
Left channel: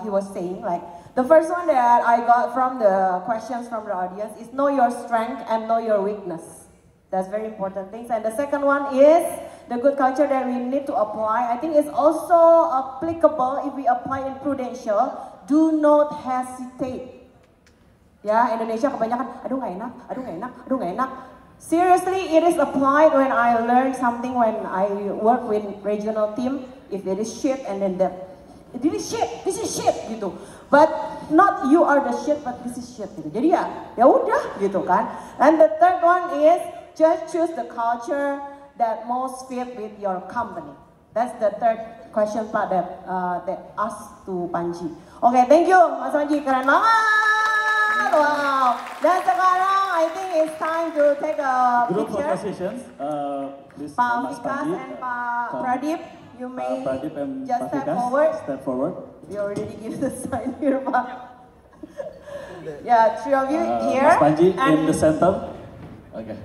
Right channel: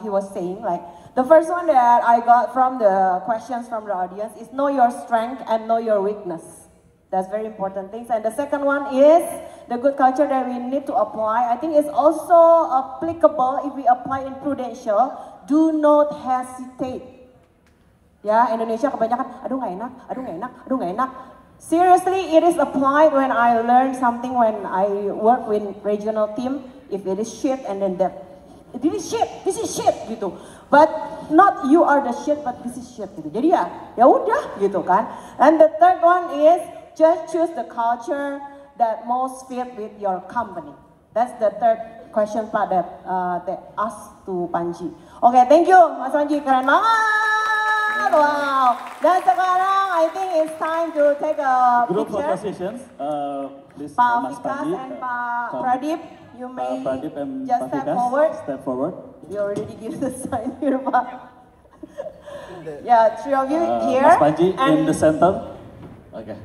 he was saying. Like the first one that I got from the questions from the audience is know your strength and know your weakness. That's very important things. And the second one is the good culture that we need to apply. I think it's also applicable if we apply in Prudential. Do not hesitate Ya, Indonesia kebanyakan, aduh nggak enak, aduh nggak enak, aduh nggak enak. Seriously, it is applied when I learn something when I work with regional team. If it is shit and then this is shit gitu. But not you are the shit, but this is shit gitu. Jadi ya udah gitu kan. And the third one is just choose the culture that most fit with your company. That's the third question part that asked to Panji. Okay, thank you, Mas Panji, keren banget. Wow. Dan sekarang I think it's time to take a Group picture. photo sessions. This Pak Mas Vikas Panji and Pak come. Pradip, you may Pradip and just Pak step Vikas, forward. step forward. We already give the sign here, Pak. Yeah, three of you here. Mas Panji in and the center. Okay.